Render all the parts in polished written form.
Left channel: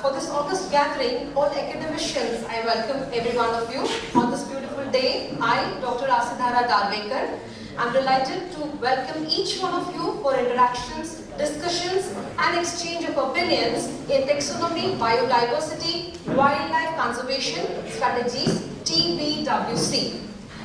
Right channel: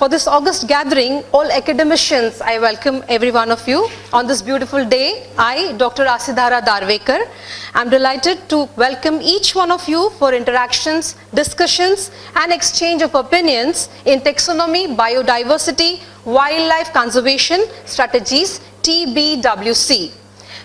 For this August gathering, all academicians, I welcome every one of you. On this beautiful day, I, Dr. Asidhara Darvekar, am delighted to welcome each one of you for interactions, discussions, and exchange of opinions in taxonomy, biodiversity, wildlife conservation strategies, TBWC.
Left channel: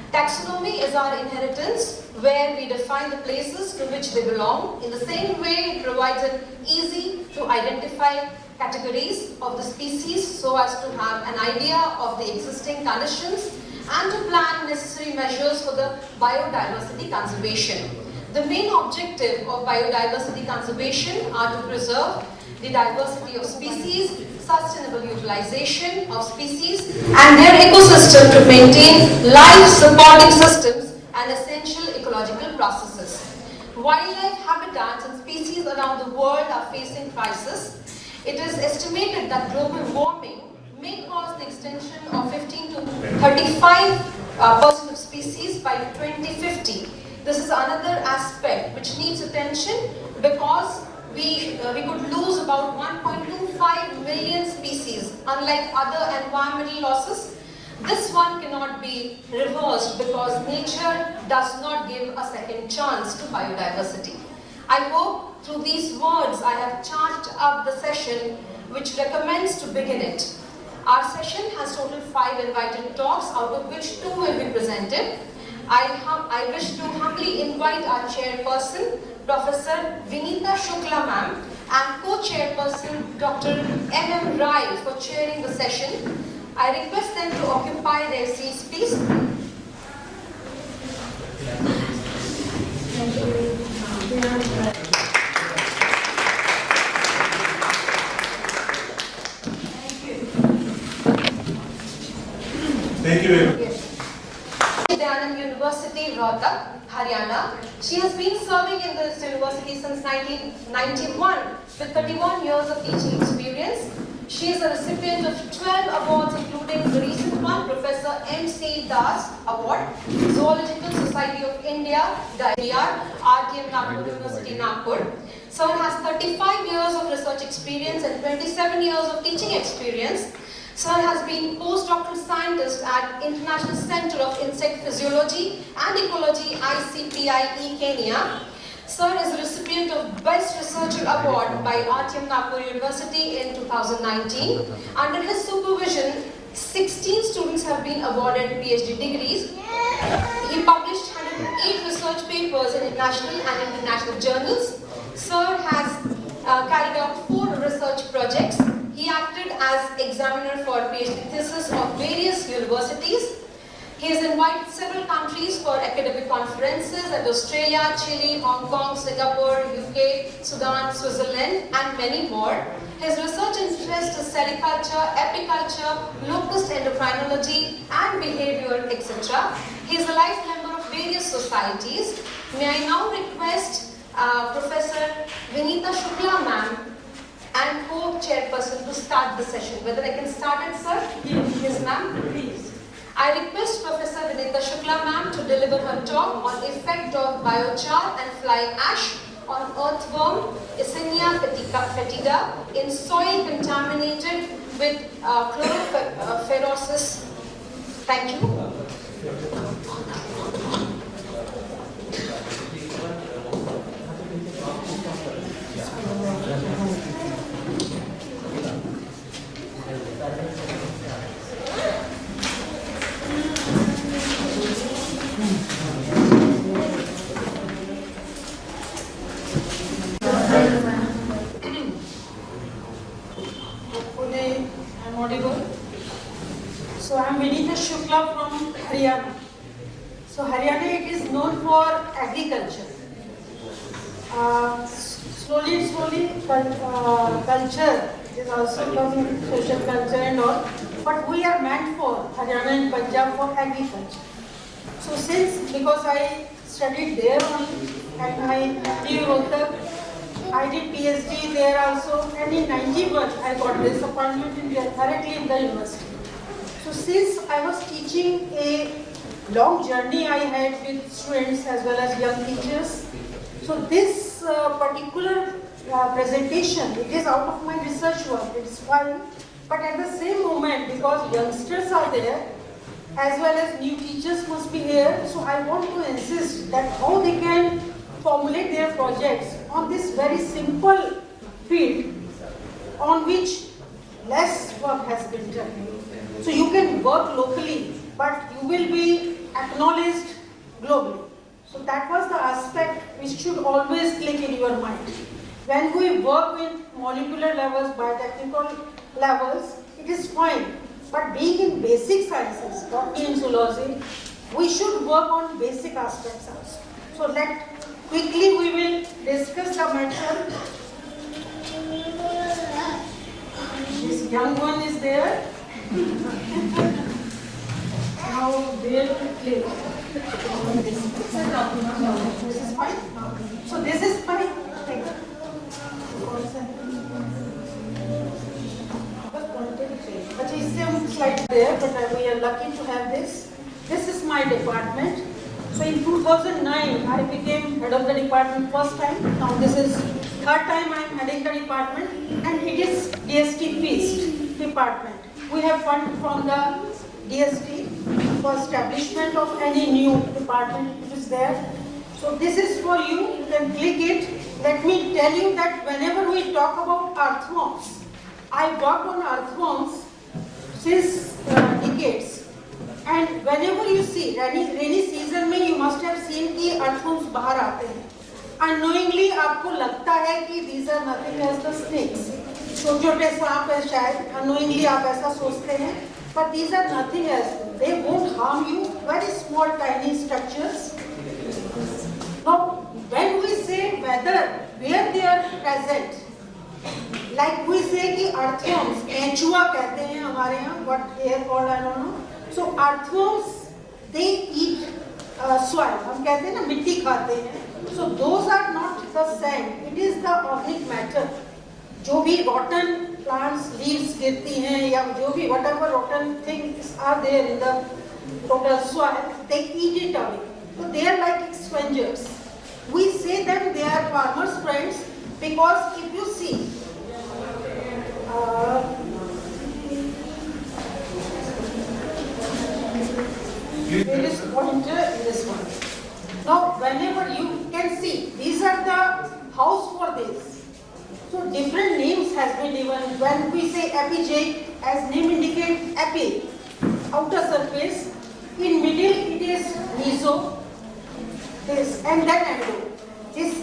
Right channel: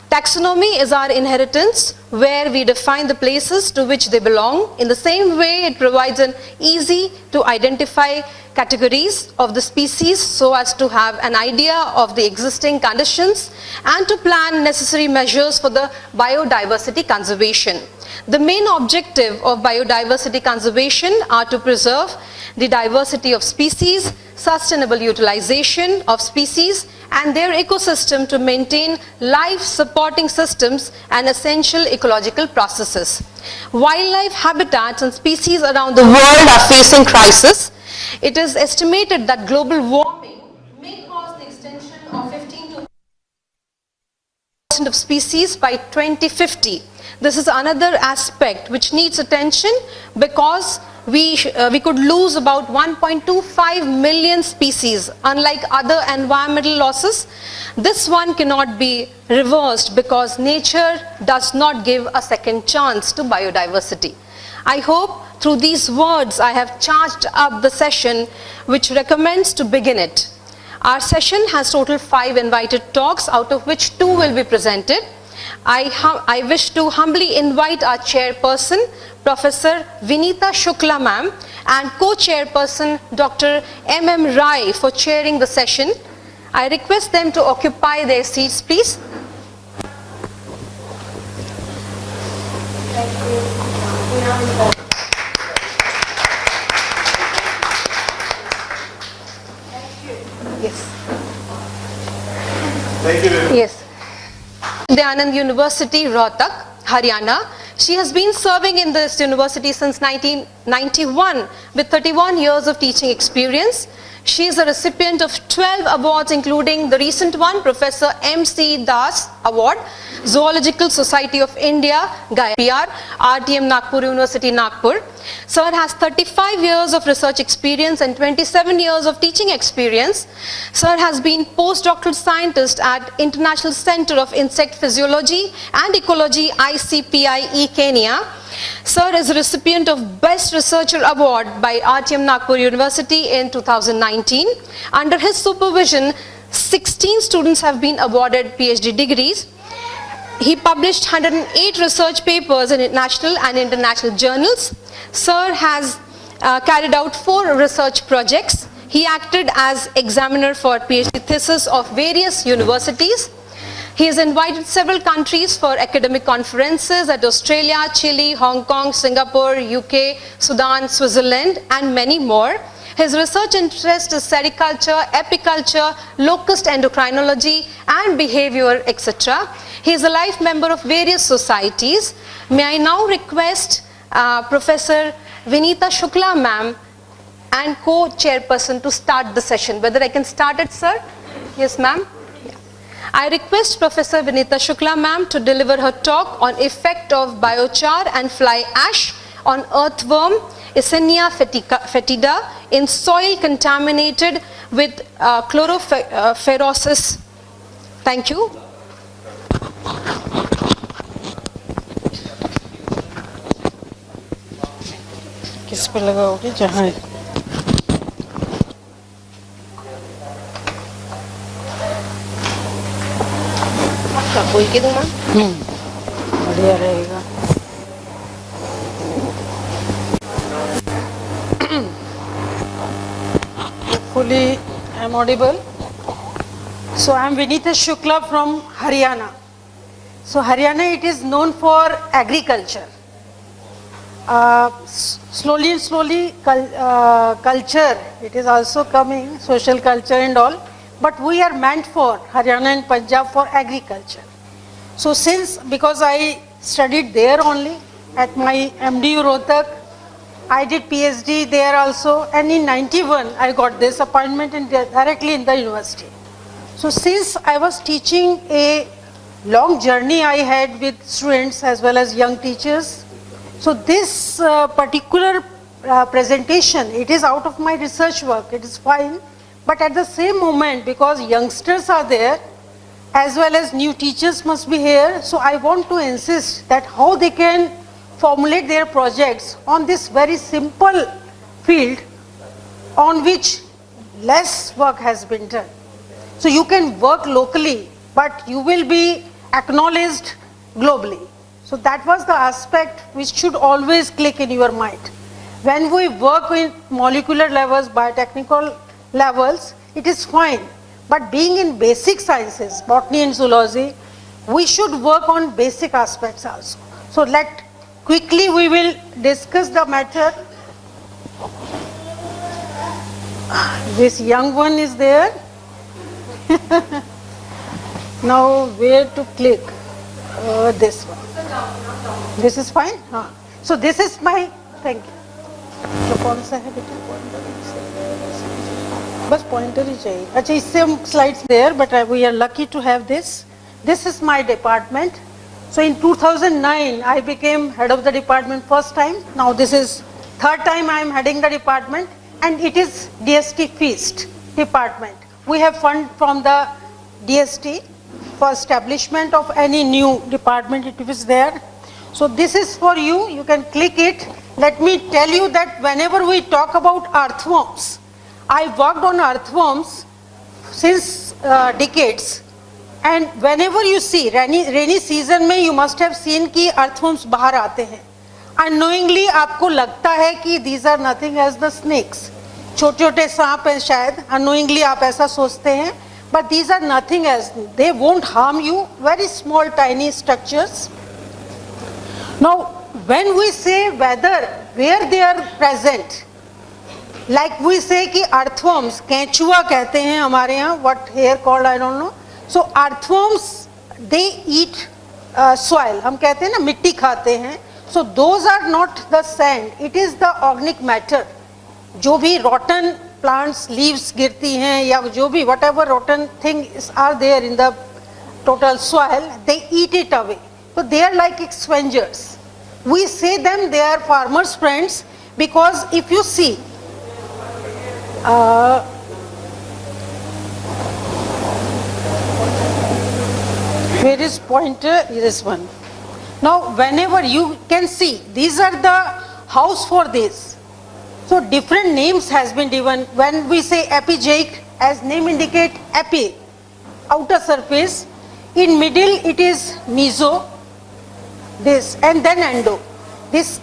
Taxonomy is our inheritance, where we define the places to which they belong. In the same way, it provides an easy to identify categories of the species so as to have an idea of the existing conditions and to plan necessary measures for the biodiversity conservation. The main objective of biodiversity conservation are to preserve the diversity of species, sustainable utilization of species and their ecosystem to maintain life supporting systems and essential ecological processes. Wildlife habitats and species around the world are facing crisis. It is estimated that global warming may cause the extinction of 15 to 35% of species by 2050. This is another aspect which needs attention because we could lose about 1.25 million species. Unlike other environmental losses, this one cannot be reversed because nature does not give a second chance to biodiversity. I hope through these words I have charged up the session which recommends to begin it. Our session has total 5 invited talks, out of which 2 will be presented. I wish to humbly invite our chairperson, Professor Vinita Shukla ma'am, and co-chairperson Dr. M.M. Rai for chairing the session. I request them to occupy their seats, please. Thank you. Thank you. Yes. Anand University, Rohtak, Haryana. She has been serving in this university since 1991 with 31 years of teaching experience. She is a recipient of 12 awards, including the recent one, Professor M.C. Das Award, Zoological Society of India, PR, RTM Nagpur University, Nagpur. Sir has 35 years of research experience and 27 years of teaching experience. Sir has been postdoctoral scientist at International Center of Insect Physiology and Ecology, ICPIE, Kenya. Sir is a recipient of Best Researcher Award by RTM Nagpur University in 2019. Under his supervision, 16 students have been awarded PhD degrees. He published 108 research papers in national and international journals. Sir has carried out 4 research projects. He acted as examiner for PhD thesis of various universities. He has invited several countries for academic conferences at Australia, Chile, Hong Kong, Singapore, UK, Sudan, Switzerland, and many more. His research interest is sericulture, apiculture, locust endocrinology, and behavior, etc. He is a life member of various societies. May I now request Professor Vinita Shukla ma'am and co-chairperson to start the session. Whether I can start it, sir? Yes, ma'am. I request Professor Vinita Shukla ma'am to deliver her talk on effect of biochar and fly ash on earthworm Eisenia fetida in soil contaminated with chloroferosis. Thank you. किस पे लगाओगे जहाँ कोई के दूँगा? बढ़िया रहेगा. Hopefully I am audible. So I am Vinita Shukla from Haryana. So Haryana, it is known for agriculture. Slowly culture, it is also coming, social culture and all. But we are meant for Haryana and Punjab for agriculture. So because I studied there only at my MDU Rohtak, I did PhD there also, and in 91 I got this appointment directly in the university. So since I was teaching, a long journey I had with students as well as young teachers. So this particular presentation, it is out of my research work, it is fine. But at the same moment, because youngsters are there, as well as new teachers must be here, so I want to insist that how they can formulate their projects on this very simple field on which less work has been done. So you can work locally, but you will be acknowledged globally. So that was the aspect which should always click in your mind. When we work in molecular levels, biotechnical levels, it is fine. But being in basic sciences, botany and zoology, we should work on basic aspects also. So quickly we will discuss the matter. This young one is there. Now where to click? This one. This is fine? So this is my, thank you. तो कौन सा है बस pointer ही चाहिए अच्छा इससे हम slides there but we are lucky to have this is my department so in 2009 I became head of the department first time. Now this is third time I am heading the department and it is DST Feast department. We have fund from the DST for establishment of any new department if it is there. So this is for you, you can click it. Let me tell you that whenever we talk about earthworms, I worked on earthworms since decades. And whenever you see rainy season में you must have seen कि earthworms बाहर आते हैं. Unknowingly आपको लगता है कि these are nothing as the snakes. छोटे-छोटे सांप हैं शायद. Unknowingly आप ऐसा सोचते हैं. But these are nothing as, they won't harm you. Very small tiny structures. Now when we say where they are present, like we say कि earthworms, केंचुआ कहते हैं हमारे यहाँ, what here called I don't know. So earthworms they eat soil. हम कहते हैं ना मिट्टी खाते हैं. So those are not the sand. It is the organic matter. जो भी rotten plants, leaves गिरती हैं या जो भी whatever rotten things are there in the total soil, they eat it away. So they are like scavengers. We say them they are farmers' friends because if you see, where is pointer? This one. Now whenever you can see, these are the house for this. So different names has been given. When we say epigeic, as name indicate, epi, outer surface. In middle it is meso. This and then endo. This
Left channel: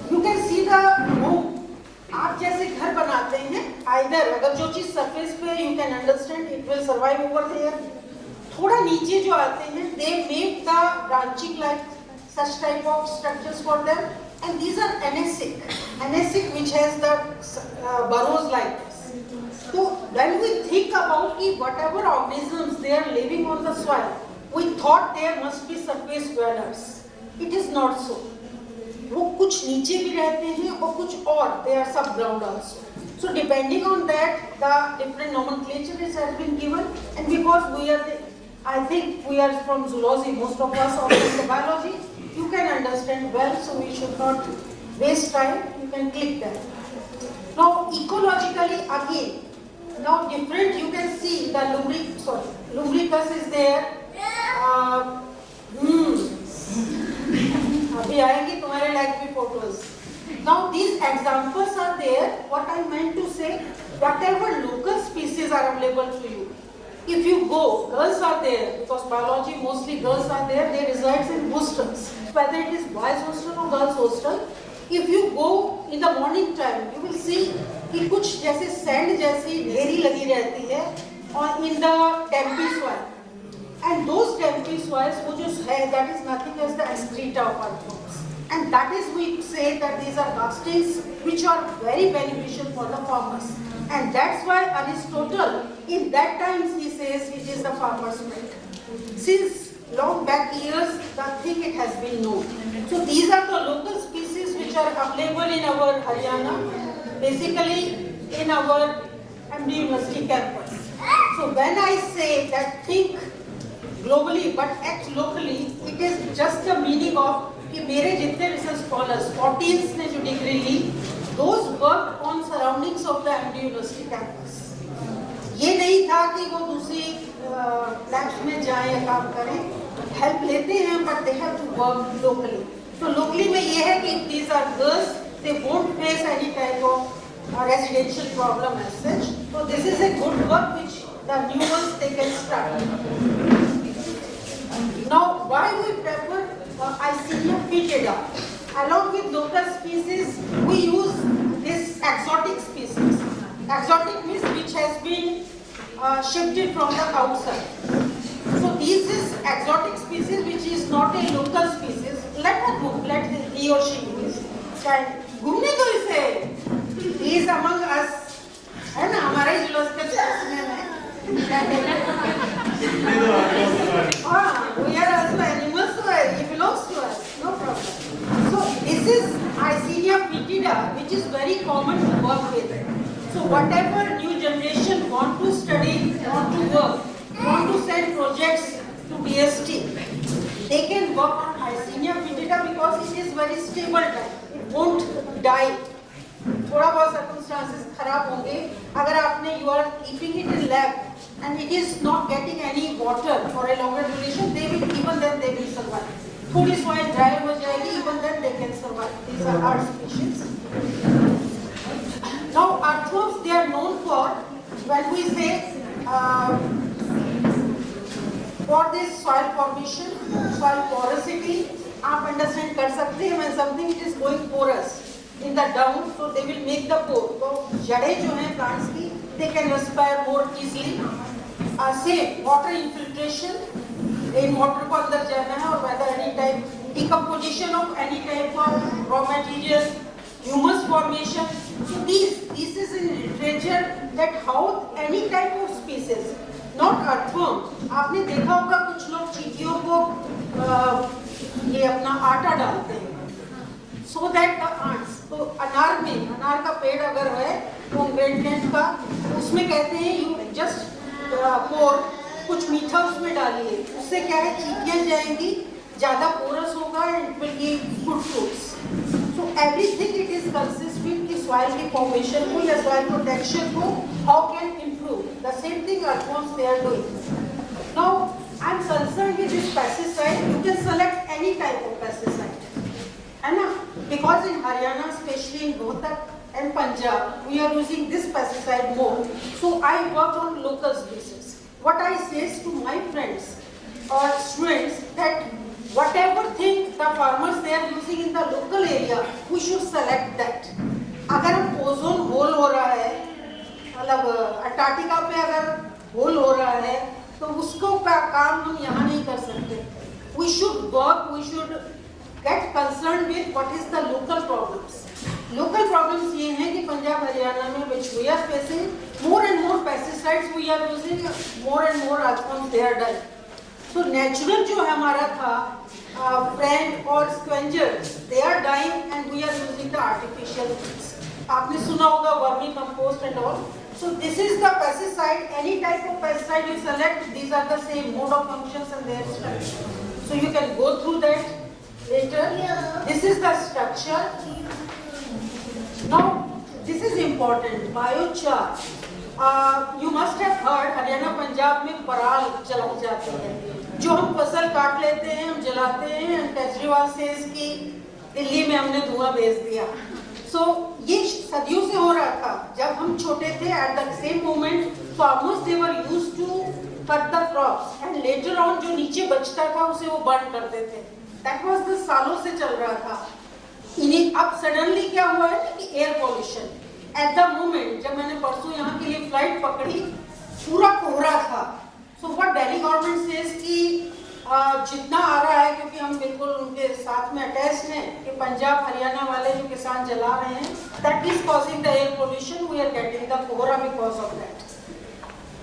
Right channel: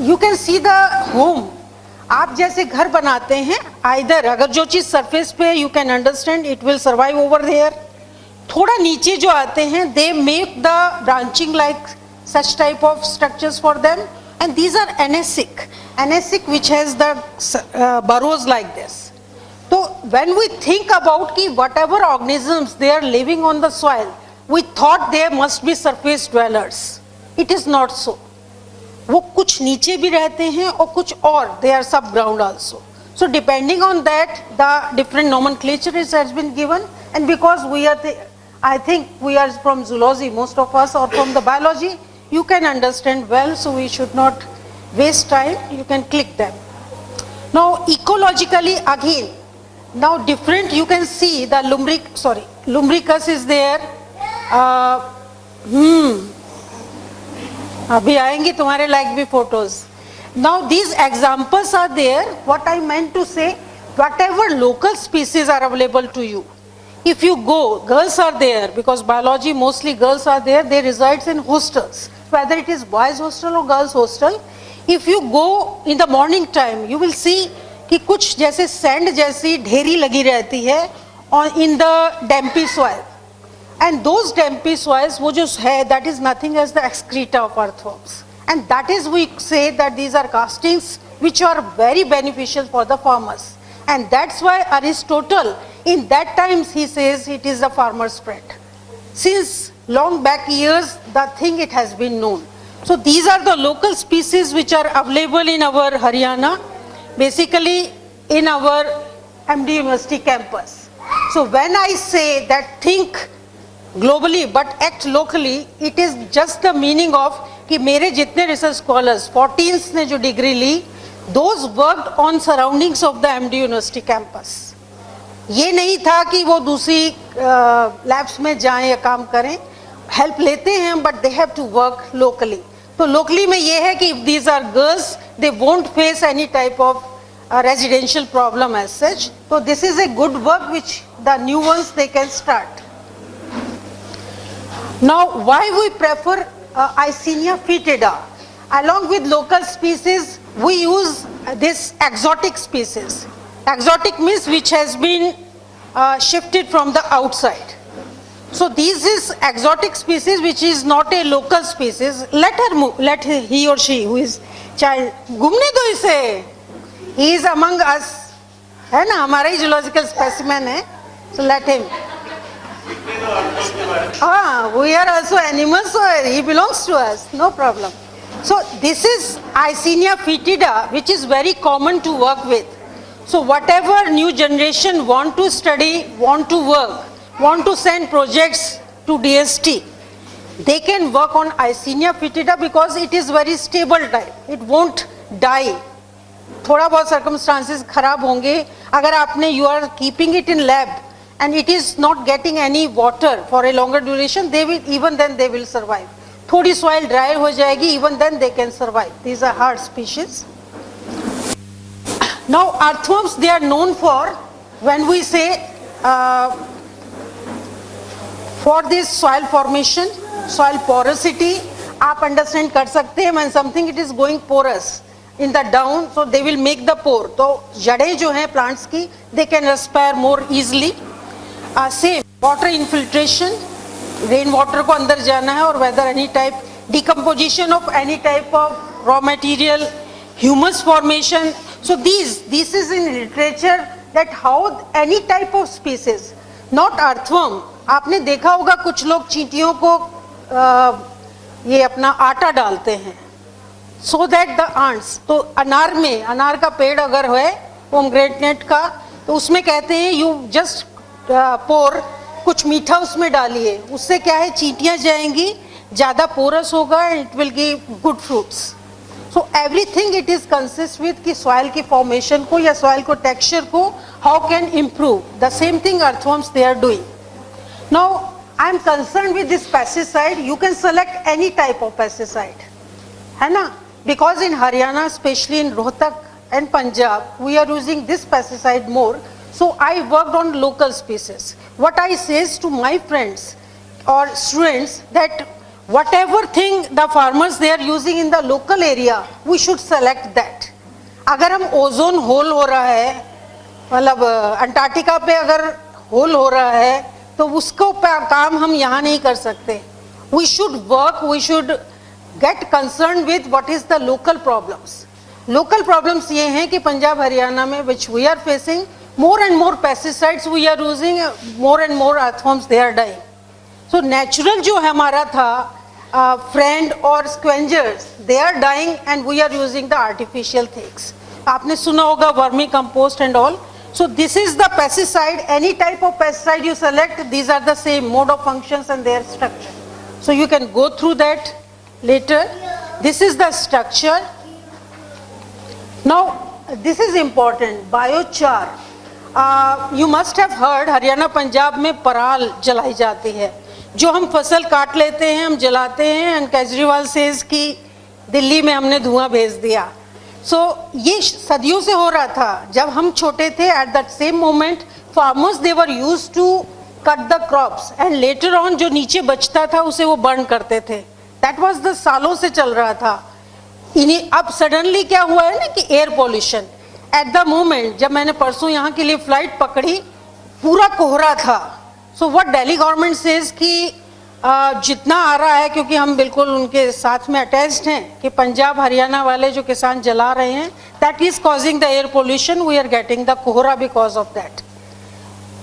you can see the home. आप जैसे घर बनाते हैं, either अगर जो चीज surface पे you can understand it will survive over there. थोड़ा नीचे जो आते हैं, they make the branching like such type of structures for them, and these are anasic which has the burrows like this. So when we think about कि whatever organisms they are living on the soil, we thought there must be surface dwellers. It is not so. वो कुछ नीचे भी रहते हैं और कुछ और they are subground also. So depending on that, the different nomenclature has been given, and because we are I think we are from zoology, most of us are from the biology, you can understand well, so we should not waste time. You can click them. Now ecologically again, now different you can see the lumbricus is there. अभी आएंगी तुम्हारे like भी photos. Now these examples are there. What I meant to say, whatever local species are available to you, if you go, girls are there because biology mostly girls are there. They reside in hostels, whether it is boys hostel or girls hostel. If you go in the morning time, you will see कि कुछ जैसे sand जैसी ढेरी लगी रहती है और in the dampy soil. And those dampy soils, वो जो है, that is nothing as the excreta of earthworms. And that is we say that these are castings which are very beneficial for the farmers. And that's why Aristotle, in that times he says it is the farmer's friend. Since long back years, the thing it has been known. So these are the local species which are available in our Haryana, basically in our MD University campus. So when I say that think globally but act locally, it is just the meaning of कि मेरे जितने research scholars 14 ने जो degree ली, those worked on surroundings of the MD University campus. ये नहीं था कि वो दूसरी लैब्स में जाएं या काम करें, हेल्प लेते हैं but they have to work locally. तो लोकली में ये है कि if these are girls they won't face any type of residential problem as such. So this is a good work which the new ones they can start. Now why we prefer Icenia fetida? Along with local species we use this exotic species. Exotic means which has been shifted from the outside. So this is exotic species which is not a local species. Let her move, let he or she who is child घूमने दो इसे. He is among us, है ना, हमारा ही zoological specimen है, so let him. We are also animals, so he belongs to us, no problem. So this is Icenia fetida, which is very common to work with. So whatever new generation want to study, want to work, want to send projects to DST, they can work on Icenia fetida because it is very stable type. It won't die. थोड़ा बहुत circumstances खराब होंगे अगर आपने you are keeping it in lab and it is not getting any water for a longer duration, they will even then they will survive. थोड़ी soil dry हो जाएगी, even then they can survive. These are hard species. Now earthworms they are known for when we say for this soil formation, soil porosity आप understand कर सकते हैं. When something it is going porous in the down, so they will make the pore. तो जड़ें जो हैं plants की they can respire more easily. Same water infiltration, rain water को अंदर जाना है, और whether any type decomposition of any type of raw material, humus formation. So this is in literature that how any type of species, not earthworm. आपने देखा होगा कुछ लोग चींटियों को ये अपना आटा डालते हैं so that the ants. तो अनार में, अनार का पेड़ अगर है पोमग्रेनेट का, तो उसमें कहते हैं यू जस्ट पोर, कुछ मीठा उसमें डालिए, उससे क्या है चींटियाँ जाएंगी, ज़्यादा पोरस होगा, it will give good fruits. So everything it is consist with कि सॉइल की फॉर्मेशन को या सॉइल को टेक्सचर को how can improve. The same thing earthworms they are doing. Now I am concern with this pesticide. You can select any type of pesticide, है ना, because in Haryana, especially in Rohtak and Punjab, we are using this pesticide more. So I worked on local species. What I says to my friends or students that whatever thing the farmers they are using in the local area, we should select that. अगर हम ozone hole हो रहा है, मतलब Antarctica पे अगर whole हो रहा है, तो उसको काम हम यहाँ नहीं कर सकते. We should work, we should get concerned with what is the local problems. Local problems ये हैं कि पंजाब हरियाणा में which we are facing more and more pesticides we are using, more and more earthworms they are dying. So natural जो हमारा था friend or scavengers they are dying and we are using the artificial things. आपने सुना होगा vermi compost and all. So this is the pesticide. Any type of pesticide you select, these are the same mode of functions and their structure. So you can go through that later. This is the structure. Now this is important, biochar. You must have heard Haryana Punjab में पराल जलाई जाती है, जो हम फसल काट लेते हैं, हम जलाते हैं, एंड केजरीवाल सेज कि दिल्ली में हमने धुआं भेज दिया. So ये सदियों से हो रहा था. जब हम छोटे थे, at that same moment farmers they were used to cut the crops and later on जो नीचे बचता था उसे वो बर्न करते थे. That was the सालों से चल रहा था. इन्हीं अब सडनली क्या हुआ है ना कि air pollution. At the moment जब मैंने परसों यहाँ के लिए फ्लाइट पकड़ी, पूरा कोहरा था. So what Delhi government says कि जितना आ रहा है, क्योंकि हम बिल्कुल उनके साथ में अटैच्ड हैं कि पंजाब हरियाणा वाले जो किसान जला रहे हैं, that is causing the air pollution, we are getting the कोहरा बिकॉज ऑफ दैट.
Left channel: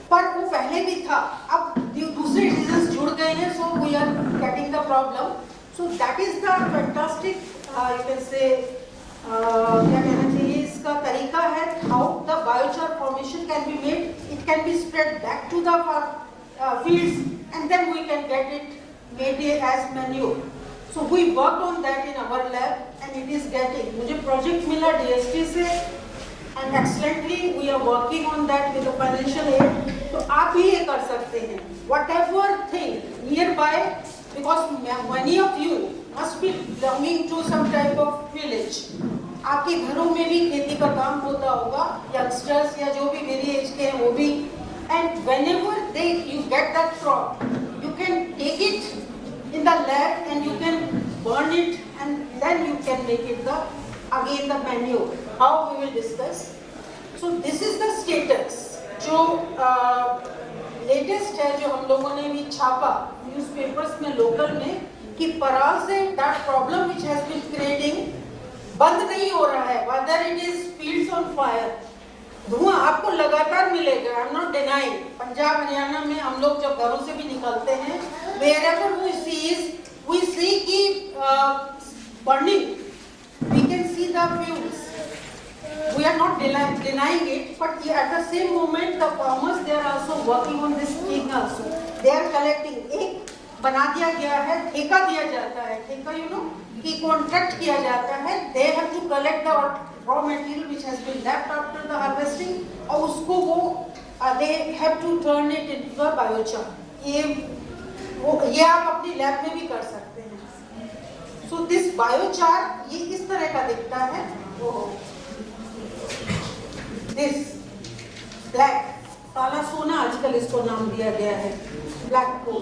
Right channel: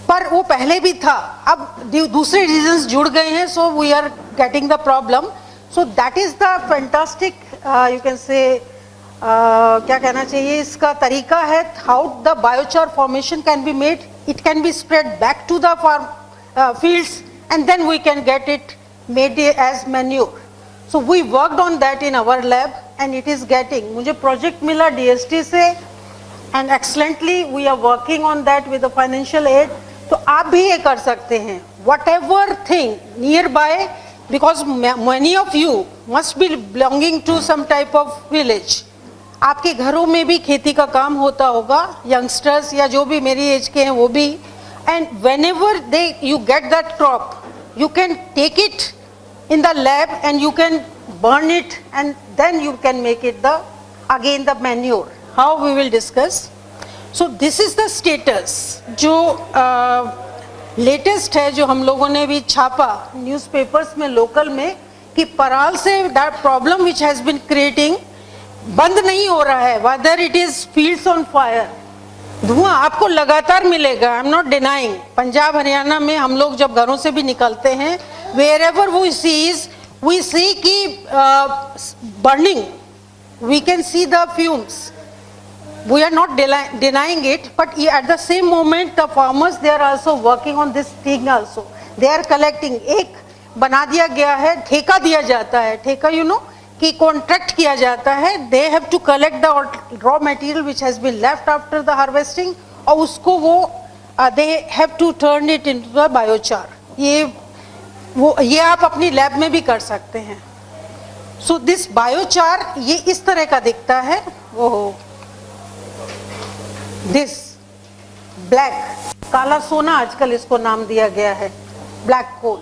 पर वो पहले भी था, अब दूसरे रीजंस जुड़ गए हैं, so we are getting the problem. So that is the fantastic you can say क्या कहना चाहिए, इसका तरीका है how the biochar formation can be made. It can be spread back to the farm fields and then we can get it made as manure. So we worked on that in our lab and it is getting, मुझे project मिला DST से and excellently we are working on that with the financial aid. तो आप भी ये कर सकते हैं, whatever thing nearby, because many of you must be belonging to some type of village. आपके घरों में भी खेती का काम होता होगा, youngsters या जो भी मेरी एज के हैं वो भी, and whenever you get that crop, you can take it in the lab and you can burn it and then you can make it again the manure. How we will discuss. So this is the status जो latest है, जो हम लोगों ने भी छापा newspapers में local में, कि पराल से that problem which has been creating बंद नहीं हो रहा है, whether it is fields on fire. धुआं आपको लगातार मिलेगा, I am not denying. Punjab Haryana में हम लोग जब घरों से भी निकलते हैं, wherever we see कि burning, we can see the fumes. We are not denying it, but at the same moment the farmers, they are also working on this thing also. They are collecting. एक बना दिया गया है, ठेका दिया जाता है, ठेका you know कि कॉन्ट्रैक्ट किया जाता है. They have to collect the raw material which has been left after the harvesting, और उसको वो they have to turn it into a biochar. ये आप अपनी लैब में भी कर सकते हैं. So this biochar ये इस तरह का दिखता है. वो this black, काला सोना आजकल इसको नाम दिया गया है, black coal,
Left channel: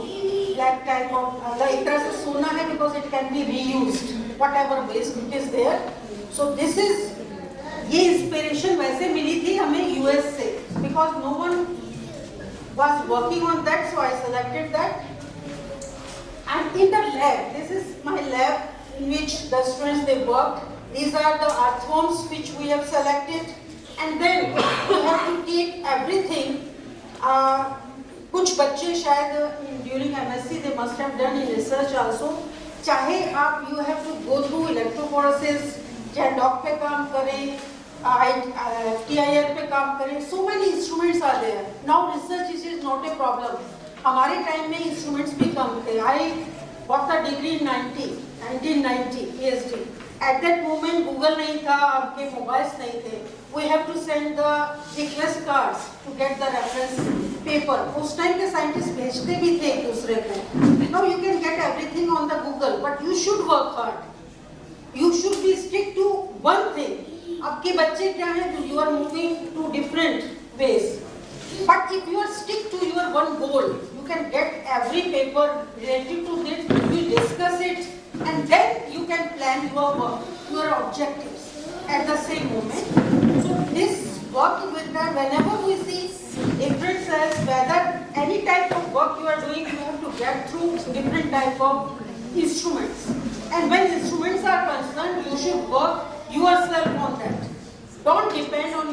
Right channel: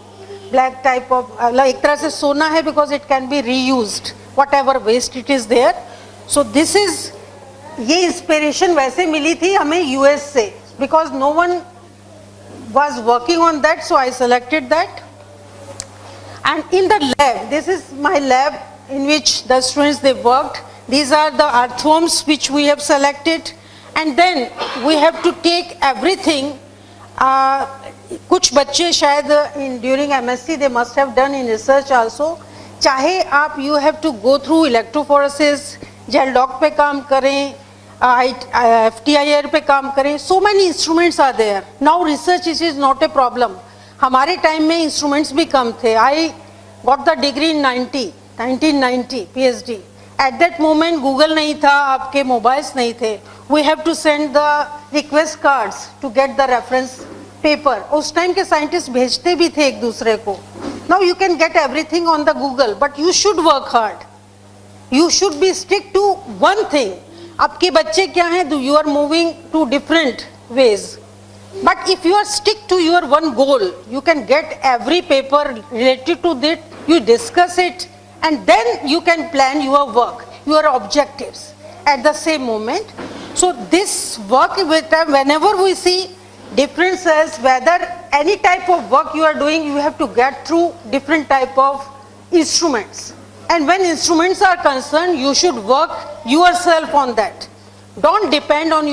black type of एक तरह से सोना है because it can be reused whatever waste it is there. So this is, ये inspiration वैसे मिली थी हमें US से, because no one was working on that, so I selected that. And in the lab, this is my lab in which the students they worked. These are the earthworms which we have selected, and then we have to take everything. कुछ बच्चे शायद during MSc they must have done in research also. चाहे आप you have to go through electrophoresis, gel dock पे काम करें, FTIR पे काम करें, so many instruments are there. Now research is not a problem. हमारे टाइम में instruments भी कम थे. I got the degree in 1990 PhD. At that moment Google नहीं था, आपके mobiles नहीं थे. We have to send the request cards to get the reference paper. उस टाइम के scientists भेजते भी थे एक दूसरे को. Now you can get everything on the Google, but you should work hard. You should be stick to one thing. आपके बच्चे क्या हैं? You are moving to different ways. But if you are stick to your one goal, you can get every paper related to that, you discuss it, and then you can plan your work, your objectives at the same moment. So this work with them, whenever we see differences, whether any type of work you are doing, you have to get through different type of instruments. And when instruments are concerned, you should work yourself on that. Don't depend on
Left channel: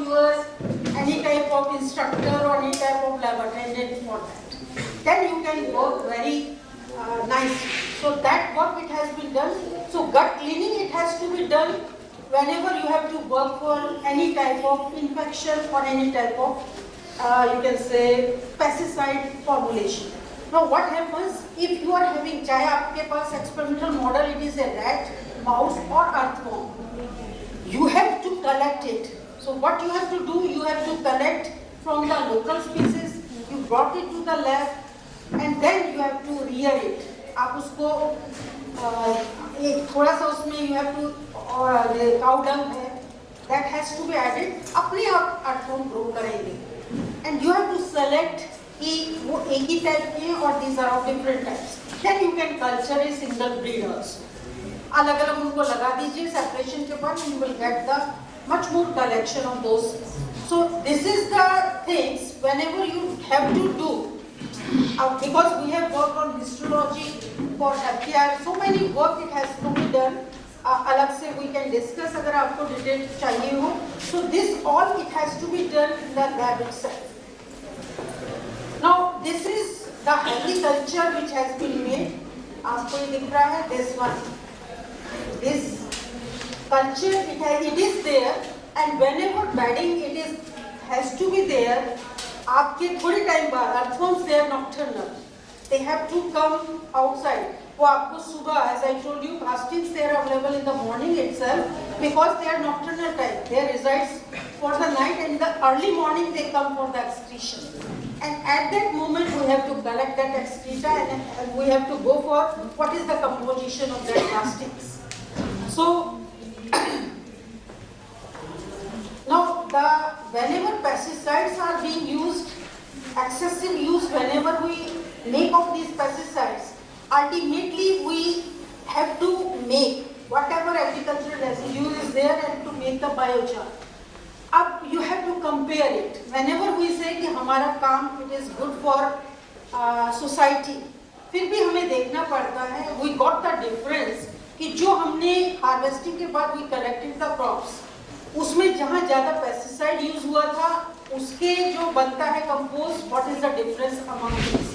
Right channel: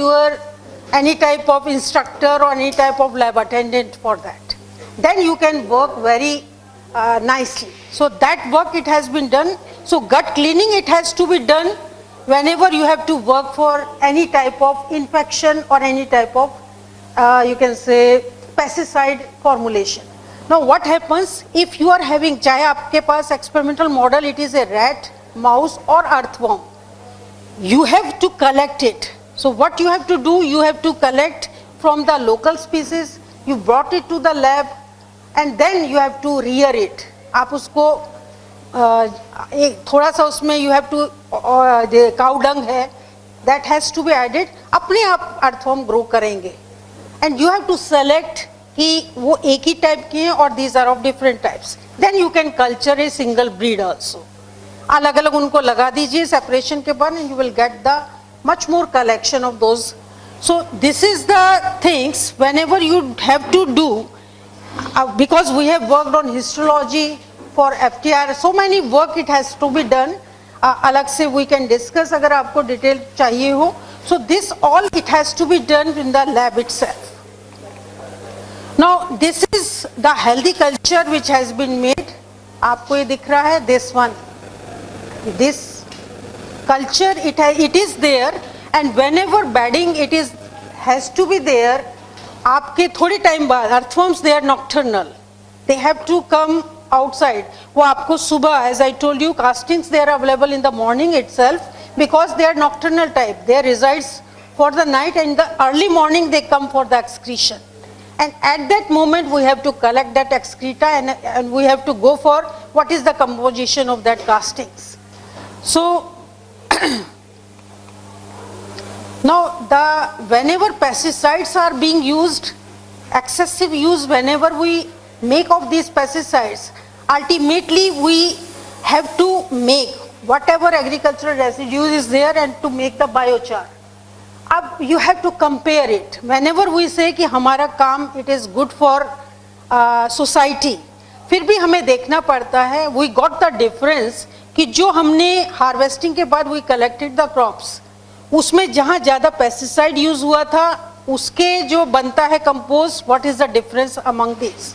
any type of instructor or any type of lab attendant for that. Then you can work very nicely. So that work it has been done. So gut cleaning it has to be done whenever you have to work for any type of infection or any type of you can say pesticide formulation. Now what happens if you are having, चाहे आपके पास experimental model, it is a rat, mouse or earthworm, you have to collect it. So what you have to do, you have to collect from the local species, you brought it to the lab, and then you have to rear it. आप उसको एक थोड़ा सा उसमें you have to cow dung है, that has to be added. अपने आप earthworm grow करेंगे, and you have to select कि वो एक ही type के हैं और these are of different types. Then you can culture a single breed also. अलग अलग उनको लगा दीजिए separation के बाद, and you will get the much more collection of those. So this is the things whenever you have to do, because we have worked on histology for FTR, so many work it has to be done. अलग से we can discuss अगर आपको detail चाहिए हो. So this all it has to be done in the lab itself. Now this is the healthy culture which has been made. आपको ये दिख रहा है, this one. This culture it is there, and whenever bedding it has to be there. आपके थोड़े time बाद earthworms they are nocturnal, they have to come outside, वो आपको सुबह, as I told you, castings they are available in the morning itself because they are nocturnal type. They resides for the night and in the early morning they come for the excretion. And at that moment we have to collect that excreta and we have to go for what is the composition of that castings. So now whenever pesticides are being used, excessive use whenever we make of these pesticides, ultimately we have to make whatever agricultural residue is there and to make the biochar. अब you have to compare it. Whenever we say कि हमारा काम it is good for society, फिर भी हमें देखना पड़ता है we got the difference कि जो हमने harvesting के बाद we collected the crops, उसमें जहाँ ज़्यादा pesticide use हुआ था उसके जो बनता है compost, what is the difference among these?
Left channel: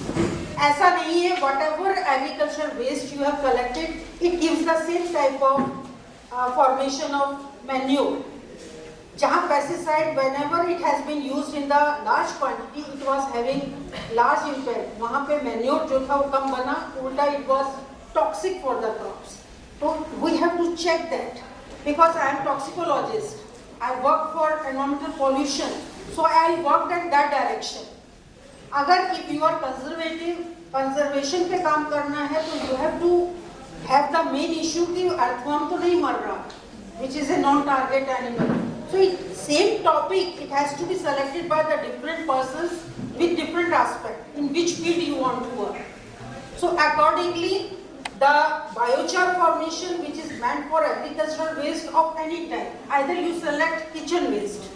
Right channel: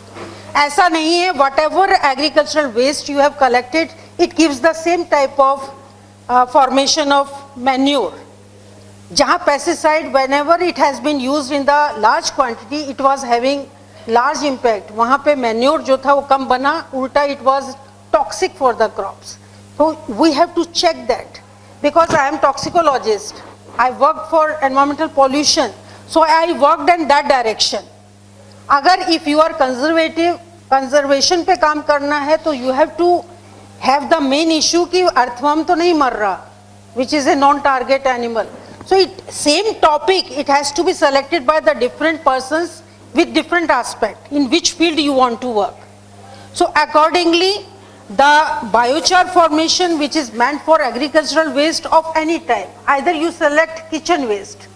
ऐसा नहीं है, whatever agricultural waste you have collected, it gives the same type of formation of manure. जहाँ pesticide whenever it has been used in the large quantity, it was having large impact. वहाँ पे manure जो था वो कम बना, उल्टा it was toxic for the crops. So we have to check that because I am toxicologist. I work for environmental pollution, so I worked in that direction. अगर if you are conservative, conservation पे काम करना है तो you have to have the main issue कि earthworm तो नहीं मर रहा, which is a non-target animal. So same topic, it has to be selected by the different persons with different aspect in which field you want to work. So accordingly, the biochar formation which is meant for agricultural waste of any type, either you select kitchen waste.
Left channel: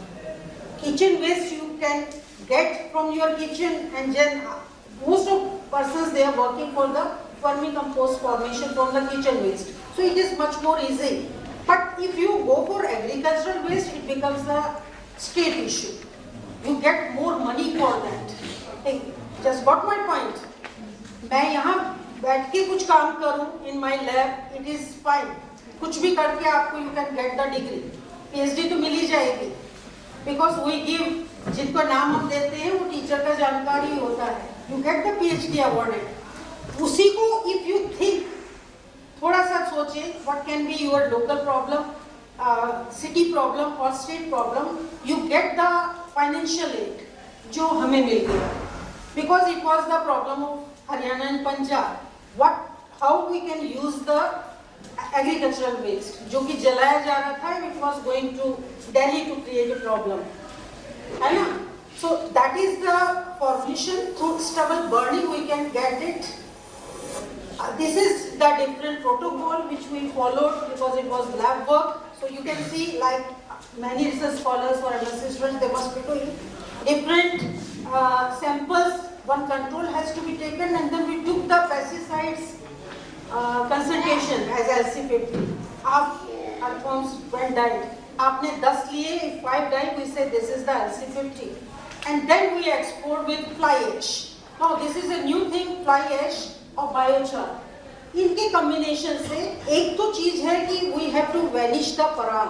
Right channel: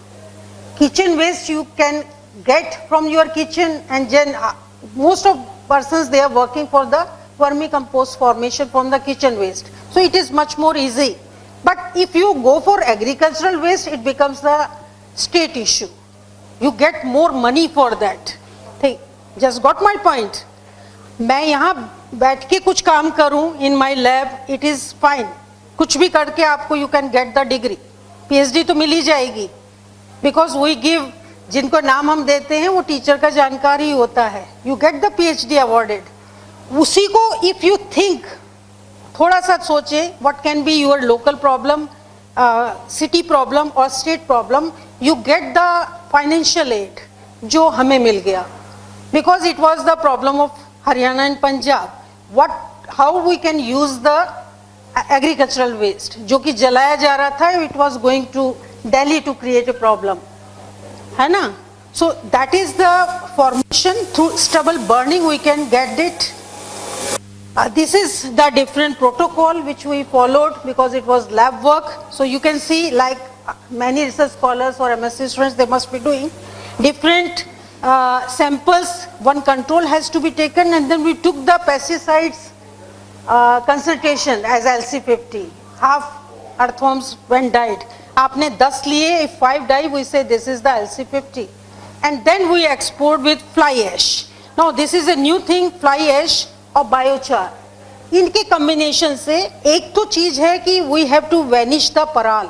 Kitchen waste you can get from your kitchen and then most of persons they are working for the vermicompost formation from the kitchen waste. So it is much more easy. But if you go for agricultural waste, it becomes the state issue. You get more money for that. Think, just got my point. मैं यहाँ बैठ के कुछ काम करूँ in my lab, it is fine. कुछ भी करके आपको you can get the degree. PhD तो मिल ही जाएगी. Because we give, जिनको नाम हम देते हैं वो टीचर का जानकारी होता है. You get the PhD awarded. उसी को if you think, थोड़ा सा सोचें what can be your local problem, city problem or state problem, you get the financial aid जो हमें मिल गया because it was the problem of Haryana and Punjab. How we can use the agricultural waste जो कि जलाया जा रहा था, it was going to Delhi to create a problem, है ना? So that is the formation through stubble burning we can get it. This is the different protocol which we followed because it was lab work. So you can see like many research scholars or MSc students, they must be doing different samples. One control has to be taken and then we took the pesticides concentration as LC50. Half earthworms when died. आपने 10 लिए, if 5 die, we say this is the LC50. And then we export with fly ash. Now this is a new thing, fly ash और बायोचार. इनके combination से एक तो चीज है कि we have to vanish the paral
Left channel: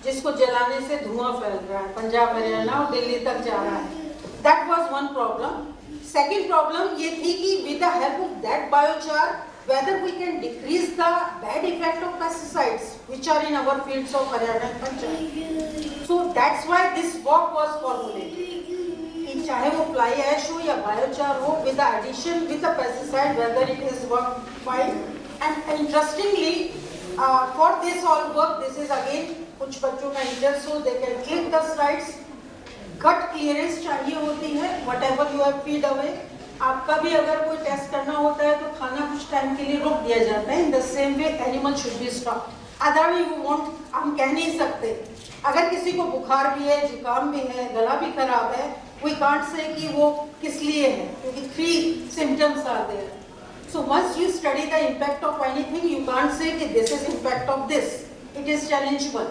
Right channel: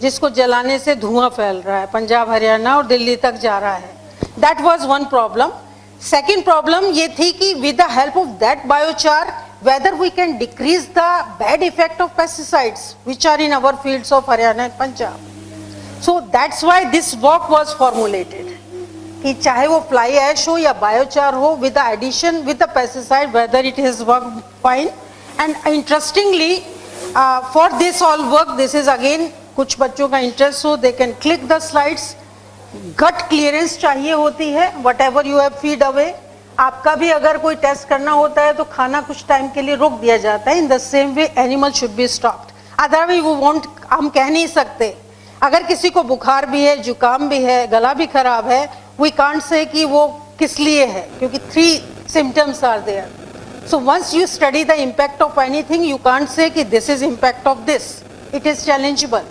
जिसको जलाने से धुआं फैल रहा है, पंजाब हरियाणा और दिल्ली तक जा रहा है. That was one problem. Second problem ये थी कि with the help of that biochar whether we can decrease the bad effect of pesticides which are in our fields of Haryana and Punjab. So that's why this work was formulated. कि चाहे वो fly ash हो या biochar हो, with the addition with the pesticide, whether it has worked fine. And interestingly, for this all work, this is again कुछ बच्चों का interest हो, they can click the slides. Gut clearance चाहिए होती है, whatever you have feed away. आपका भी अगर कोई टेस्ट करना होता है तो खाना कुछ टाइम के लिए रोक दिया जाता है. In the same way animal should be stopped. Otherwise वो वॉन्ट, हम कह नहीं सकते. अगर किसी को बुखार भी है, जुकाम भी है, गला भी खराब है, वी कांट से कि वो किस लिए है, क्योंकि 3 symptoms are there. So once you study the impact of anything, you can't say कि this is impact of this. It is challengeable.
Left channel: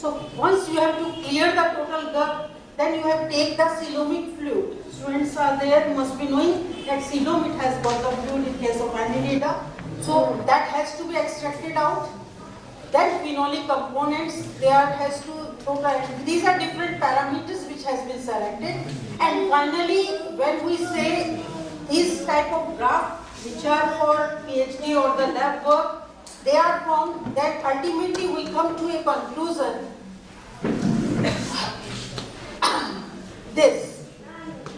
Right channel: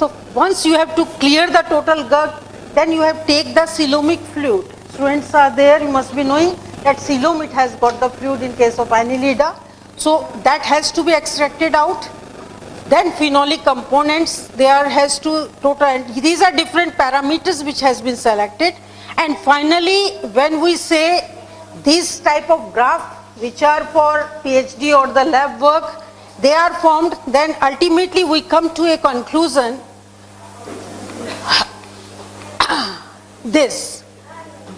So once you have to clear the total gut, then you have take the coelomic fluid. Students are there, you must be knowing that coelom, it has got the fluid in case of annelida. So that has to be extracted out. Then phenolic components, there has to total, and these are different parameters which has been selected. And finally, when we say this type of graph, which are for PhD or the lab work, they are formed, then ultimately we come to a conclusion, this,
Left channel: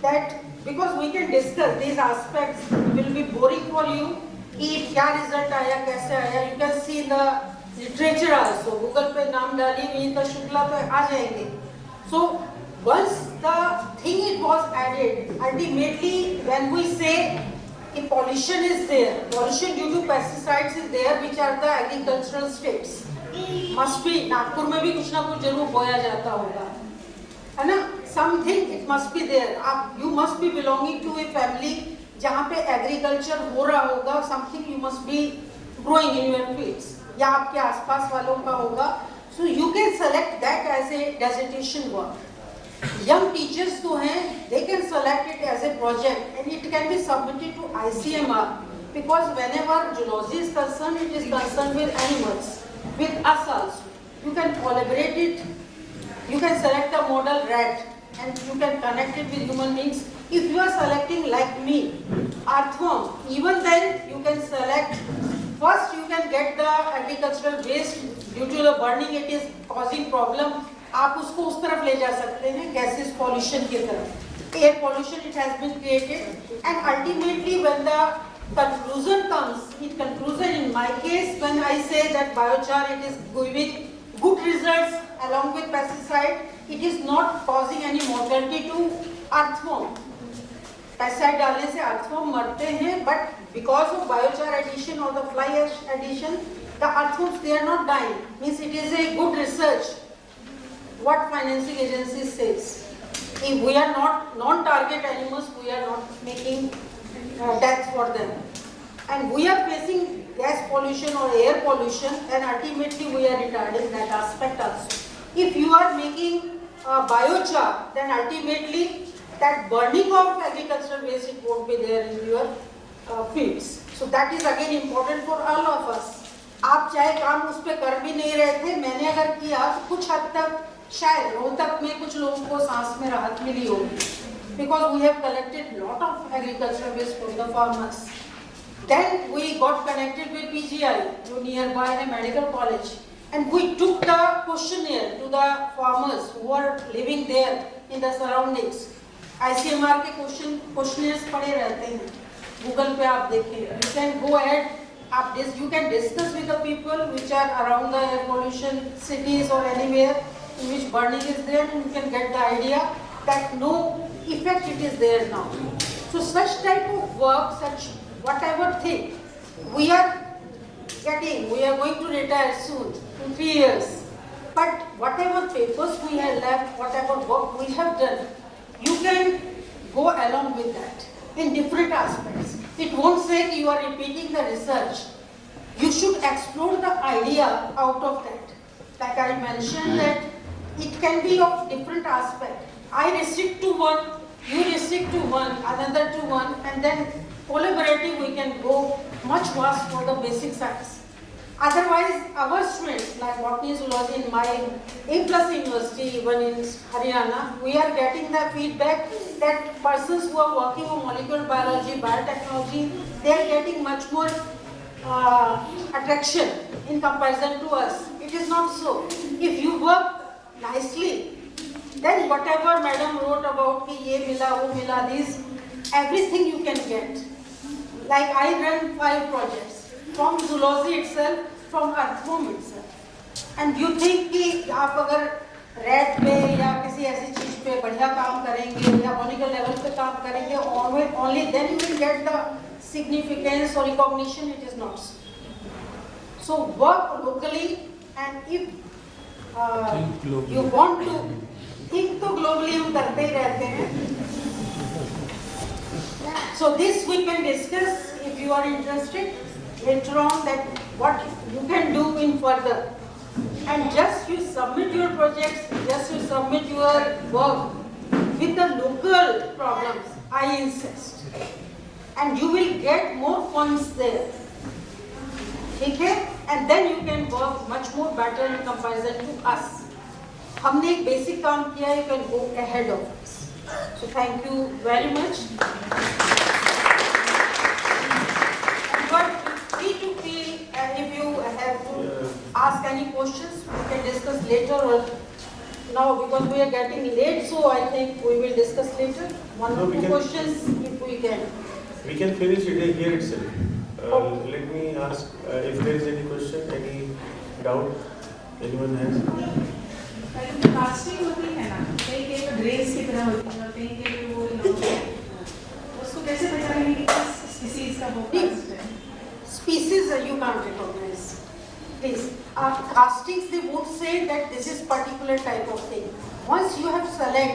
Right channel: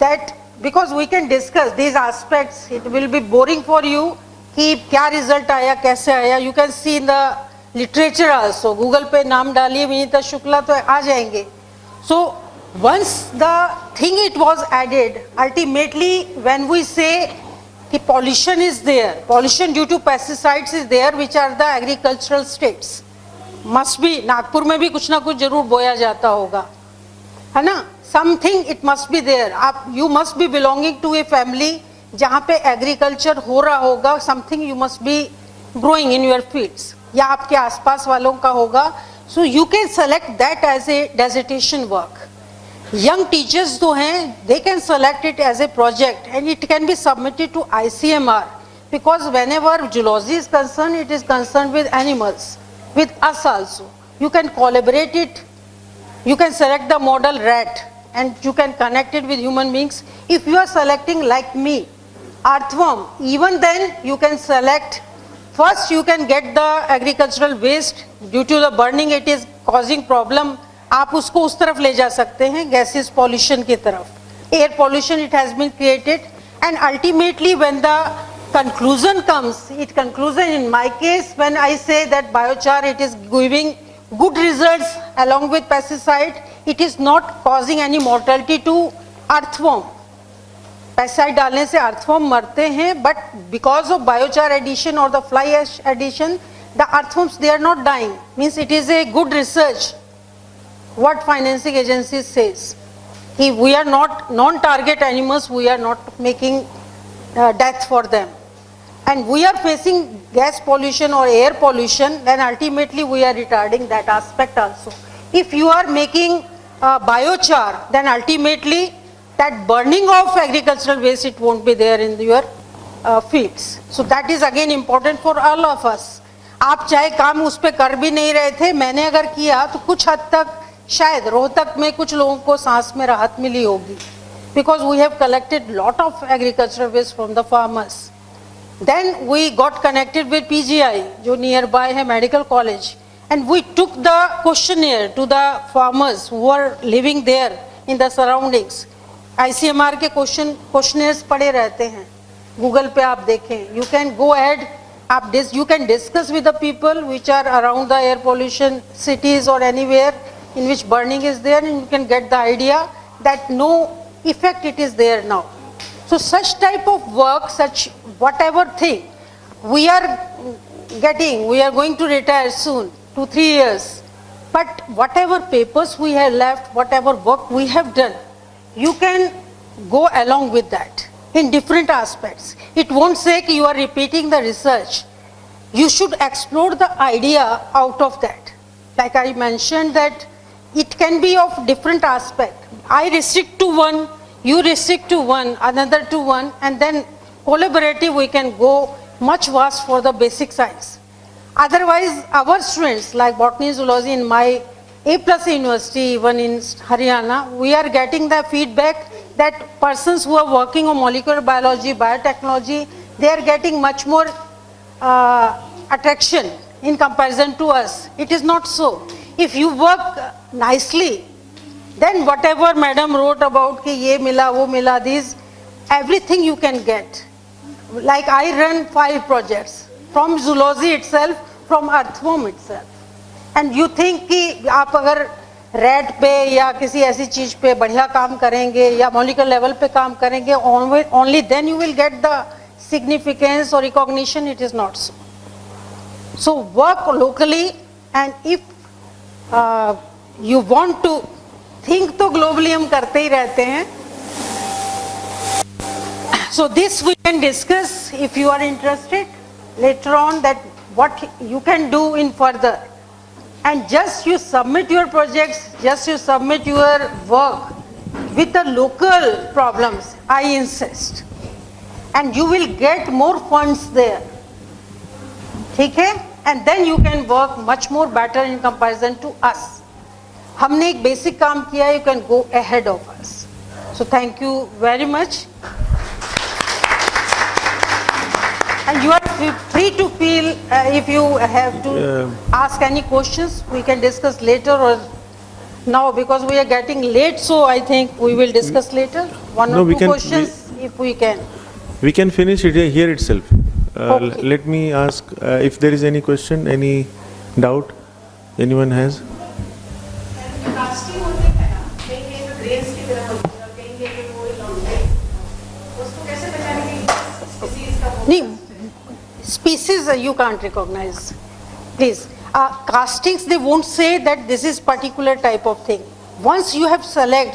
that because we can discuss these aspects, it will be boring for you, कि क्या result आया, कैसे आया, you can see in the literature also, Google पे नाम डालिए विनीता शुक्ला तो आ जाएंगे. So once the thing it was added, ultimately when we say कि pollution is there, pollution due to pesticides is there, which are the agricultural states, must be, Nagpur में भी कुछ ना कुछ जरूर बोया जाता होगा, है ना, something it must be there. आप, you must be belonging to a family जहाँ पे agriculture हो रहा होगा, something you must be growing in your fields, या आपके आसपास वालों का होगा, so you can select that as a dissertation work. Young teachers जो हैं, they can select it as a project and it can be submitted to ICMR, because whenever zoology is concerned, it is concerned with animals, with us also. You can collaborate it, you can select the model rat and you can connect it with human beings. If you are selecting like me, earthworm, even then you can select, first you can get the agricultural waste, due to the burning it is causing problem, आप उसको उस तरफ ले जा सकते हैं, gases pollution की तरफ, air pollution it has been created, and ultimately when the conclusion comes, it conclusion in my case when I say that biochar it is giving good results along with pesticide, it is not causing any mortality to earthworm. Pesticide डालने से earthworm मरते हैं, but because of biochar addition or the fly ash addition, the earthworms they are not dying. Means it is a good research. What financing agency says, if we are not non-target animals, we are not making death for them, and we are facing gas pollution or air pollution, then ultimately we are retarding that aspect also. If you are making biochar, then ultimately that burning of agricultural waste it won't be there in your fields. So that is again important for all of us. आप चाहे काम उस पे कर भी नहीं रहे थे, मैंने अगर किया तो कुछ हद तक शायद रोहतक में कुछ लोगों को सांस में राहत मिली होगी, because we have collected lot of agricultural waste from the farmers. Then we got connected with PGI जो nearby है medical college, and we took the questionnaire to the farmers who were living there in the surroundings. ICMR के questionnaires पड़े रहते हैं, Google पे आप देखें, you can go ahead, you can discuss with the people which are around the air pollution cities or anywhere in which burning is there, and you can get the idea that no effect it is there now. So such type of work, such whatever thing we are getting, we are going to retire soon, 2-3 years, but whatever papers we have left, whatever work we have done, you can go along with that in different aspects. It won't say you are repeating the research. You should explore the idea out of that. Like I mentioned that it can be of different aspect. I restrict to one, you restrict to one, another to one, and then collaborative we can go much vast for the basic science. Otherwise, our students like botany, zoology in my A+ university, even in Haryana, we are getting the feedback that persons who are working on molecular biology, biotechnology, they are getting much more attraction in comparison to us. It is not so. If you work nicely, then whatever madam wrote about कि ये मिला वो मिला, these everything you can get. Like I run 5 projects from zoology itself, from earthworm itself, and you think कि आप अगर rat पे या किसी ऐसी चीज पे बढ़िया काम करेंगे या molecular level पे काम करेंगे, only then you will get the significance or recognition. It is not so. So work locally, and if you want to think तो globally हम करते ही रहते हैं. So this we can discuss if you are interested later on, that what you can do in further. And just you submit your projects, just you submit your work with the local problems, I insist. And you will get more funds there. Okay? And then you can work much more better in comparison to us. हमने एक basic काम किया, you can go ahead of us. So thank you very much. And you are free to feel if you have to ask any questions, we can discuss later or now, because we are getting late, so I think we will discuss later. One No, or we two can- questions if we can. We can finish it here itself. Okay. Let me ask if there is any question, any doubt anyone has. Casting होती है ना, कहीं पे grains की तरह होती है और कहीं पे वो लॉन्ग है, उसको कैसे पहचानेंगे कि किस स्पीसीज का वो नहीं, कास्ट है? species you can't recognize. Please, castings, they won't say that this is particular type of thing. Once you have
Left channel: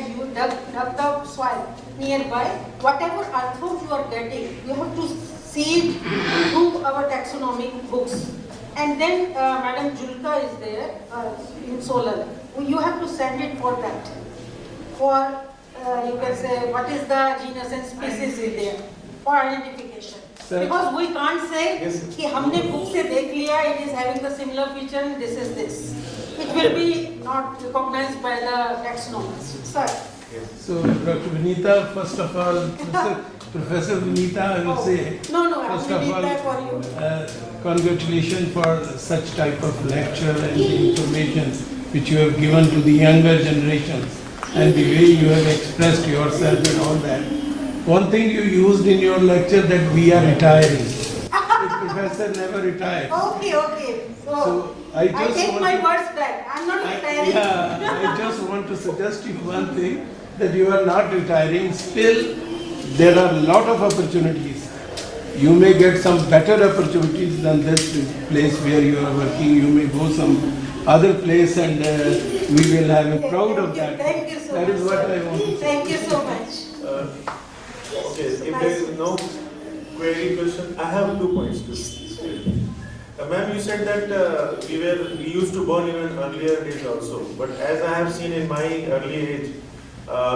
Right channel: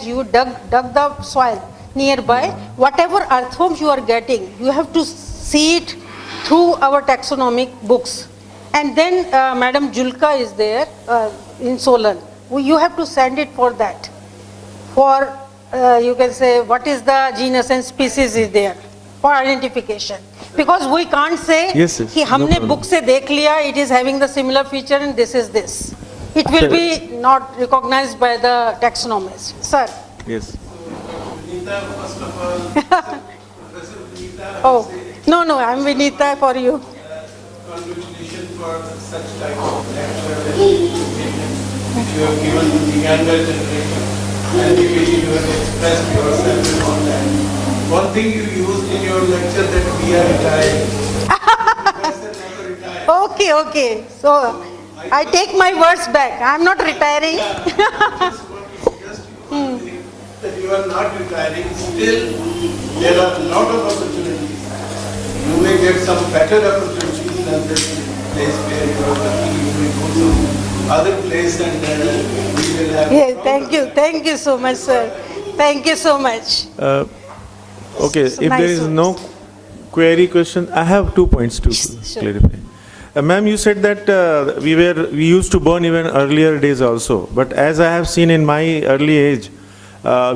you dug the soil nearby, whatever earthworms you are getting, you have to see it through our taxonomic books. And then Madam Julka is there in solar. You have to send it for that. For you can say what is the genus and species is there for identification. Because we can't say Yes, yes, कि no हमने problem. book से देख लिया, it is having the similar feature and this is this. It will be not recognized by the taxonomist. Sir. Yes. So, Dr. Vinita, first of all, Professor Vinita, I Oh, will say. no, I'm first of Vinita all, for you. Congratulations for such type of lecture and information which you have given to the younger generation and the way you have expressed yourself and all that. One thing you used in your lecture that we are retiring. The professor never retired. Okay. So I just take want my to- words back. I'm not retiring. Yeah, I just want to suggest you one thing, that you are not retiring. Still, there are a lot of opportunities. You may get some better opportunities than this place where you are working. You may go some other place and we will have Yeah, proud thank of you. that. Thank you so That much, is what I sir. want to Thank you so much. Okay, So if nice there is one. no query question, I have 2 points to Sure. clarify. Ma'am, you said that we used to burn even earlier days also, but as I have seen in my early age,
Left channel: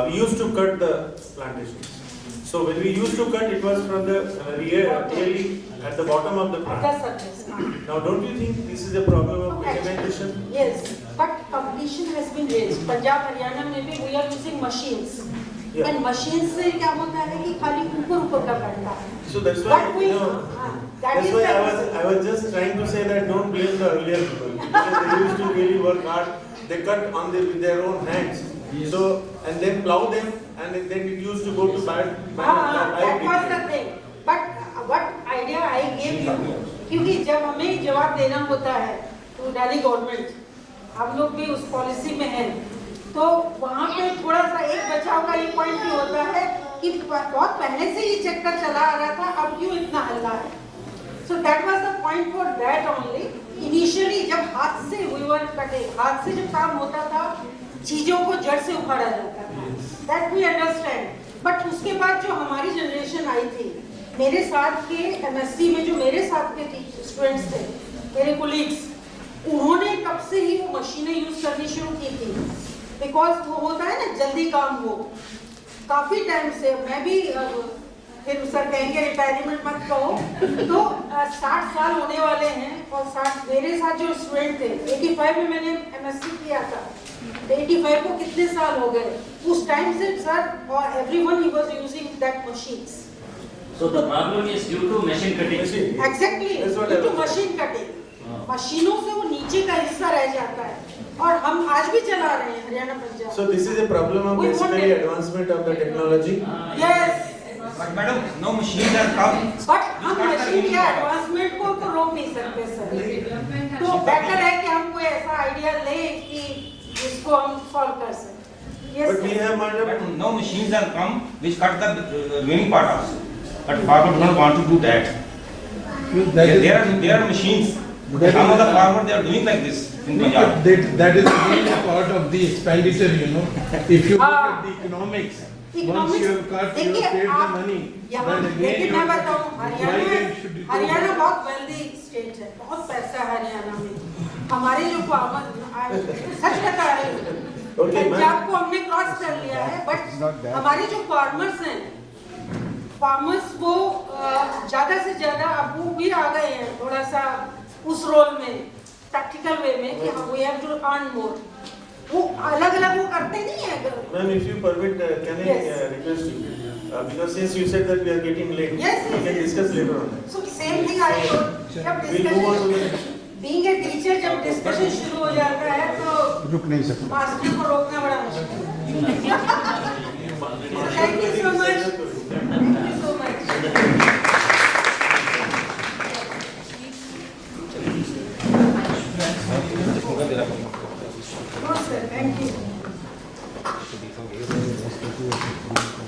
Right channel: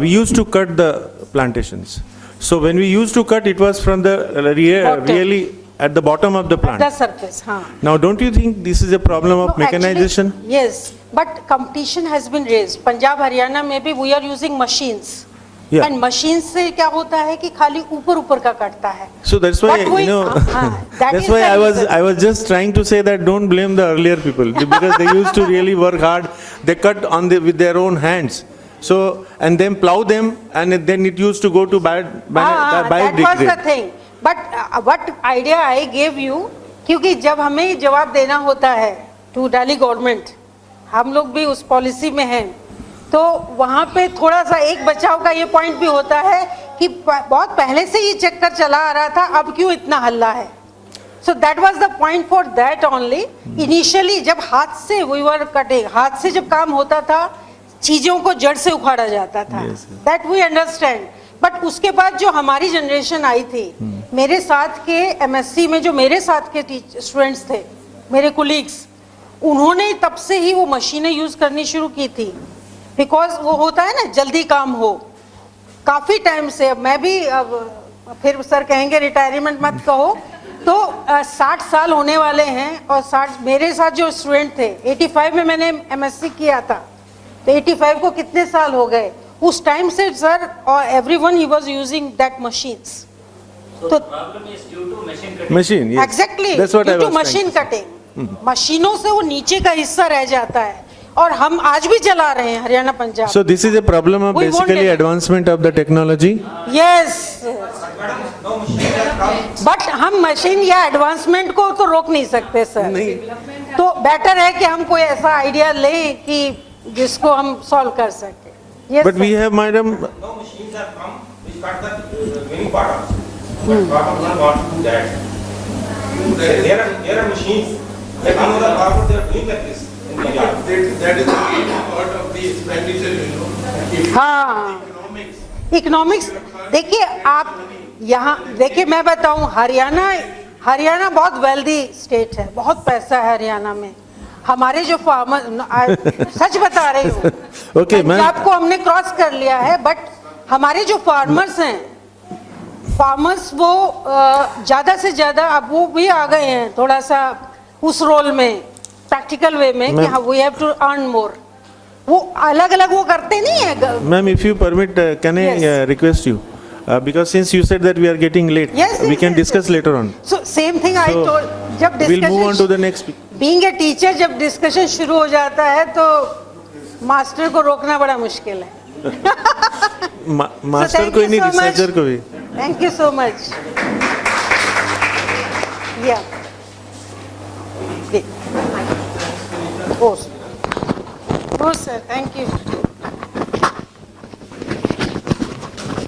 we used to cut the plantations. So when we used to cut, it was from the Bottom. really at the bottom of the plant. The surface, huh? Now, don't you think this is a problem of No, actually, mechanization? yes, but competition has been raised. Punjab, Haryana में भी we are using machines. Yeah. And machines से क्या होता है कि खाली ऊपर का कटता है. So that's why, But we- you know, that that's is why the reason. I was just trying to say that don't blame the earlier people because they used to really work hard. They cut with their own hands. So, and then plow them and then it used to go to that was the thing. But what idea I gave you, क्योंकि जब हमें जवाब देना होता है to Delhi government, हम लोग भी उस पॉलिसी में हैं, तो वहाँ पे थोड़ा सा एक बचाव का ये पॉइंट भी होता है कि बहुत पहले से ये चक्कर चला आ रहा था, अब क्यों इतना हल्ला है. So that was the point for that only. Initially जब हाथ से we were cutting, हाथ से जब काम होता था, चीजों को जड़ से उखाड़ा जाता था. That we understand. बट उसके बाद जो हमारी जनरेशन आई थी, मेरे साथ के एमएससी में जो मेरे साथ के स्टूडेंट्स थे, मेरे कोलीग्स, उन्होंने तब से ही वो मशीनें यूज करनी शुरू की थी. बिकॉज वो होता है ना जल्दी काम हो. काफी टाइम से मैं भी फिर सर कहेंगे रिटायरमेंट मत कहो, तो 60 साल होने वाले हैं और 60 मेरे साथ जो स्टूडेंट थे 85 में मैंने एमएससी किया था, तो 85 को कितने साल हो गए. उस टाइम से सर और everyone he was using that machines. So the problem is due to machine cutting. Machine, yes. Exactly That's what I too was machine cutting. मशीनों से वो नीचे का हिस्सा रह जाता है और हम आज भी चला रहे हैं Haryana Punjab. So this is a problem of We won't basically get it. advancement of the technology. Yes, Madam, no machines are come. But हम मशीन या एडवांसमेंट को तो रोक नहीं सकते सर. तो बेटर है कि हम कोई ऐसा आइडिया लें कि जिसको हम सॉल्व कर सकें. Yes, But we sir. have, madam, No machines are come which cut the remaining part also. But farmers don't want to do that. There are machines. None of the farmers they are doing like this in the yard. That is really part of the expenditure, you know. If you हाँ. look at the economics. Economics once you have cut, देखिए you have paid the आप money, यहाँ then देखिए again मैं you- बताऊँ हरियाणा बहुत wealthy state है, बहुत पैसा है हरियाणा में. हमारे जो फार्मर सच बता रही हूँ, Okay, ma'am. पंजाब को हमने क्रॉस कर लिया है, बट हमारे जो फार्मर्स हैं, फार्मर्स वो ज्यादा से ज्यादा अब वो भी आ गए हैं थोड़ा सा उस रोल में प्रैक्टिकल वे में कि हाँ we have to earn more. वो अलग अलग वो करते नहीं है. ma'am, if you permit, can I Yes. request you? Because since you said that we are getting late, Yes, we yes, can yes, discuss yes. later on. So same thing I So, told. जब We'll move on to discussion, the next. being a teacher, जब discussion शुरू हो जाता है तो master को रोकना बड़ा मुश्किल है. मास्टर thank को ही you नहीं, so much. रिसर्चर को भी. Thank you so much. Yeah. Oh, sir, thank you.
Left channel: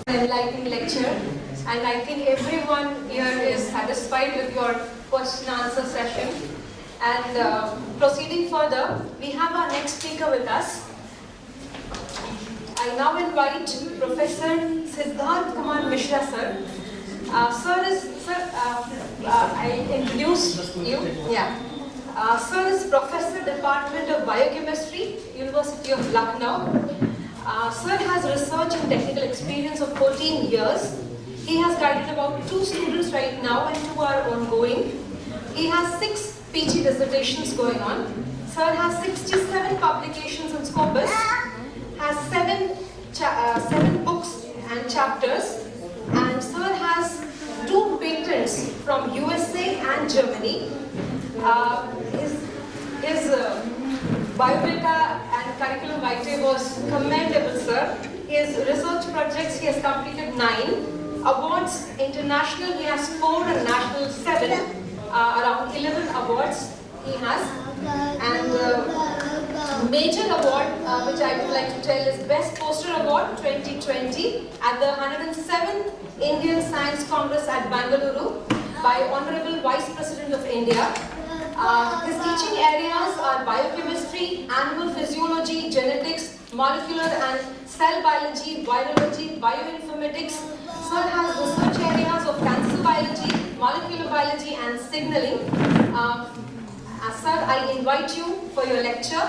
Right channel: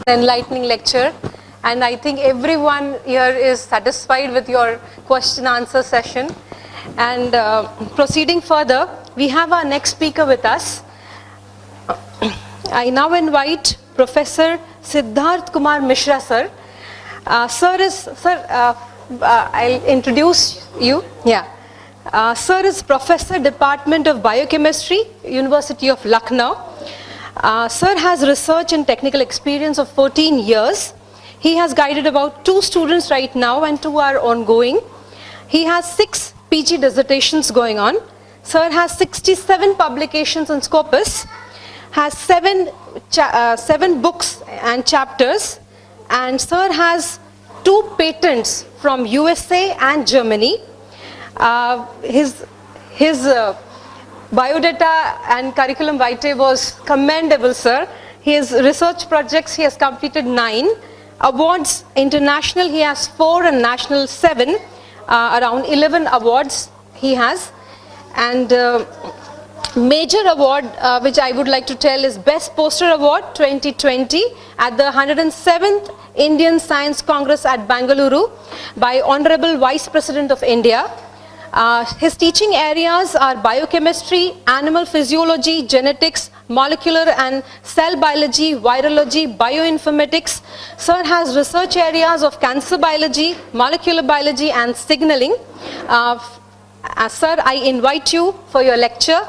Enlightening lecture, and I think everyone here is satisfied with your question answer session. And proceeding further, we have our next speaker with us. I now invite Professor Siddharth Kumar Mishra sir. I'll introduce you. Yeah. Sir is Professor Department of Biochemistry, University of Lucknow. Sir has research and technical experience of 14 years. He has guided about 2 students right now and 2 are ongoing. He has 6 PG dissertations going on. Sir has 67 publications in Scopus, has 7 books and chapters, and sir has 2 patents from USA and Germany. His biodata and curriculum vitae was commendable, sir. His research projects, he has completed 9. Awards international, he has 4, and national 7. Around 11 awards he has. And major award which I would like to tell is Best Poster Award 2020 at the 107th Indian Science Congress at Bangalore by Honorable Vice President of India. His teaching areas are biochemistry, animal physiology, genetics, molecular and cell biology, virology, bioinformatics. Sir has research areas of cancer biology, molecular biology and signaling. Sir, I invite you for your lecture,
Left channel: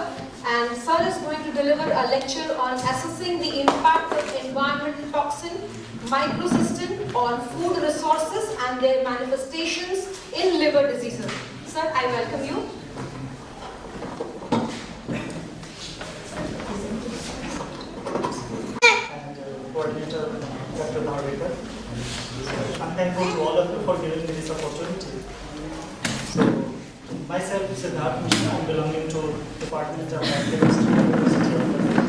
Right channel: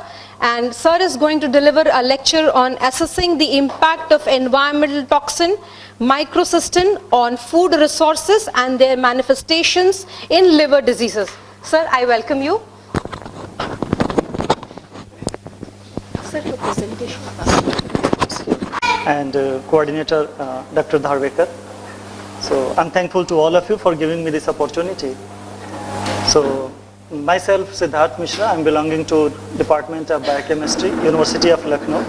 and sir is going to deliver a lecture on assessing the impact of environmental toxin microcystin on food resources and their manifestations in liver diseases. Sir, I welcome you. Sir, your presentation. And coordinator Dr. Dharwekar. So I'm thankful to all of you for giving me this opportunity. So myself, Siddharth Mishra, I'm belonging to Department of Biochemistry, University of Lucknow.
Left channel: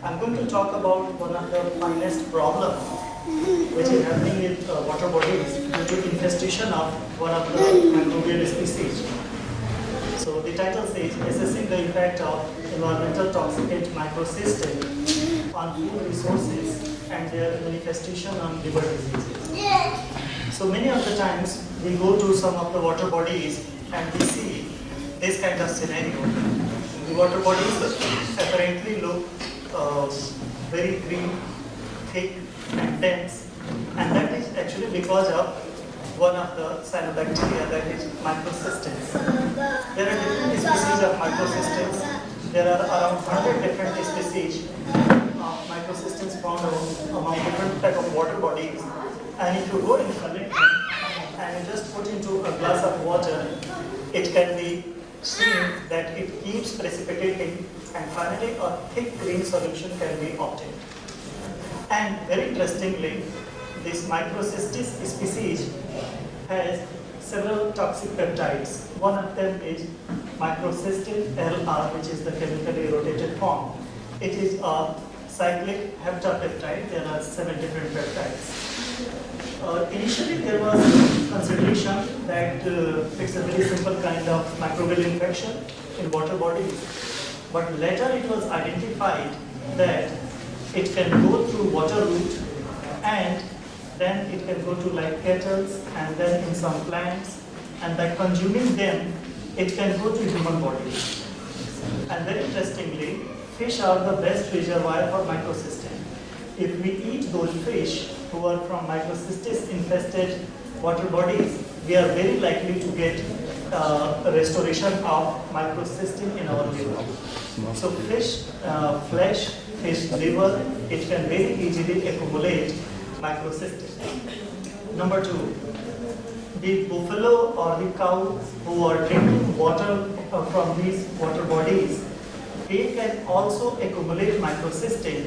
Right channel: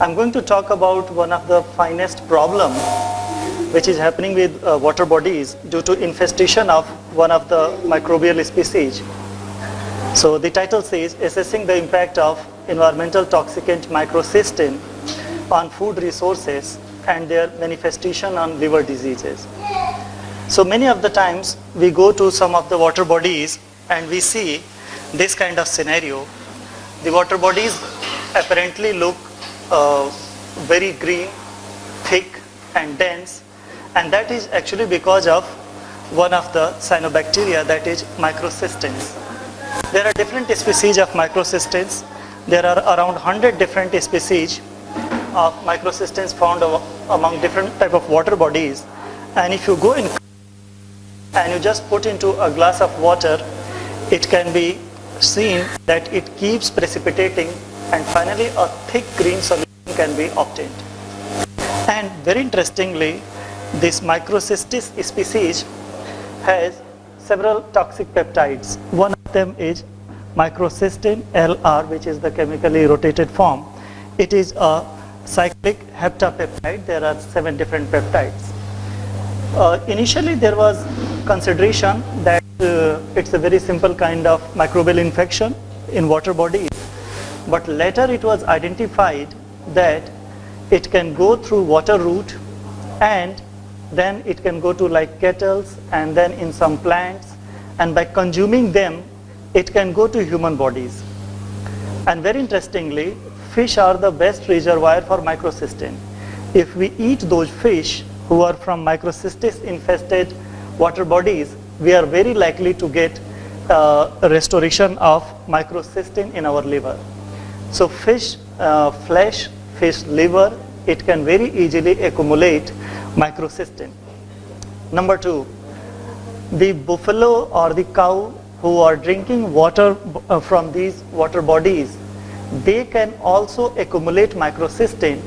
I'm going to talk about one of the finest problem which is happening with water bodies due to infestation of one of the microbial species. So the title says, assessing the impact of environmental toxicant microcystin on food resources and their manifestation on liver diseases. So many of the times we go to some of the water bodies and we see this kind of scenario. The water bodies apparently look very green, thick and dense, and that is actually because of one of the cyanobacteria, that is microcystins. There are different species of microcystins. There are around 100 different species of microcystins found among different type of water bodies, and if you go in and you just put into a glass of water, it can be seen that it keeps precipitating, and finally a thick green solution can be obtained. And very interestingly, this microcystis species has several toxic peptides. One of them is microcystin LR, which is the chemically rotated form. It is a cyclic heptapeptide. There are 7 different peptides. Initially there was consideration that it's a very simple kind of microbial infection in water bodies, but later it was identified that it can go through water route, and then it can go to like kettles and then in some plants, and by consuming them it can go to human bodies. And very interestingly, fish are the best reservoir for microcystin. If we eat those fish who are from microcystis infested water bodies, we are very likely to get a restoration of microcystin in our liver. So fish flesh, fish liver, it can very easily accumulate microcystin. Number 2, the buffalo or the cow who are drinking water from these water bodies, they can also accumulate microcystin,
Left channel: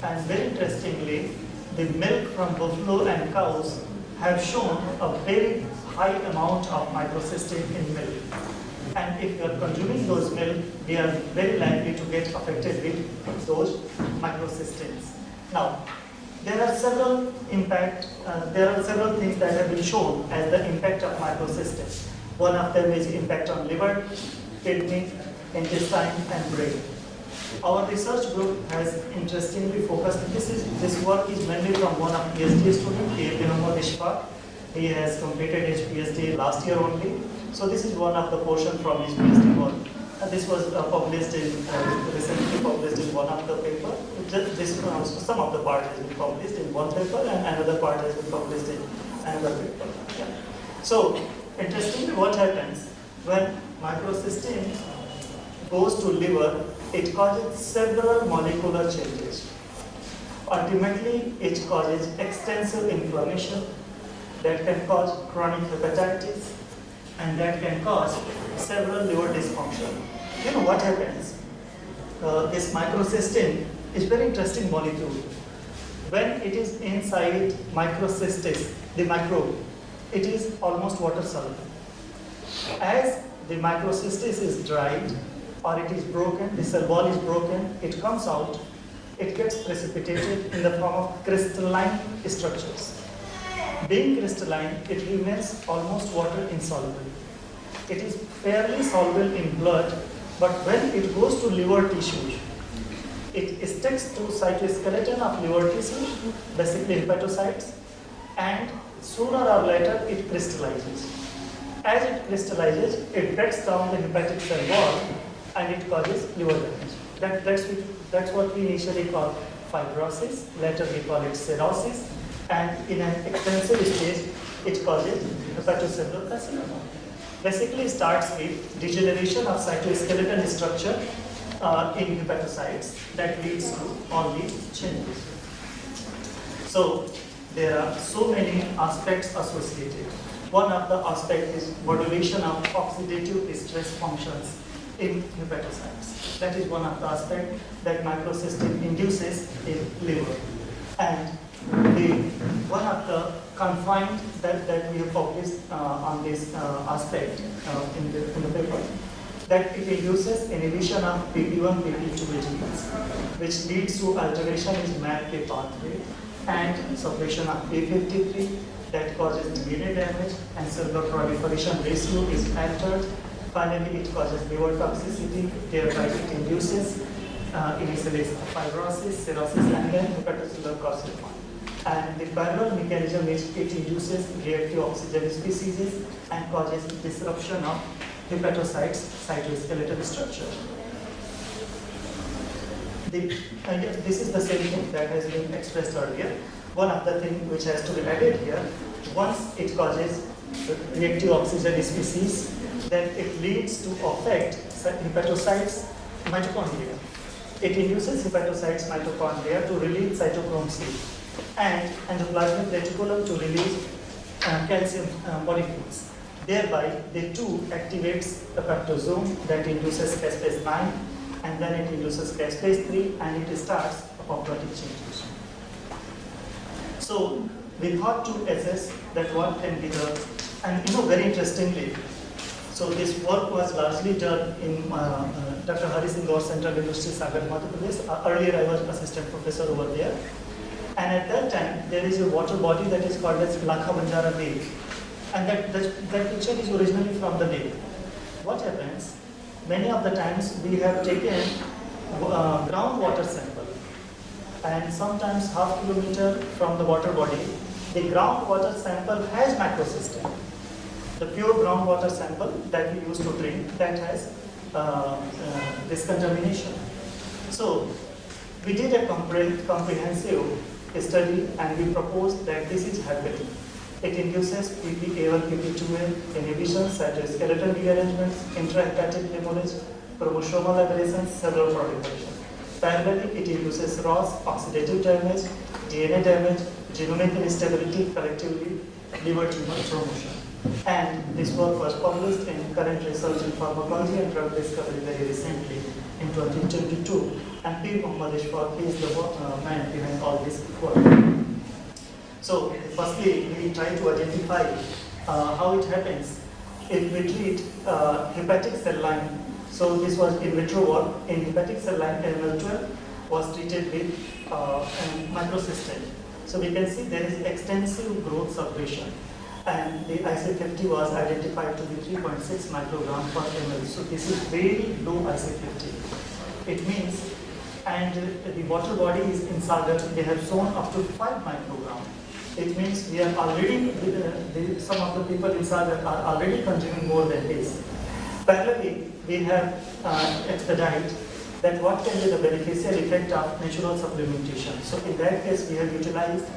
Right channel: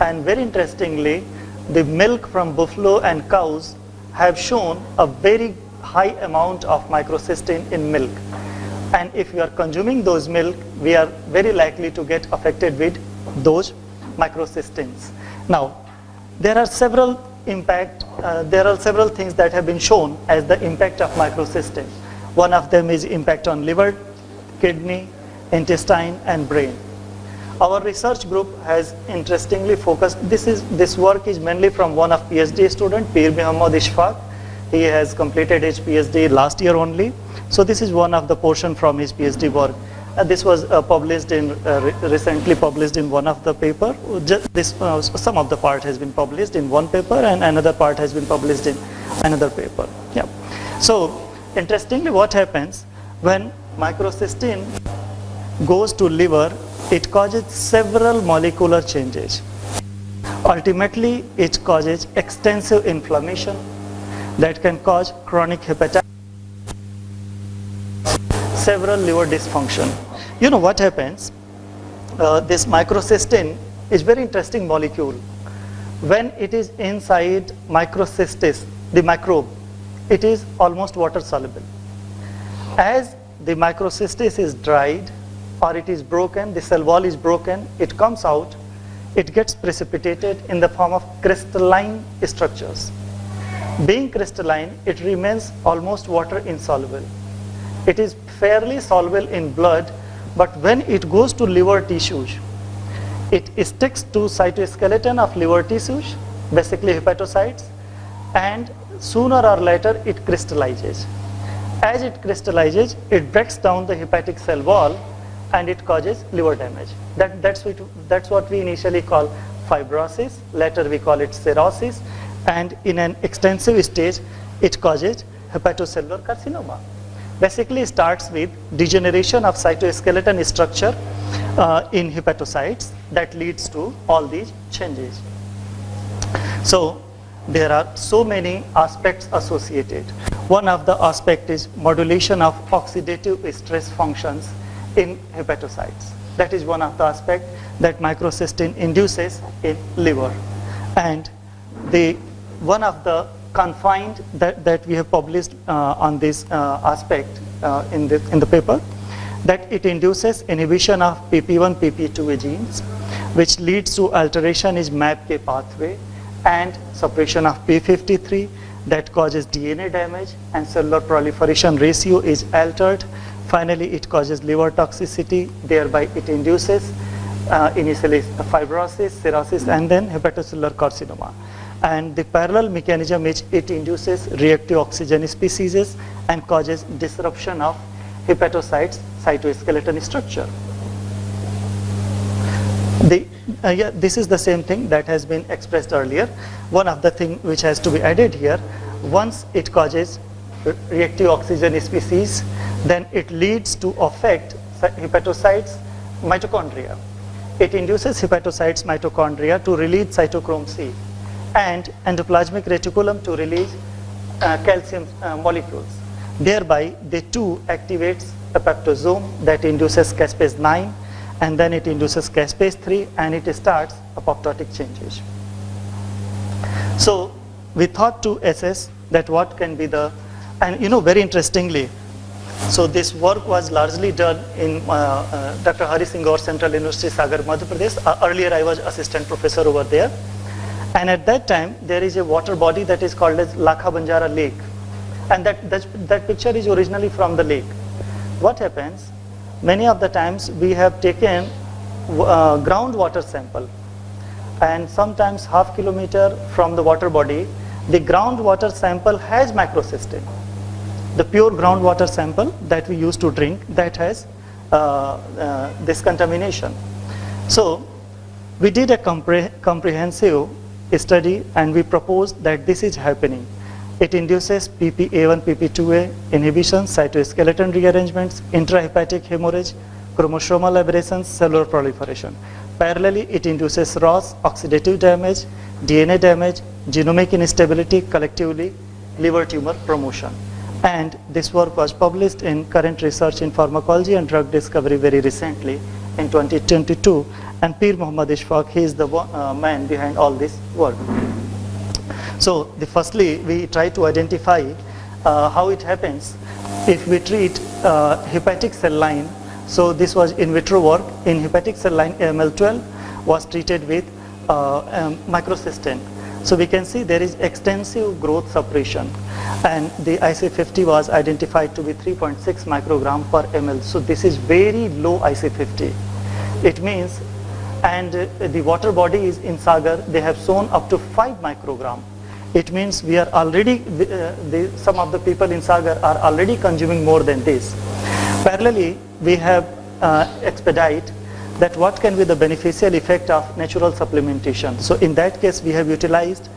and very interestingly, the milk from buffalo and cows have shown a very high amount of microcystin in milk. And if we are consuming those milk, we are very likely to get affected with those microcystins. Now, there are several things that have been shown as the impact of microcystin. One of them is impact on liver, kidney, intestine, and brain. Our research group has interestingly focused, this work is mainly from one of PhD student, Pir Muhammad Ishfaq. He has completed his PhD last year only. So this is one of the portion from his PhD work. This was recently published in one of the paper. Some of the part has been published in one paper and another part has been published in another paper. Yeah. So interestingly, what happens when microcystin goes to liver, it causes several molecular changes. Ultimately, it causes extensive inflammation that can cause chronic hepatitis and that can cause several liver dysfunction. You know what happens? This microcystin is very interesting molecule. When it is inside microcystis, the microbe, it is almost water soluble. As the microcystis is dried or it is broken, the cell wall is broken, it comes out, it gets precipitated in the form of crystalline structures. Being crystalline, it remains almost water insoluble. It is fairly soluble in blood, but when it goes to liver tissues, it sticks to cytoskeleton of liver tissues, basically hepatocytes, and sooner or later it crystallizes. As it crystallizes, it breaks down the hepatic cell wall and it causes liver damage. That's what we initially call fibrosis, later we call it cirrhosis, and in an extensive stage, it causes hepatocellular carcinoma. Basically, it starts with degeneration of cytoskeleton structure in hepatocytes that leads to all these changes. So, there are so many aspects associated. One of the aspects is modulation of oxidative stress functions in hepatocytes. That is one of the aspects that microcystin induces in liver. And one of the confined that we have published on this aspect in the paper, that it induces inhibition of PP1, PP2 genes, which leads to alteration in MAPK pathway and suppression of P53 that causes DNA damage and cellular proliferation ratio is altered. Finally, it causes liver toxicity, thereby it induces initially fibrosis, cirrhosis, and then hepatocellular carcinoma. And the parallel mechanism is it induces reactive oxygen species and causes disruption of hepatocytes cytoskeleton structure. This is the same thing that has been expressed earlier. One of the things which has to be added here, once it causes reactive oxygen species, then it leads to affect hepatocytes mitochondria. It induces hepatocytes mitochondria to release cytochrome C and endoplasmic reticulum to release calcium molecules. Thereby, the two activates apoptosome that induces caspase 9, and then it induces caspase 3, and it starts apoptotic changes. So we thought to assess that what can be the, and very interestingly, so this work was largely done in Dr. Hari Singh Gaur Central University, Sagar, Madhya Pradesh. Earlier I was assistant professor over there. And at that time, there is a water body that is called as Lakha Banjara Lake. And that picture is originally from the lake. What happens? Many of the times we have taken groundwater sample. And sometimes half kilometer from the water body, the groundwater sample has microcystin. The pure groundwater sample that we used to drink, that has this contamination. So we did a comprehensive study and we proposed that this is happening. It induces PPA1, PP2A inhibition, cytoskeleton rearrangements, intrahepatic hemorrhage, chromosomal aberrations, cellular proliferation. Parallelly, it induces ROS, oxidative damage, DNA damage, genomic instability, collectively liver tumor promotion. And this work was published in Current Research in Pharmacology and Drug Discovery very recently in 2022. And Pir Muhammad Ishfaq, he is the man behind all this work. So firstly, we try to identify how it happens if we treat hepatic cell line. So this was in vitro work. In hepatic cell line, AML12 was treated with microcystin. So we can see there is extensive growth suppression, and the IC50 was identified to be 3.6 microgram per ml. So this is very low IC50. It means, and the water bodies in Sagar, they have shown up to 5 microgram. It means we are already, some of the people in Sagar are already consuming more than this. Parallelly, we have expedite that what can be the beneficial effect of natural supplementation. So in that case, we have utilized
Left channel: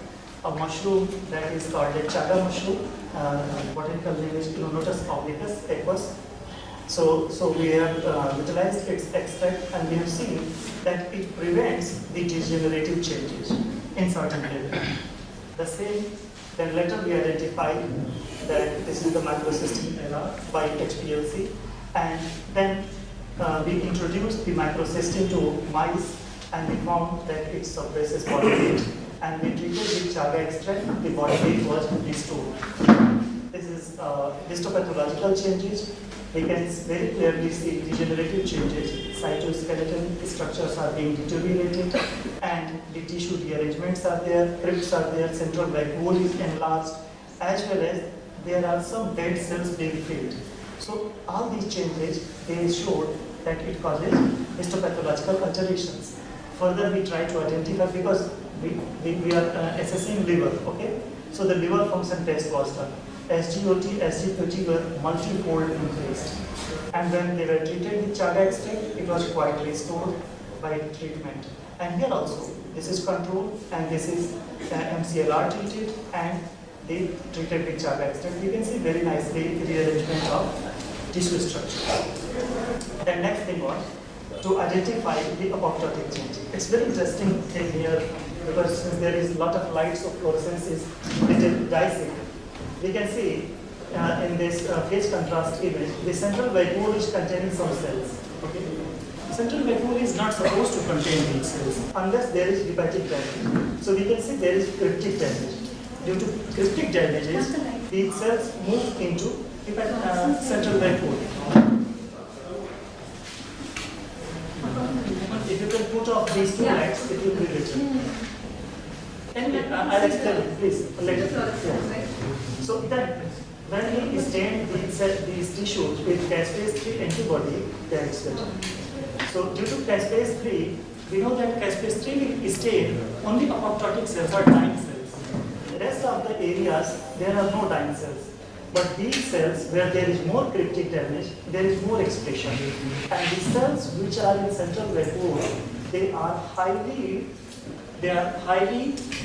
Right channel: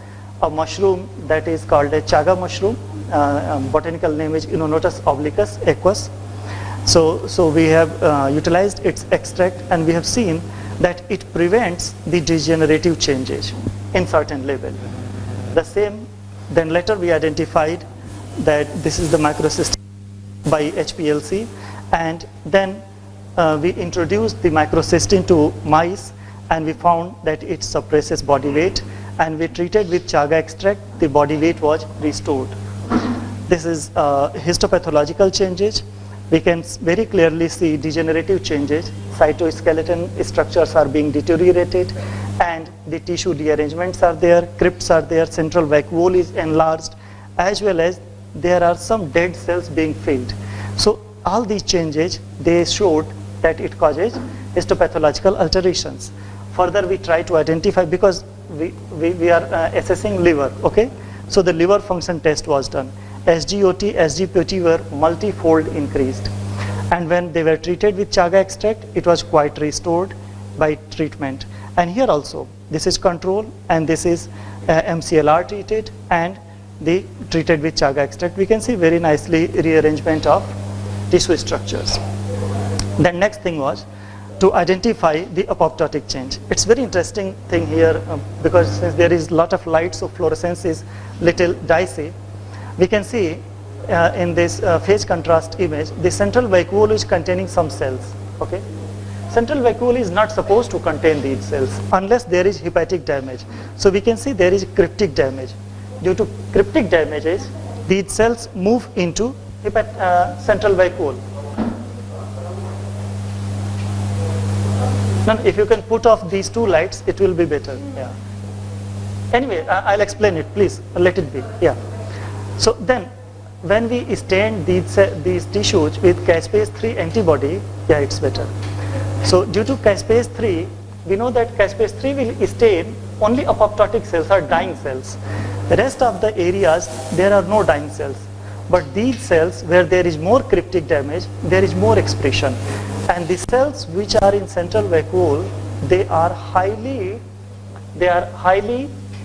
a mushroom that is called a chaga mushroom. Botanical name is Inonotus obliquus aquus. So we have utilized its extract, and we have seen that it prevents the degenerative changes in certain level. The same, then later we identified that this is the microcystin by HPLC, and then we introduced the microcystin to mice, and we found that it suppresses body weight, and we treated with chaga extract, the body weight was restored. This is histopathological changes. We can very clearly see degenerative changes. Cytoskeleton structures are being deteriorated, and the tissue dearrangements are there, crypts are there, central vacuole is enlarged, as well as there are some dead cells being filled. So all these changes, they showed that it causes histopathological alterations. Further, we try to identify, because we are assessing liver, okay? So the liver function test was done. SGOT, SGPOT were multi-fold increased. And when they were treated with chaga extract, it was quite restored by treatment. And here also, this is control, and this is MCLR treated, and they treated with chaga extract. We can see very nicely rearrangement of tissue structures. The next thing was to identify the apoptotic change. It's very interesting thing here, because since there is a lot of light, so fluorescence is little dicey. We can see in this phase contrast image, the central vacuole is containing some cells, okay? Central vacuole is not supposed to contain these cells unless there is hepatic damage. So we can see there is cryptic damage. Due to cryptic damages, these cells move into central vacuole. Now, if you can put off these two lights, it will be better. Yeah. Anyway, I'll explain it, please, let it be. Yeah. So then, when we stain these tissues with caspase-3 antibody, yeah, it's better. So due to caspase-3, we know that caspase-3 will stain only apoptotic cells or dying cells. The rest of the areas, there are no dying cells. But these cells, where there is more cryptic damage, there is more expression. And the cells which are in central vacuole, they are highly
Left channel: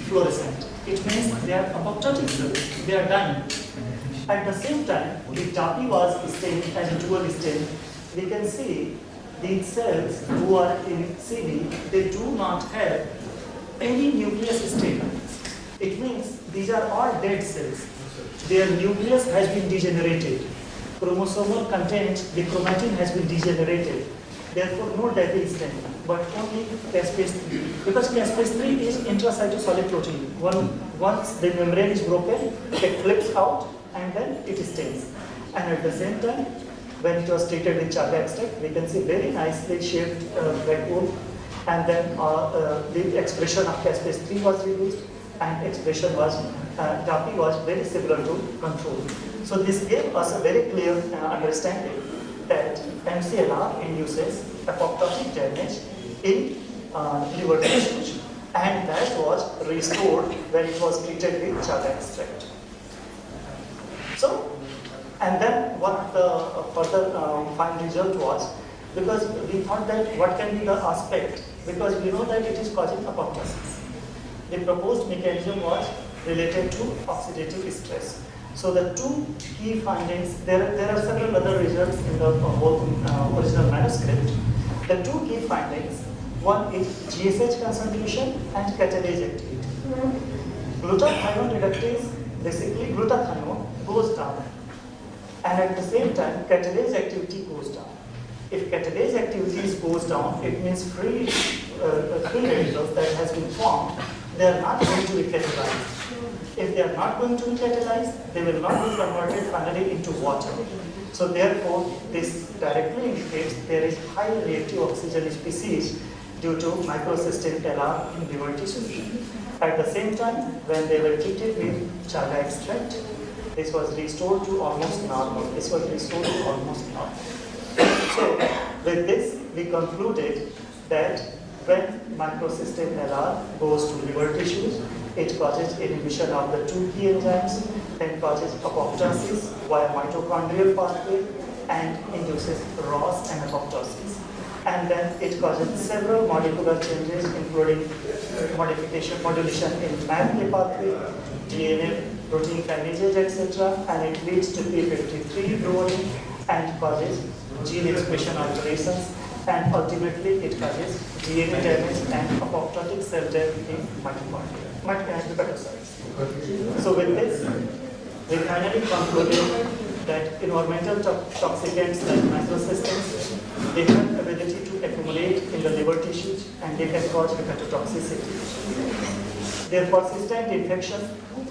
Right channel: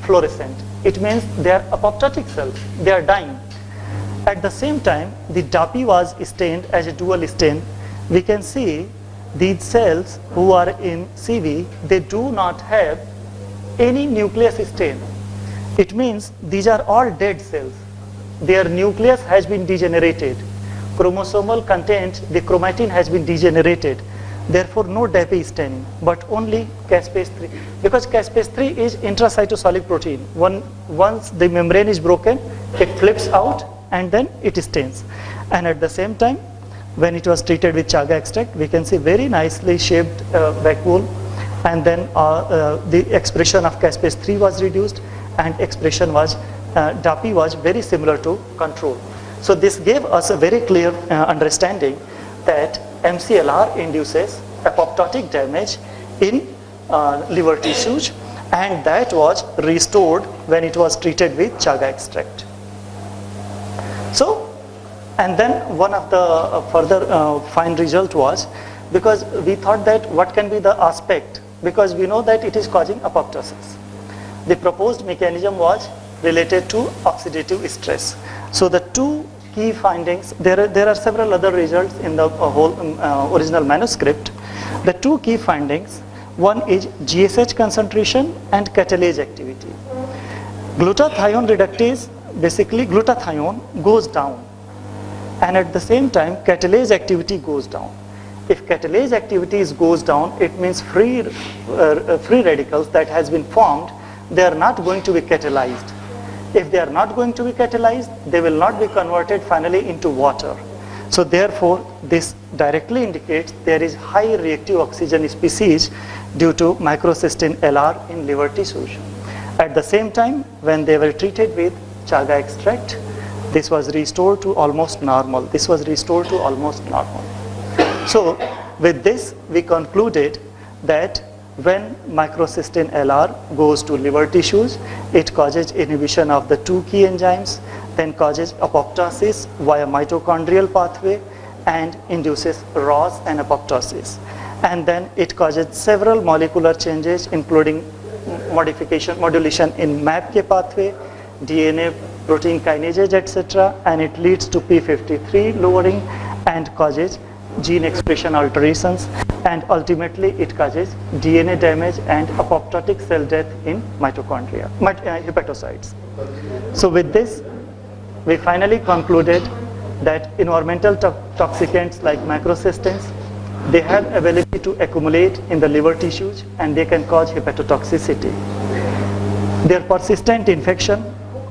fluorescent. It means they are apoptotic cells, they are dying. At the same time, the DAPI was stained as a dual stain. We can see these cells who are in CV, they do not have any nucleus stain. It means these are all dead cells. Their nucleus has been degenerated. Chromosomal content, the chromatin has been degenerated. Therefore, no DAPI staining, but only caspase-3. Because caspase-3 is intracytosolic protein. Once the membrane is broken, it flips out and then it stains. And at the same time, when it was treated with chaga extract, we can see very nicely shaped vacuole, and then the expression of caspase-3 was reduced, and expression was, DAPI was very similar to control. So this gave us a very clear understanding that MCLR induces apoptotic damage in liver tissues, and that was restored when it was treated with chaga extract. So, and then one of the further fine result was, because we thought that what can be the aspect, because we know that it is causing apoptosis. The proposed mechanism was related to oxidative stress. So the two key findings, there are several other results in the whole original manuscript. The two key findings, one is GSH concentration and catalase activity. Glutathione reductase, basically glutathione goes down, and at the same time catalase activity goes down. If catalase activity goes down, it means free radicals that has been formed, they are not going to be catalyzed. If they are not going to be catalyzed, they will not be converted finally into water. So therefore, this directly indicates there is high reactive oxygen species due to microcystin LR in liver tissues. At the same time, when they were treated with chaga extract, this was restored to almost normal. This was restored to almost normal. So with this, we concluded that when microcystin LR goes to liver tissues, it causes inhibition of the two key enzymes, then causes apoptosis via mitochondrial pathway and induces ROS and apoptosis. And then it causes several molecular changes, including modulation in MAPK pathway, DNA, protein kinases, etc. And it leads to P53 lowering and causes gene expression alterations, and ultimately it causes DNA damage and apoptotic cell death in mitochondria, hepatocytes. So with this, we finally concluded that environmental toxicants like microcystins, they have ability to accumulate in the liver tissues and they can cause hepatotoxicity. Their persistent infection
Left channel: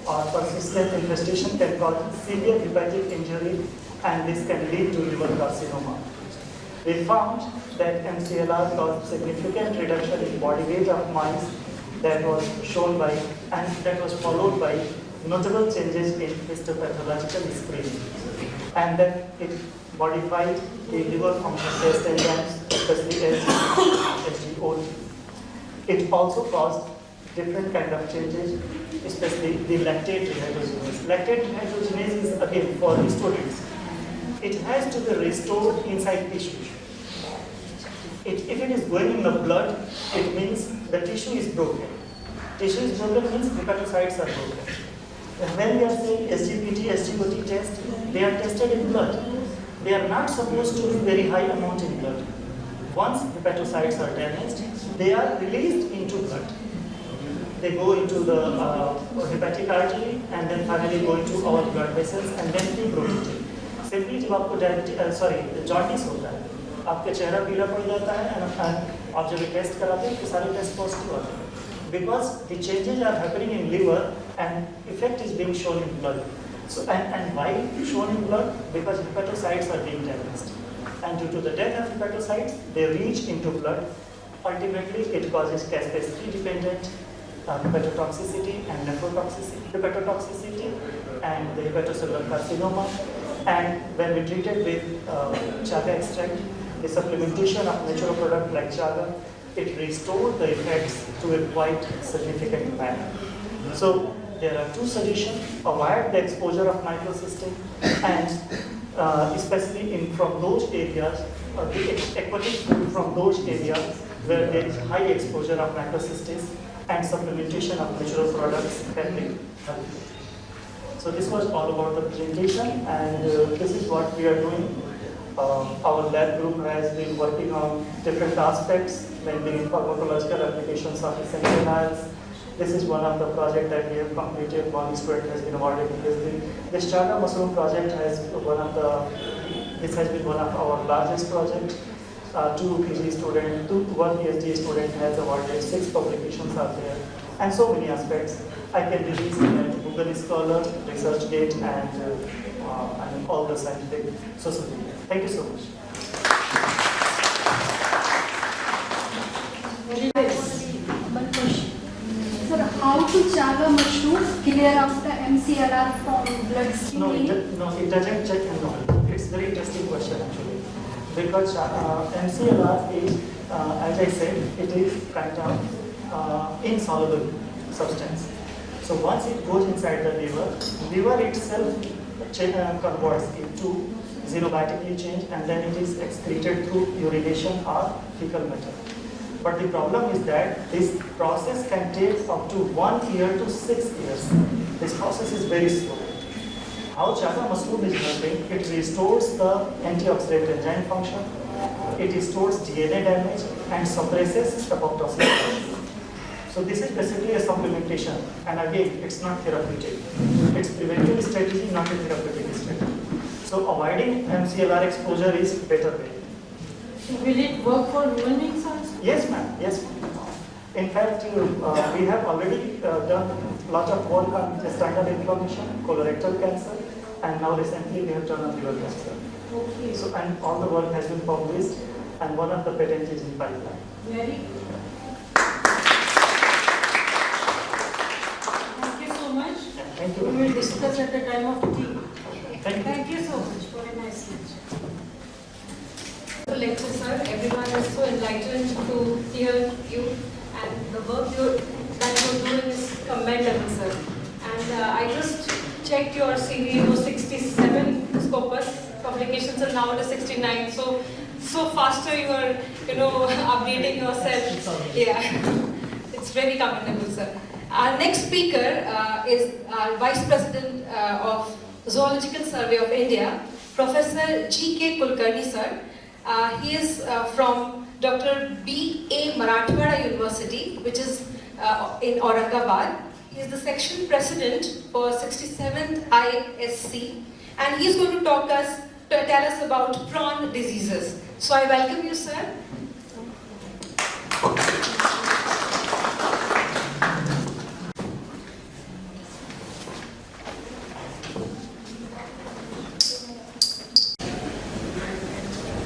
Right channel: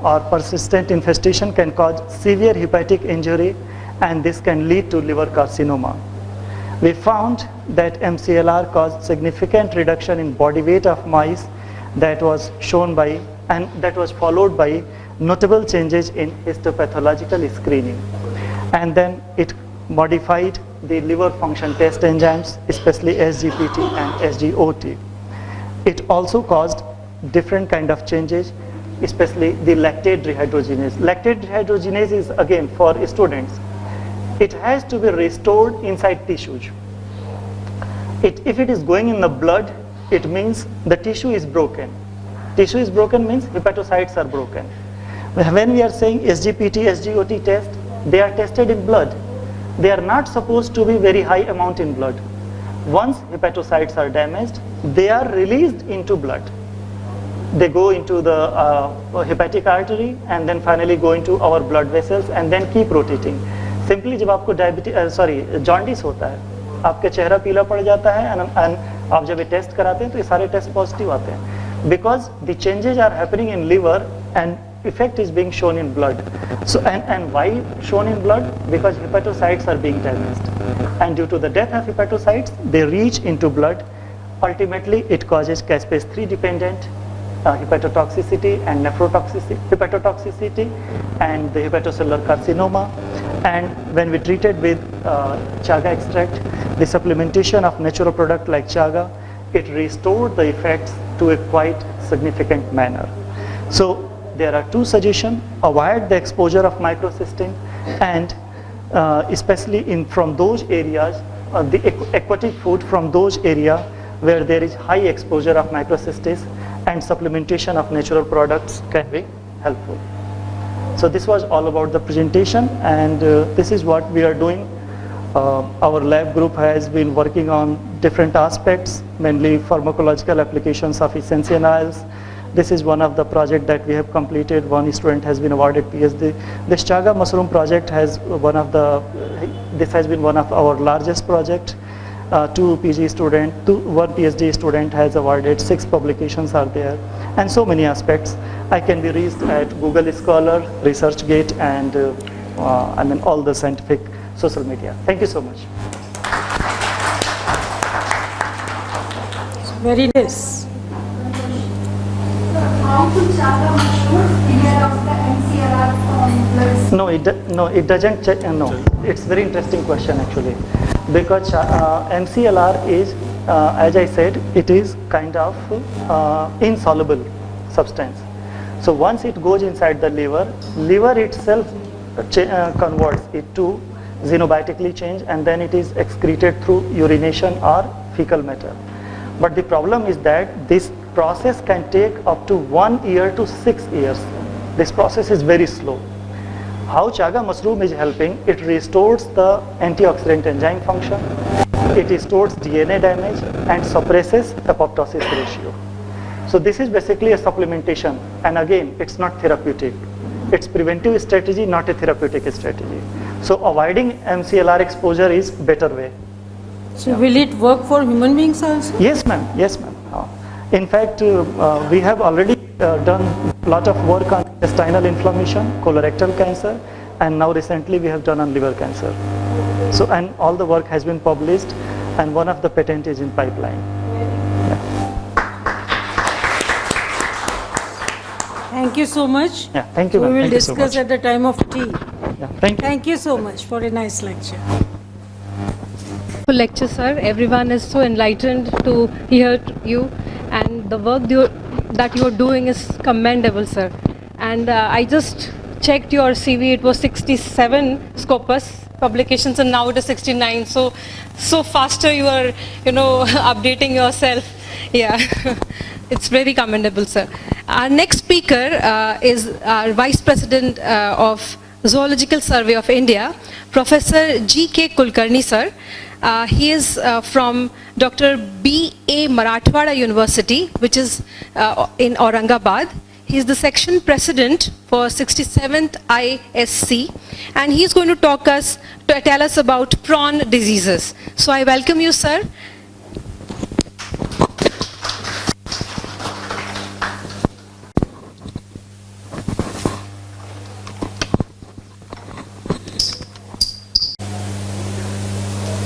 or persistent infestation can cause severe hepatic injury, and this can lead to liver carcinoma. We found that MCLR caused significant reduction in body weight of mice that was shown by, and that was followed by notable changes in histopathological screening. And then it modified the liver function test enzymes, especially SGPT and SGOT. It also caused different kind of changes, especially the lactate dehydrogenase. Lactate dehydrogenase is, again, for students, it has to be restored inside tissues. If it is going in the blood, it means the tissue is broken. Tissue is broken means hepatocytes are broken. When we are saying SGPT, SGOT test, they are tested in blood. They are not supposed to be very high amount in blood. Once hepatocytes are damaged, they are released into blood. They go into the hepatic artery and then finally go into our blood vessels and then keep rotating. Simply जब आपको jaundice होता है, आपका चेहरा पीला पड़ जाता है and आप जब ये टेस्ट कराते हैं तो ये सारे टेस्ट पॉजिटिव आते हैं, because the changes are happening in liver and effect is being shown in blood. So and why shown in blood? Because hepatocytes are being damaged, and due to the death of hepatocytes, they reach into blood. Ultimately, it causes caspase 3 dependent hepatotoxicity and hepatotoxicity and the hepatocellular carcinoma. And when we treated with chaga extract, the supplementation of natural product like chaga, it restored the effects to a quite significant manner. So there are two suggestions: avoid the exposure of microcystin, and especially from those areas, the aquatic food from those areas where there is high exposure of microcystin, and supplementation of natural products can be helpful. So this was all about the presentation, and this is what we are doing. Our lab group has been working on different aspects, mainly pharmacological applications of essential oils. This is one of the projects that we have completed. One student has been awarded PhD. This chaga mushroom project has this has been one of our largest projects. One PhD student has awarded, 6 publications are there, and so many aspects. I can be reached at Google Scholar, ResearchGate, and all the scientific social media. Thank you so much. Very nice. How to chaga mushrooms clear of the MCLR No, it doesn't check. No, it's very interesting question actually, because MCLR is, as I said, it is kind of insoluble substance. So once it goes inside the liver itself converts it to xenobiotically change, and then it is excreted through urination or fecal matter. But the problem is that this process can take up to 1 year to 6 years. This process is very slow. How chaga mushroom is helping, it restores the antioxidant enzyme function, it restores DNA damage and suppresses apoptosis ratio. So this is basically a supplementation, and again, it's not therapeutic. It's preventive strategy, not a therapeutic strategy. So avoiding MCLR exposure is better way. So will it work for human beings also? Yes, ma'am. Yes, ma'am. In fact, we have already done a lot of work on intestinal inflammation, colorectal cancer, and now recently we have done on liver cancer. So, and all the work has been published, and one of the patent is in pipeline. Thank you so much. Yeah, thank you, We ma'am. will Thank you so discuss much. at the time of tea. Yeah, thank you. Thank you so much for a nice lecture. Lecture, sir. Everyone is so enlightened to hear you, and the work that you're doing is commendable, sir. And I just checked your CV. It was 67 Scopus publications, and now it is 69. So faster you are, updating yourself. Yeah, it's very commendable, sir. Our next speaker is our Vice President of Zoological Survey of India, Professor G.K. Kulkarni, sir. He is from Dr. B.A. Marathwada University, which is in Aurangabad. He is the section president for 67th ISC, and he is going to tell us about prawn diseases. So I welcome you, sir.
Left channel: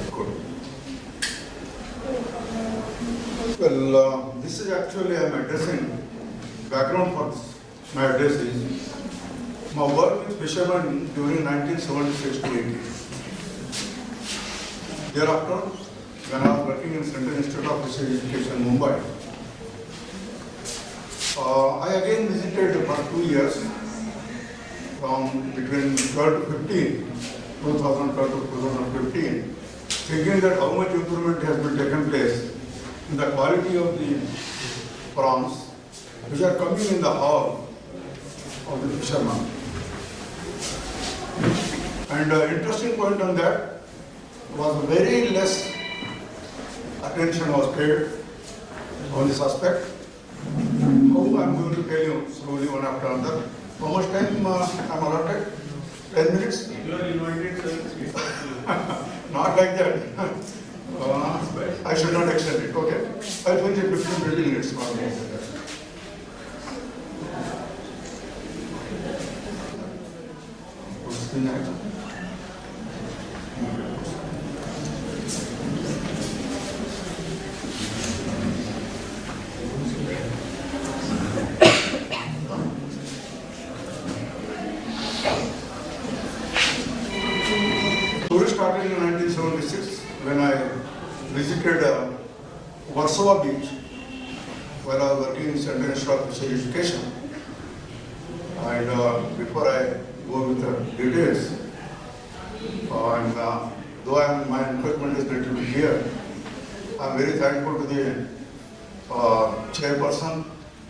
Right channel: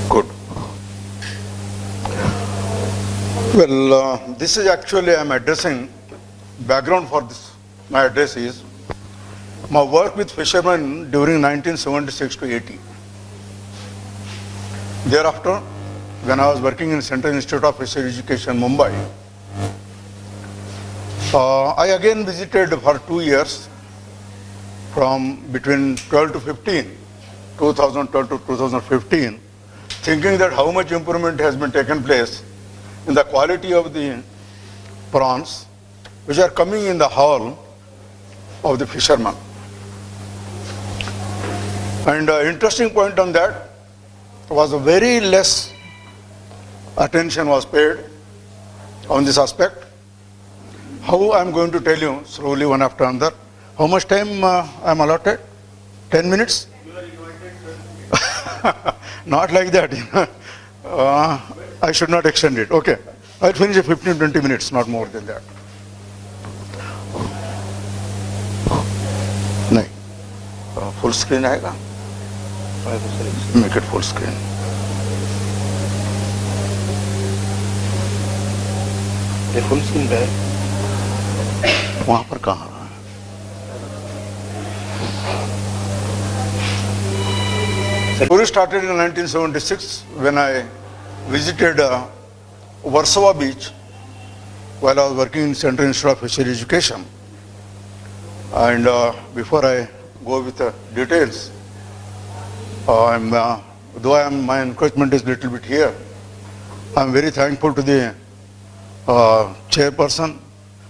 Good. Well, this is actually I'm addressing, background for this. My address is my work with fishermen during 1976 to 80. Thereafter, when I was working in Central Institute of Fishery Education, Mumbai, I again visited for 2 years from between 12 to 15, 2012 to 2015, thinking that how much improvement has been taken place in the quality of the prawns which are coming in the hall of the fishermen. And interesting point on that was very less attention was paid on this aspect. How I'm going to tell you slowly one after another. How much time I'm allotted? 10 minutes? Not like that. I should not extend it. Okay. I'll finish in 15-20 minutes, not more than that. No. Full screen आएगा? Make it full screen. ये full screen का है वहाँ पर कहाँ? Story started in 1976 when I visited Warsaw Beach while I was working in Central Institute of Fishery Education. And before I go with the details, my encouragement is a little bit here. I'm very thankful to the chairperson,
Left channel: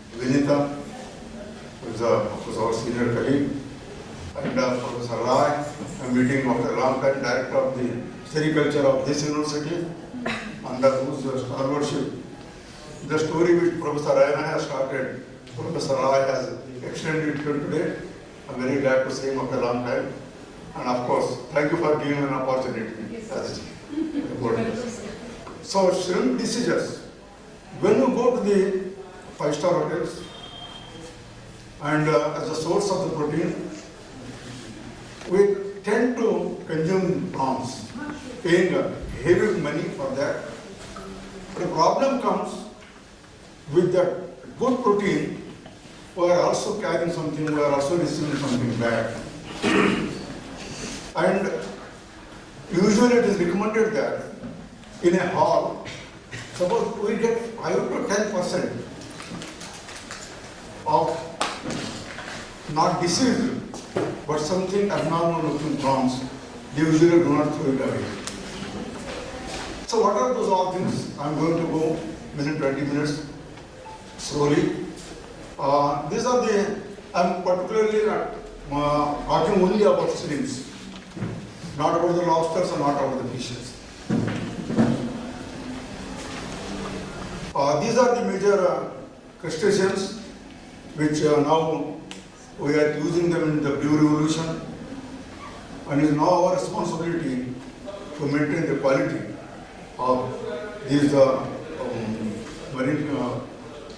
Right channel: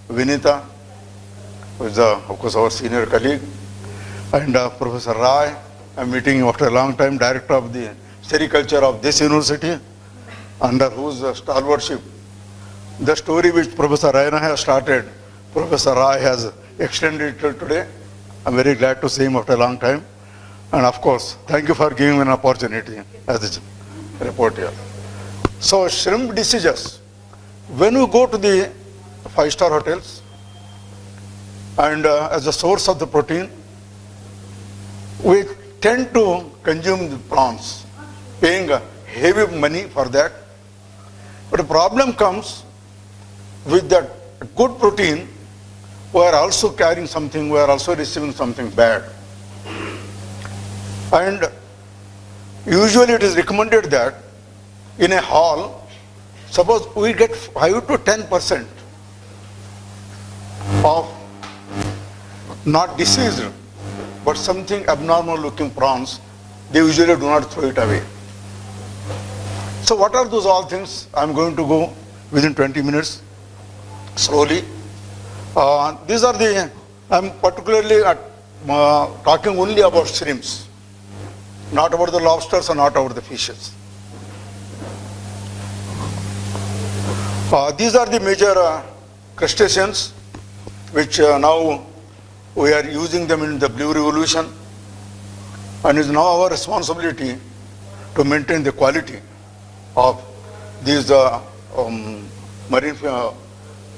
Vinita, who is of course our senior colleague, and Professor Rai. I'm meeting after a long time, director of the sericulture of this university, under whose stalwartship. The story which Professor Raina has started, Professor Rai has extended it till today. I'm very glad to see him after a long time. And of course, thank you for giving me an opportunity as a reporter. So shrimp diseases, when we go to the 5-star hotels and as a source of the protein, we tend to consume the prawns, paying heavy money for that. But the problem comes with that good protein, we are also carrying something, we are also receiving something bad. And usually it is recommended that in a hall, suppose we get 5 to 10% of not diseased, but something abnormal looking prawns, they usually do not throw it away. So what are those all things? I'm going to go within 20 minutes, slowly. These are the, I'm particularly talking only about shrimps, not about the lobsters or not about the fishes. These are the major crustaceans which now we are using them in the Blue Revolution, and it's now our responsibility to maintain the quality of these marine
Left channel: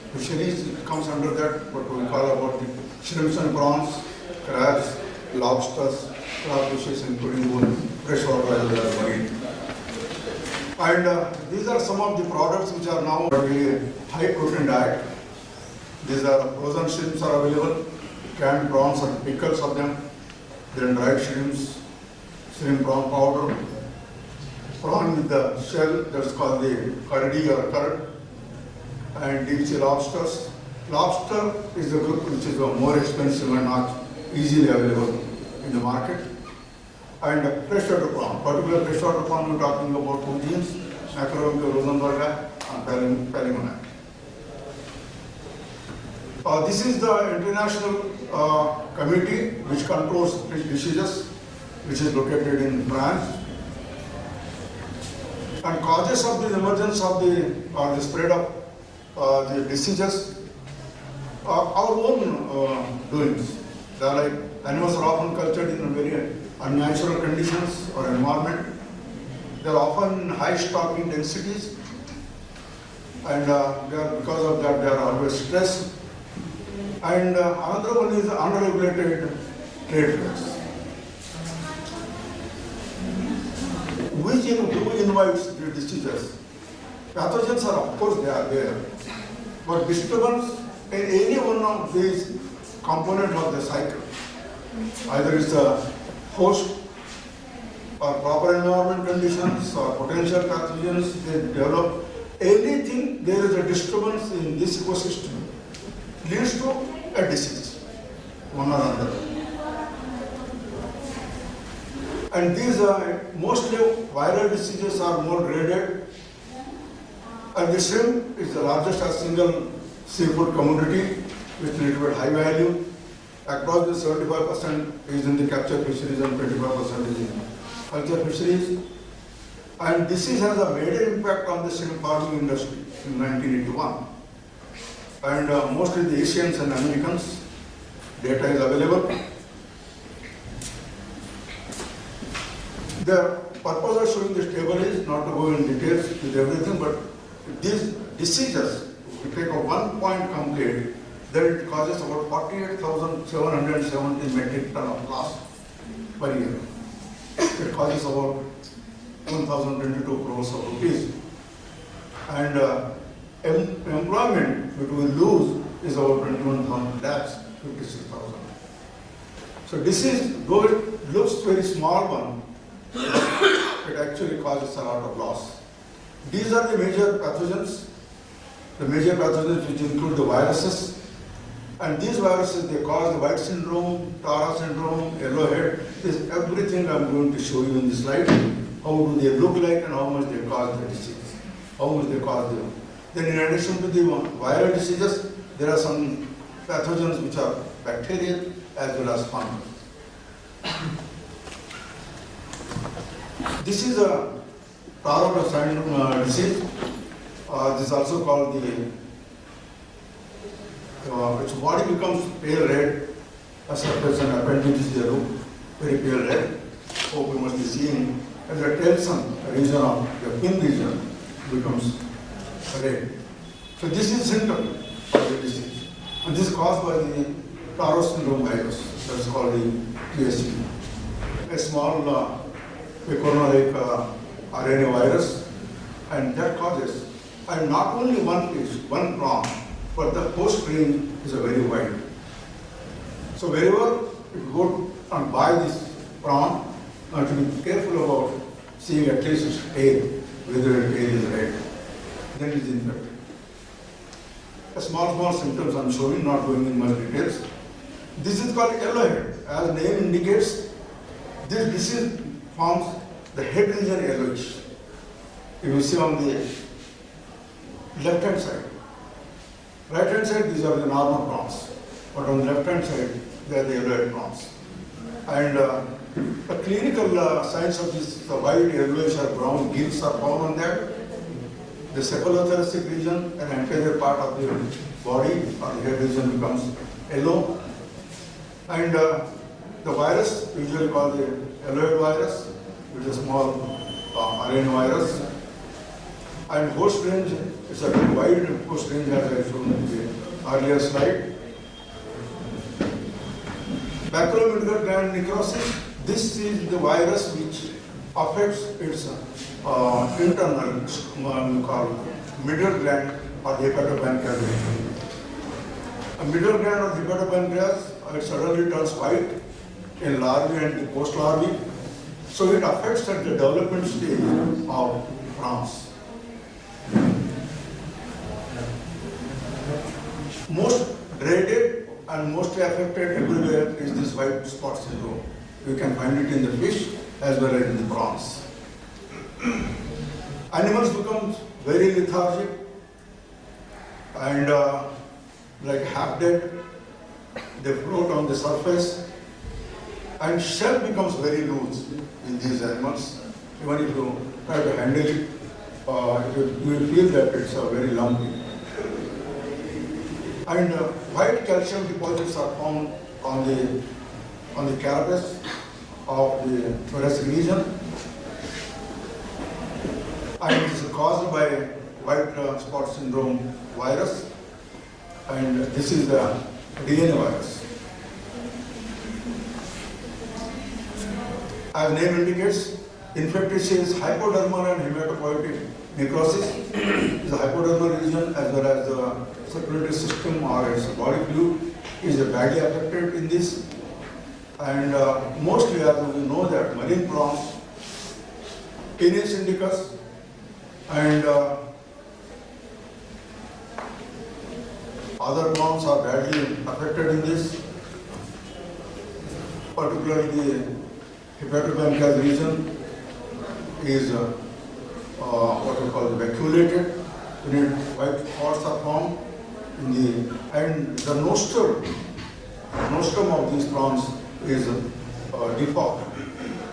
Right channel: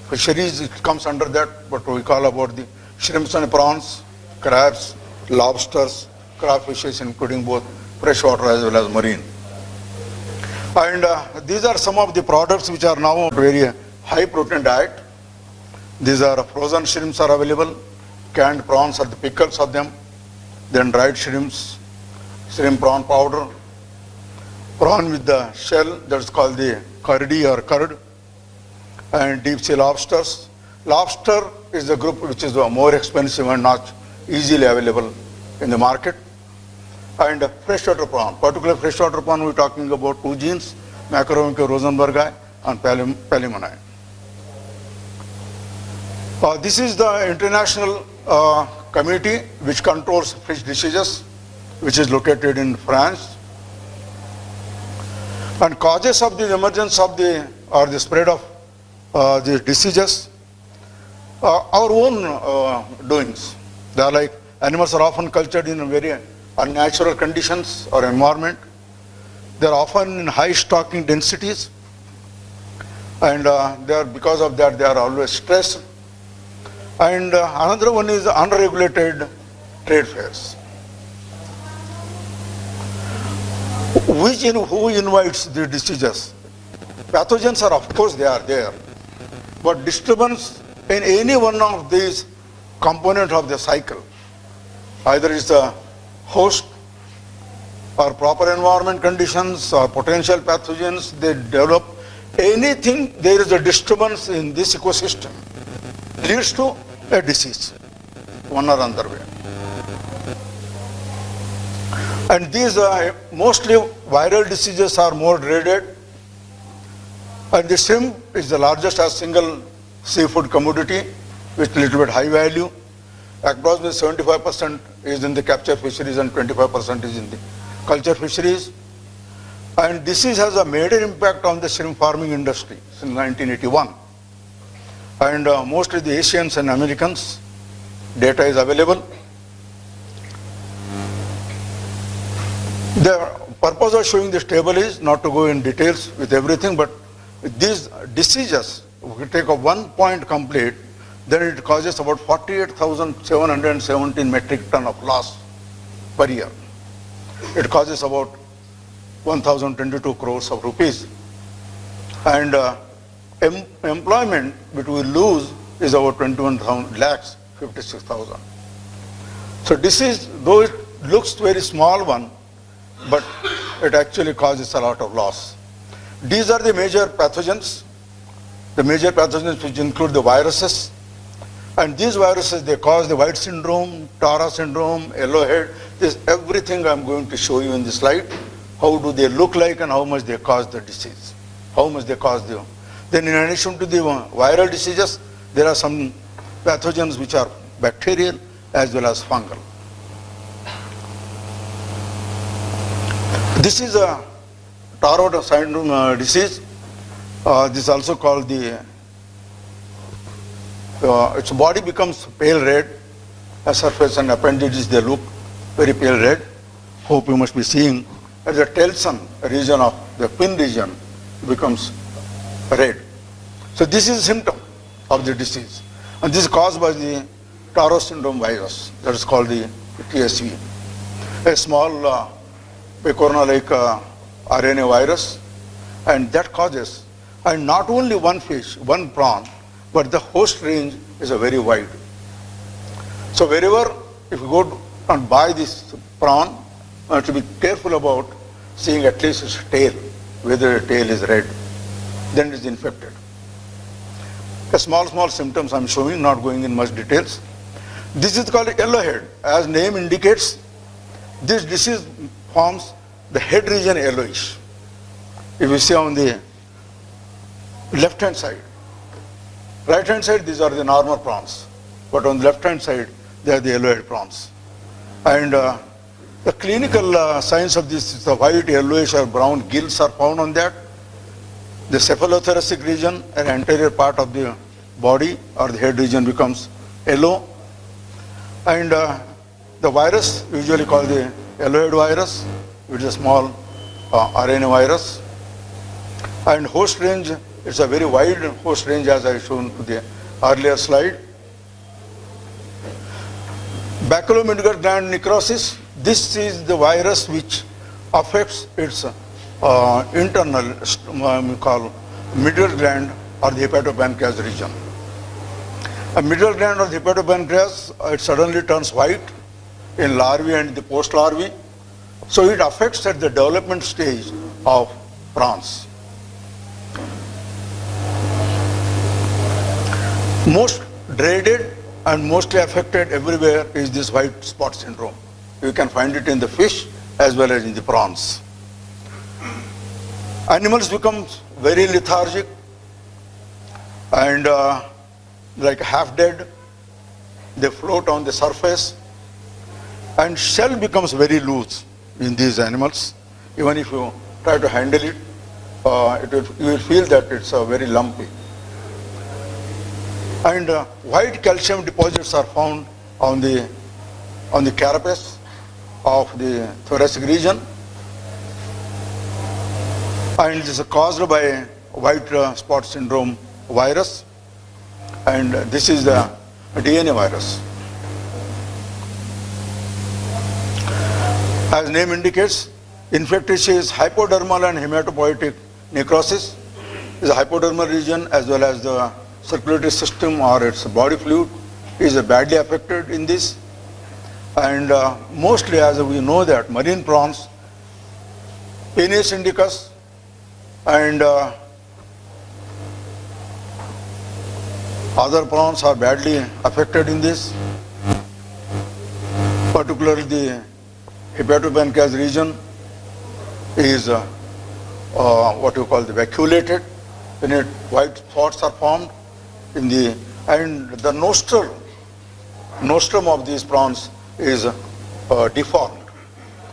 fisheries, it comes under that, but we call about the shrimps and prawns, crabs, lobsters, crayfishes, including both freshwater as well as marine. And these are some of the products which are now very high protein diet. These are frozen shrimps are available, canned prawns are the pickles of them, then dried shrimps, shrimp prawn powder, prawn with the shell, that's called the curdy or curd, and deep sea lobsters. Lobster is the group which is more expensive and not easily available in the market. And freshwater prawn, particularly freshwater prawn, we're talking about two genes, Macromica rosenbergi and Palimoni. This is the international committee which controls fish diseases, which is located in France. And causes of the emergence of the spread of the diseases, our own doings. They are like animals are often cultured in very unnatural conditions or environment. They are often in high stocking densities, and because of that they are always stressed. And another one is unregulated trade fairs. Who invites the diseases? Pathogens are, of course, they are there, but disturbance in any one of these components of the cycle, either is the host or proper environment conditions or potential pathogens, they develop. Anything, there is a disturbance in this ecosystem, leads to a disease, one or another way. And these mostly viral diseases are more dreaded. And the shrimp is the largest as single seafood commodity with little bit high value. Approximately 75% is in the capture fisheries and 25% is in the culture fisheries. And disease has a major impact on the shrimp farming industry since 1981. And mostly the Asians and Americans, data is available. The purpose of showing this table is not to go in details with everything, but these diseases, if we take a 1 point complete, then it causes about 48,717 metric ton of loss per year. It causes about 1,022 crores of rupees. And employment which we lose is about 21,000 lakhs, 56,000. So disease, though it looks very small one, but it actually causes a lot of loss. These are the major pathogens. The major pathogens which include the viruses. And these viruses, they cause the white syndrome, Tara syndrome, yellow head. This everything I'm going to show you in this slide. How do they look like and how much they cause the disease. How much they cause the... Then in addition to the viral diseases, there are some pathogens which are bacterial as well as fungal. This is a Tara syndrome disease. This is also called the, its body becomes pale red, a surface and appendages they look very pale red. Hope you must be seeing as the telson region of the fin region becomes red. So this is a symptom of the disease. And this is caused by the Tara syndrome virus, that is called the TSV. A small pecorino-like RNA virus, and that causes, and not only one fish, one prawn, but the host range is a very wide. So wherever, if you go and buy this prawn, you have to be careful about seeing at least its tail, whether the tail is red, then it is infected. A small symptoms I'm showing, not going in much details. This is called yellowhead. As name indicates, this disease forms the head region yellowish. If you see on the left hand side, right hand side, these are the normal prawns, but on the left hand side, they are the yellowhead prawns. And the clinical signs of this is the white, yellowish or brown gills are found on that. The cephalothoracic region, an anterior part of the body or the head region becomes yellow. And the virus, usually called the yellowhead virus, which is a small RNA virus. And host range It's a very wide host range as I shown in the earlier slide. Baculomedullary gland necrosis, this is the virus which affects its internal, we call middle gland or the hepatopancreas region. A middle gland of the hepatopancreas, it suddenly turns white in larvae and the post-larvae. So it affects at the development stage of prawns. Most dreaded and mostly affected everywhere is this white spot syndrome. You can find it in the fish as well as in the prawns. Animals become very lethargic and like half dead. They float on the surface and shell becomes very loose in these animals. Even if you try to handle it, you will feel that it's very lumpy. And white calcium deposits are found on the carapace of the thoracic region, and this is caused by white spot syndrome virus, and this is the DNA virus. As name indicates, infected tissue is hypodermal and hematopoietic necrosis. The hypodermal region as well as the circulatory system or its body fluid is badly affected in this. And mostly, as we know that marine prawns, Penis indicus and other prawns are badly affected in this, particularly the hepatopancreas region is what you call the vacuolated, when white spots are formed in the, and the nostrum of these prawns is deformed.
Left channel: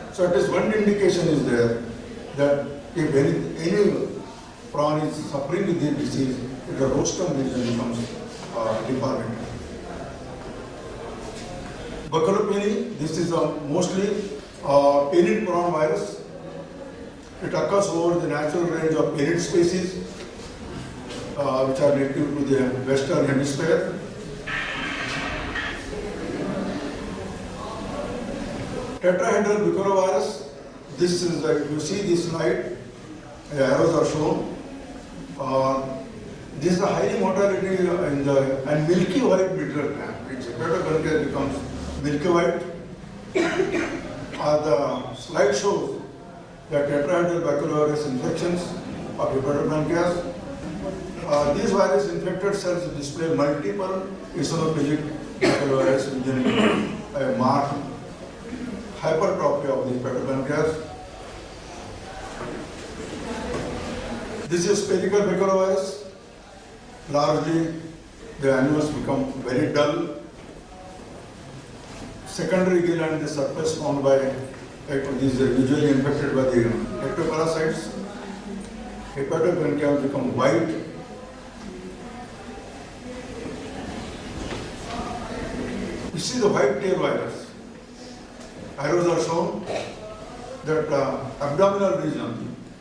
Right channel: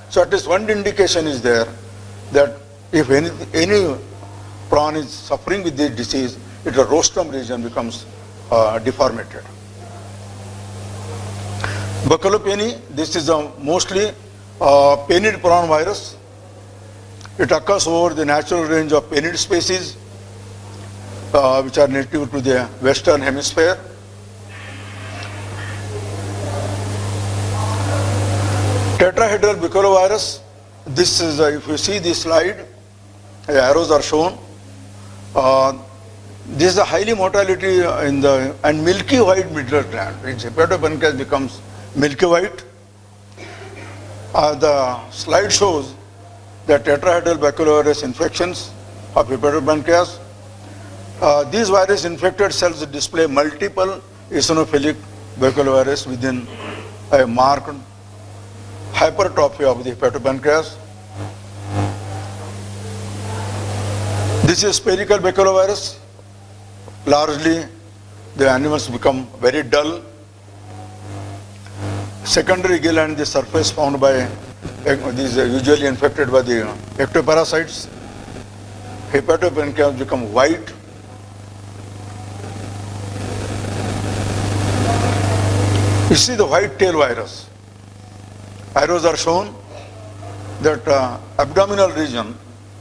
So at least one indication is there that if any prawn is suffering with this disease, the rostrum region becomes deformated. Baculopeni, this is a mostly penid prawn virus. It occurs over the natural range of penid species which are native to the Western Hemisphere. Tetrahedral baculovirus, this is, if you see this slide, the arrows are shown. This is a highly mortality in the, and milky white middle gland, which hepatopancreas becomes milky white. The slide shows that tetrahedral baculovirus infections of hepatopancreas. These virus infected cells display multiple eosinophilic baculovirus within a marked hypertrophy of the hepatopancreas. This is spherical baculovirus. Largely, the animals become very dull. Secondary gill and the surface found by these are usually infected by the ectoparasites. Hepatopancreas become white. You see the white tail virus. Arrows are shown that abdominal region,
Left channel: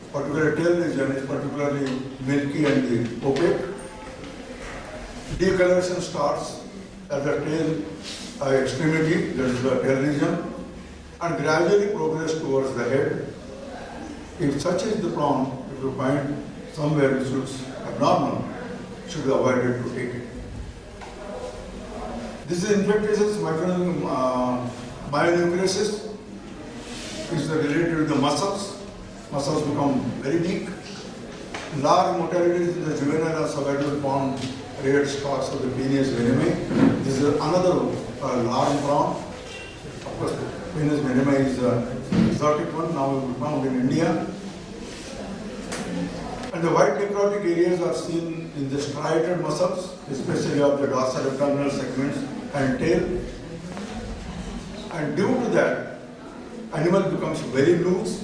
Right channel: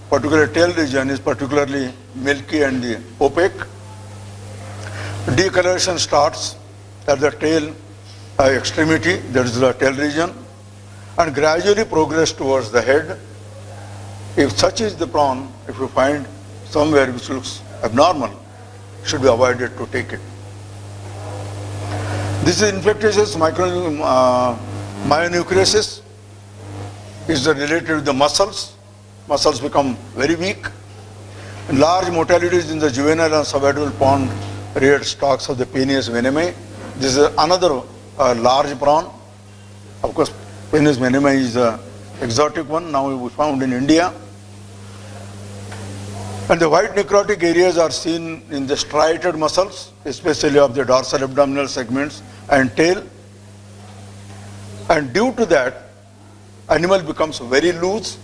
particularly tail region, is particularly milky and opaque. Decoloration starts at the tail extremity, that is the tail region, and gradually progress towards the head. If such is the prawn, if you find somewhere which looks abnormal, it should be avoided to take it. This is infectious myonucleosis. Is related to the muscles. Muscles become very weak. Large mortalities in the juvenile and subadult pond red stocks of the Penis venenae. This is another large prawn. Of course, Penis venenae is an exotic one, now we found in India. And the white necrotic areas are seen in the striated muscles, especially of the dorsal abdominal segments and tail. And due to that, animal becomes very loose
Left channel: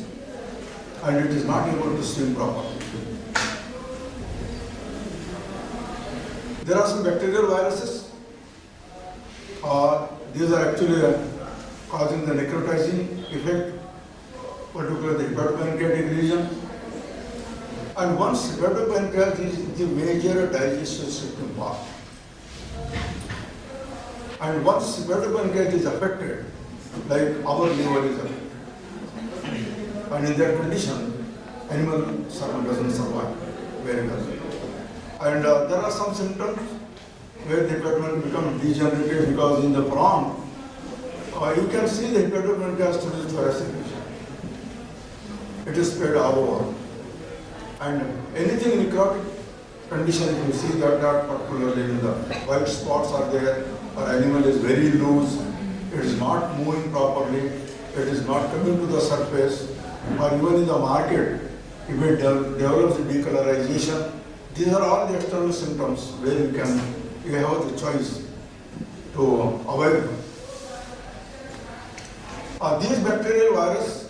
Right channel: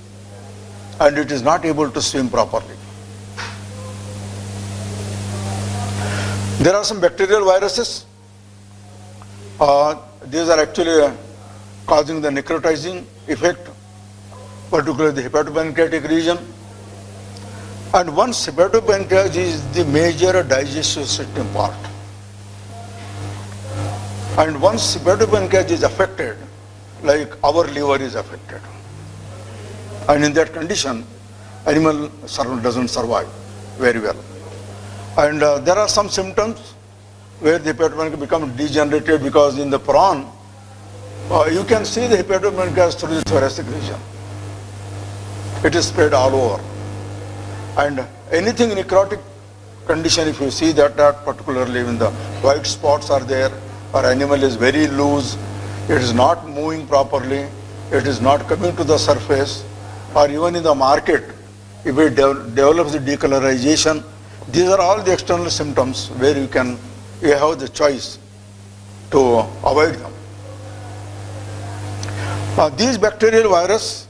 and it is not able to swim properly. There are some bacterial viruses. These are actually causing the necrotizing effect, particularly the hepatopancreatic region. And once hepatopancreas is the major digestive system part. And once hepatopancreas is affected, like our liver is affected. And in that condition, animal doesn't survive very well. And there are some symptoms where the hepatopancreas become degenerated, because in the prawn, you can see the hepatopancreas through the thoracic region. It is spread all over. And anything necrotic condition, if you see that, particularly when the white spots are there, or animal is very loose, it is not moving properly, it is not coming to the surface, or even in the market, if it develops the decolorization, these are all the external symptoms where you have the choice to avoid them. These bacterial virus,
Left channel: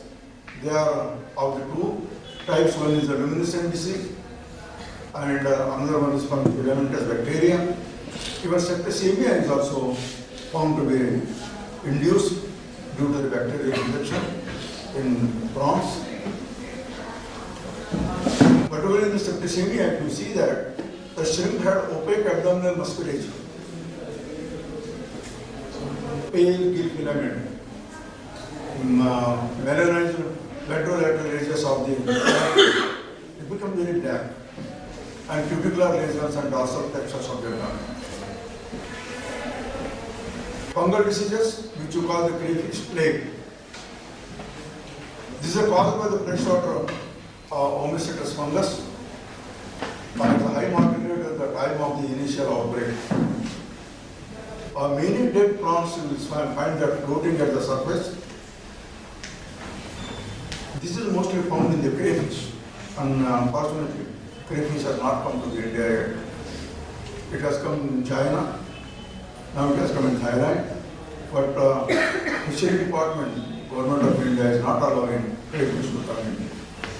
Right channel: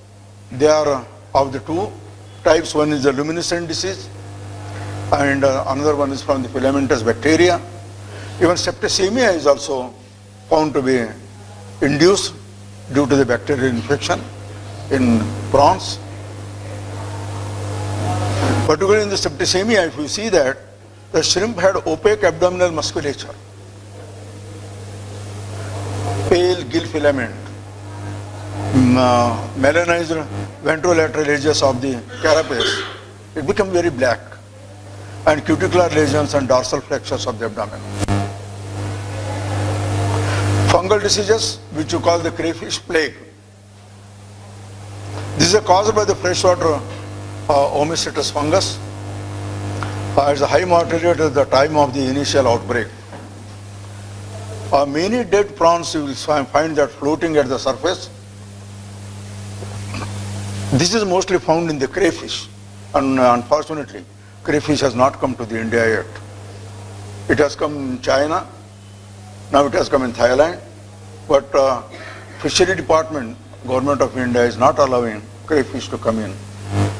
they are of the two types. One is the luminescent disease, and another one is from the filamentous bacteria. Even septicemia is also found to be induced due to the bacterial infection in prawns. Particularly in the septicemia, if you see that, the shrimp had opaque abdominal musculature, pale gill filament, melanized ventrolateral edges of the carapace. It became very black, and cuticular lesions and dorsal flexures of the abdomen. Fungal diseases, which you call the crayfish plague. These are caused by the freshwater Oomycetes fungus. It's a high mortality at the time of the initial outbreak. Many dead prawns you will find that floating at the surface. This is mostly found in the crayfish, and unfortunately, crayfish has not come to the India yet. It has come in China, now it has come in Thailand, but Fishery Department, Government of India is not allowing crayfish to come in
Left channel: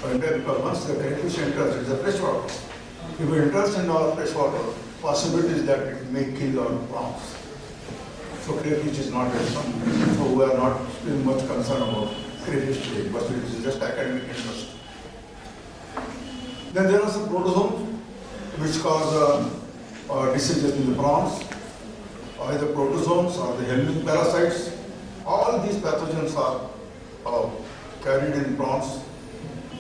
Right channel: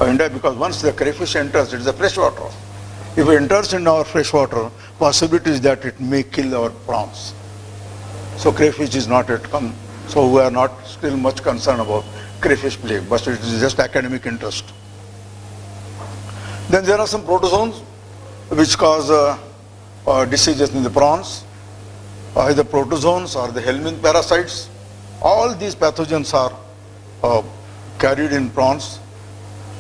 India, because once the crayfish enters, it is a freshwater. If it enters in our freshwater, possibility is that it may kill our prawns. So crayfish is not yet come. So we are not still much concerned about crayfish plague, but it is just academic interest. Then there are some protozoans which cause diseases in the prawns, either protozoans or the helminth parasites. All these pathogens are carried in prawns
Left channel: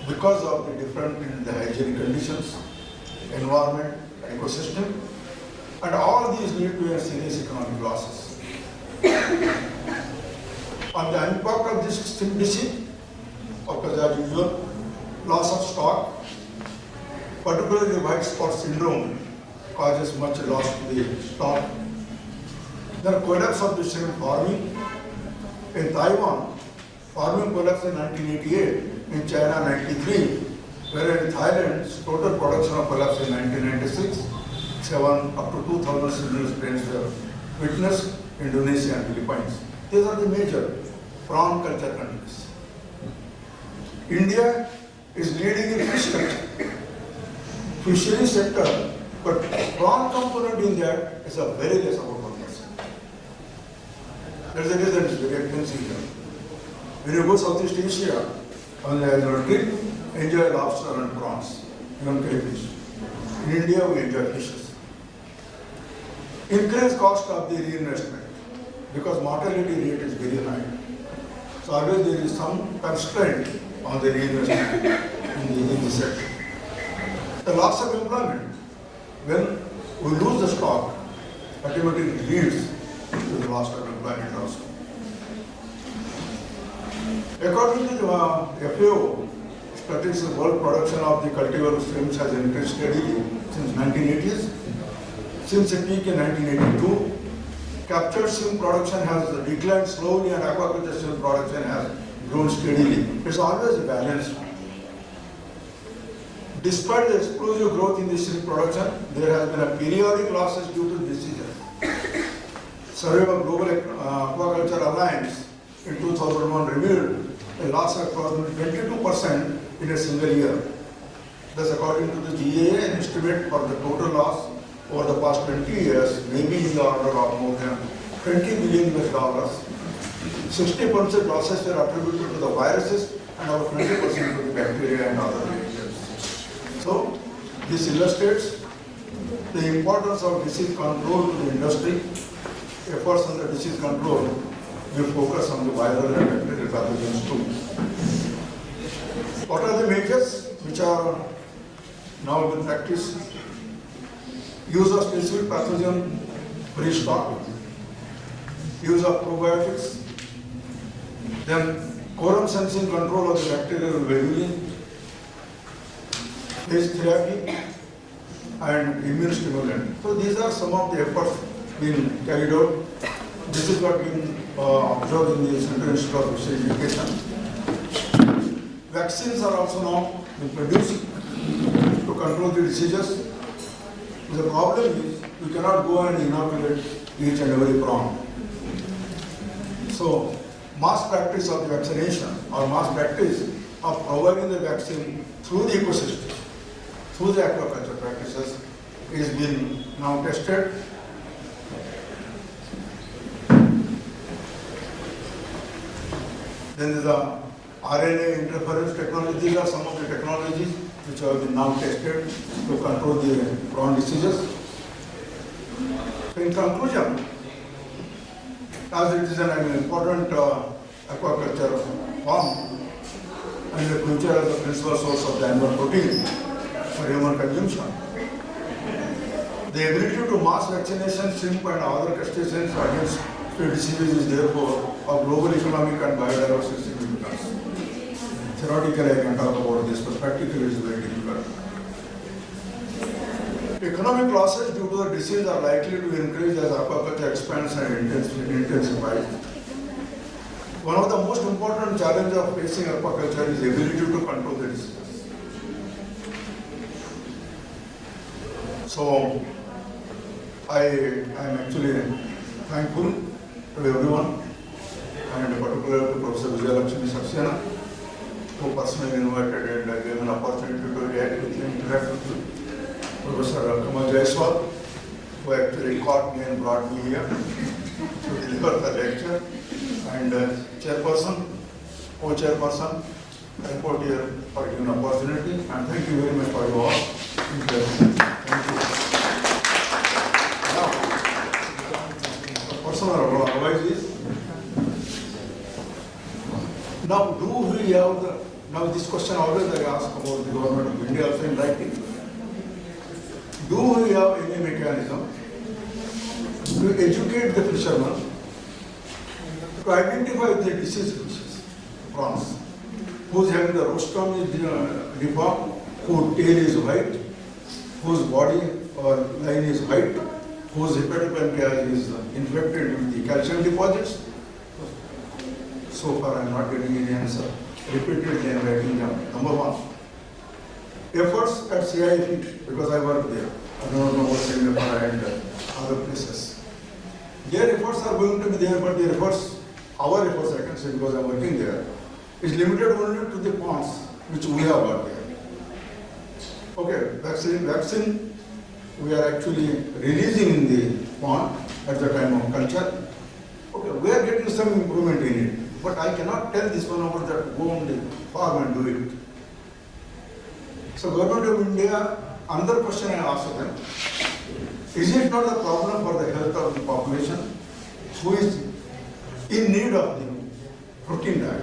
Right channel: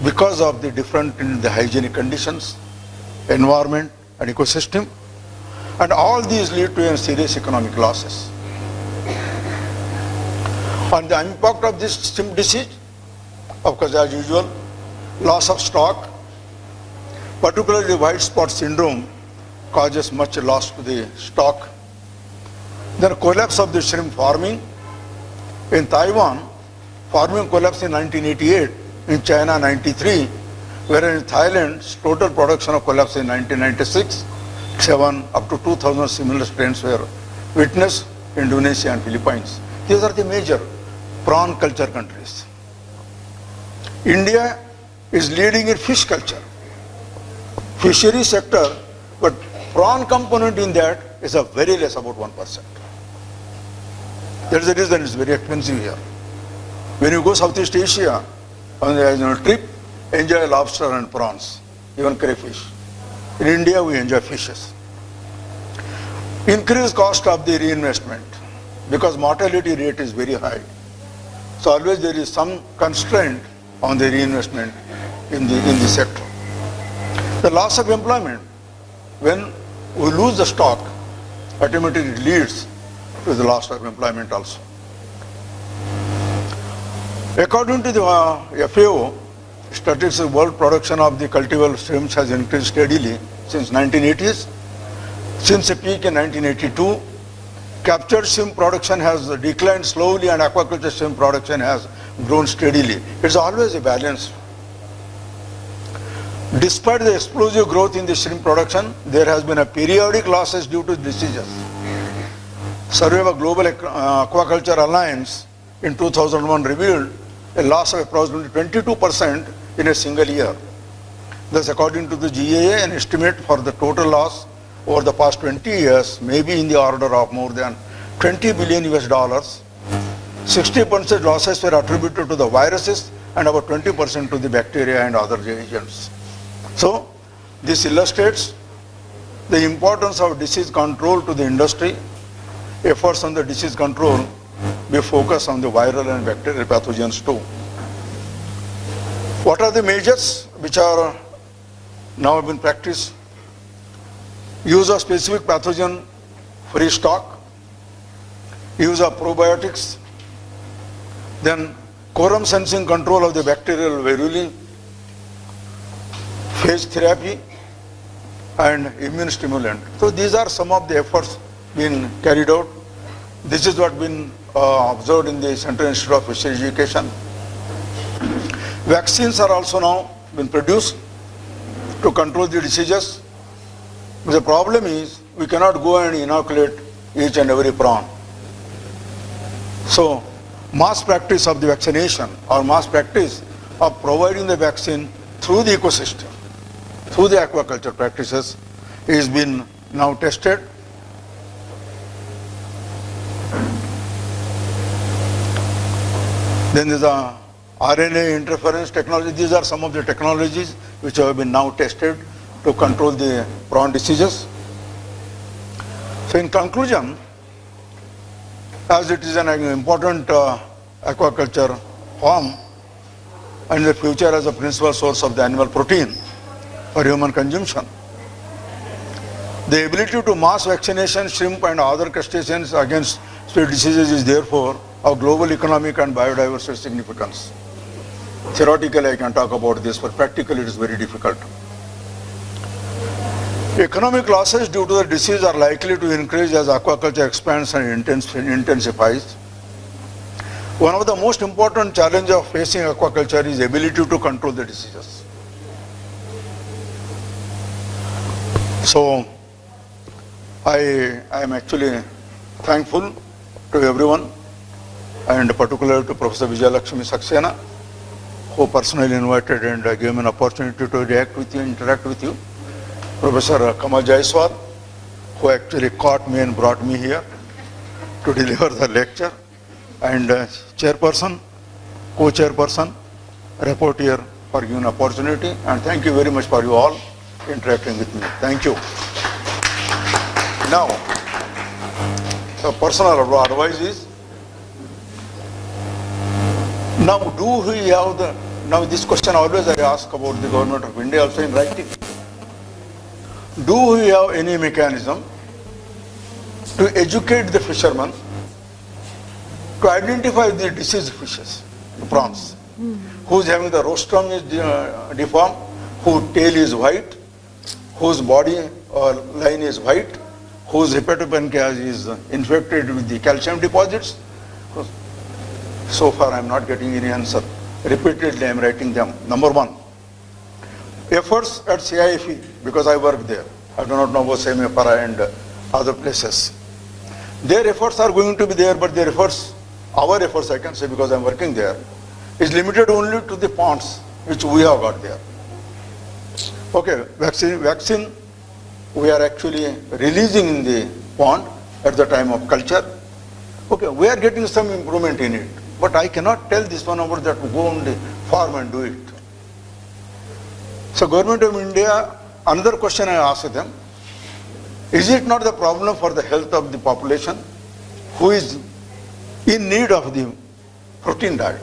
because of the different in the hygienic conditions, environment and ecosystem, and all these lead to serious economic losses. On the impact of this shrimp disease, of course, as usual, loss of stock, particularly white spot syndrome, causes much loss to the stock. Then collapse of the shrimp farming. In Taiwan, farming collapsed in 1988, in China 93, whereas in Thailand, total production of collapse in 1996, 7 up to 2000 similar strains were witnessed in Indonesia and Philippines. These are the major prawn culture countries. India is leading in fish culture, fishery sector, but prawn component in that is a very less, about 1%. That's the reason it's very expensive here. When you go Southeast Asia on a trip, enjoy lobster and prawns, even crayfish. In India, we enjoy fishes. Increased cost of the reinvestment, because mortality rate is very high. So always there is some constraint on the reinvestment in the sector. The loss of employment, when we lose the stock, automatically leads to the loss of employment also. According to the FAO, statistics, world production of the cultivable shrimps has increased steadily since 1980s. Since a peak in 1982, captured shrimp production has declined slowly and aquaculture shrimp production has grown steadily. It's always a balance. Despite the explosive growth in the shrimp production, there has been a periodic losses due to diseases. Survey of Global Aquaculture Alliance in 2001 revealed a loss of approximately 22% in a single year. Thus, according to the GAA, an estimate for the total loss over the past 20 years may be in the order of more than $20 billion. 60% losses were attributed to the viruses and about 20% to the bacteria and other agents. So this illustrates the importance of disease control to the industry. Efforts on the disease control be focused on the viral and bacterial pathogens too. What are the measures which are now in practice? Use of specific pathogen free stock, use of probiotics, then quorum sensing control of the bacterial viruli, phage therapy, and immune stimulant. So these are some of the efforts being carried out. This is what been observed in the Central Institute of Fisheries Education. Vaccines are also now been produced to control the diseases. But the problem is we cannot go and inoculate each and every prawn. So mass practice of the vaccination or mass practice of providing the vaccine through the ecosystem, through the aquaculture practices is been now tested. Then there's a RNA interference technology. These are some of the technologies which have been now tested to control the prawn diseases. So in conclusion, as it is an important aquaculture form and in the future as a principal source of the animal protein for human consumption, the ability to mass vaccination shrimp and other crustaceans against spread diseases is therefore of global economic and biodiversity significance. Theoretically I can talk about this, but practically it is very difficult. Economic losses due to the disease are likely to increase as aquaculture expands and intensifies. One of the most important challenges of facing aquaculture is ability to control the diseases. So I am actually thankful to everyone and particularly to Professor Vijayalakshmi Saxena, who personally invited and gave me an opportunity to react with you, interact with you. Professor Kamal Jaiswal, who actually caught me and brought me here to deliver the lecture, and chairperson, co-chairperson, rapporteur for giving opportunity, and thank you very much for you all interacting with me. Thank you. Now, the personal advice is, now this question always I ask about the government of India also in writing. Do we have any mechanism to educate the fishermen to identify the diseased fishes, the prawns, who's having the rostrum is deformed, whose tail is white, whose body or line is white, whose hepatopancreas is infected with the calcium deposits? So far I am not getting any answer. Repeatedly I am writing them. Number one, efforts at CIFE, because I work there. I do not know about Semipara and other places. Their efforts are going to be there, but their efforts, our efforts I can say because I am working there, is limited only to the ponds which we have got there. Okay, vaccine we are actually releasing in the pond at the time of culture. Okay, we are getting some improvement in it, but I cannot tell this one over that to go on the farm and do it. So Government of India, another question I asked them, is it not the problem for the health of the population who is in need of the protein diet?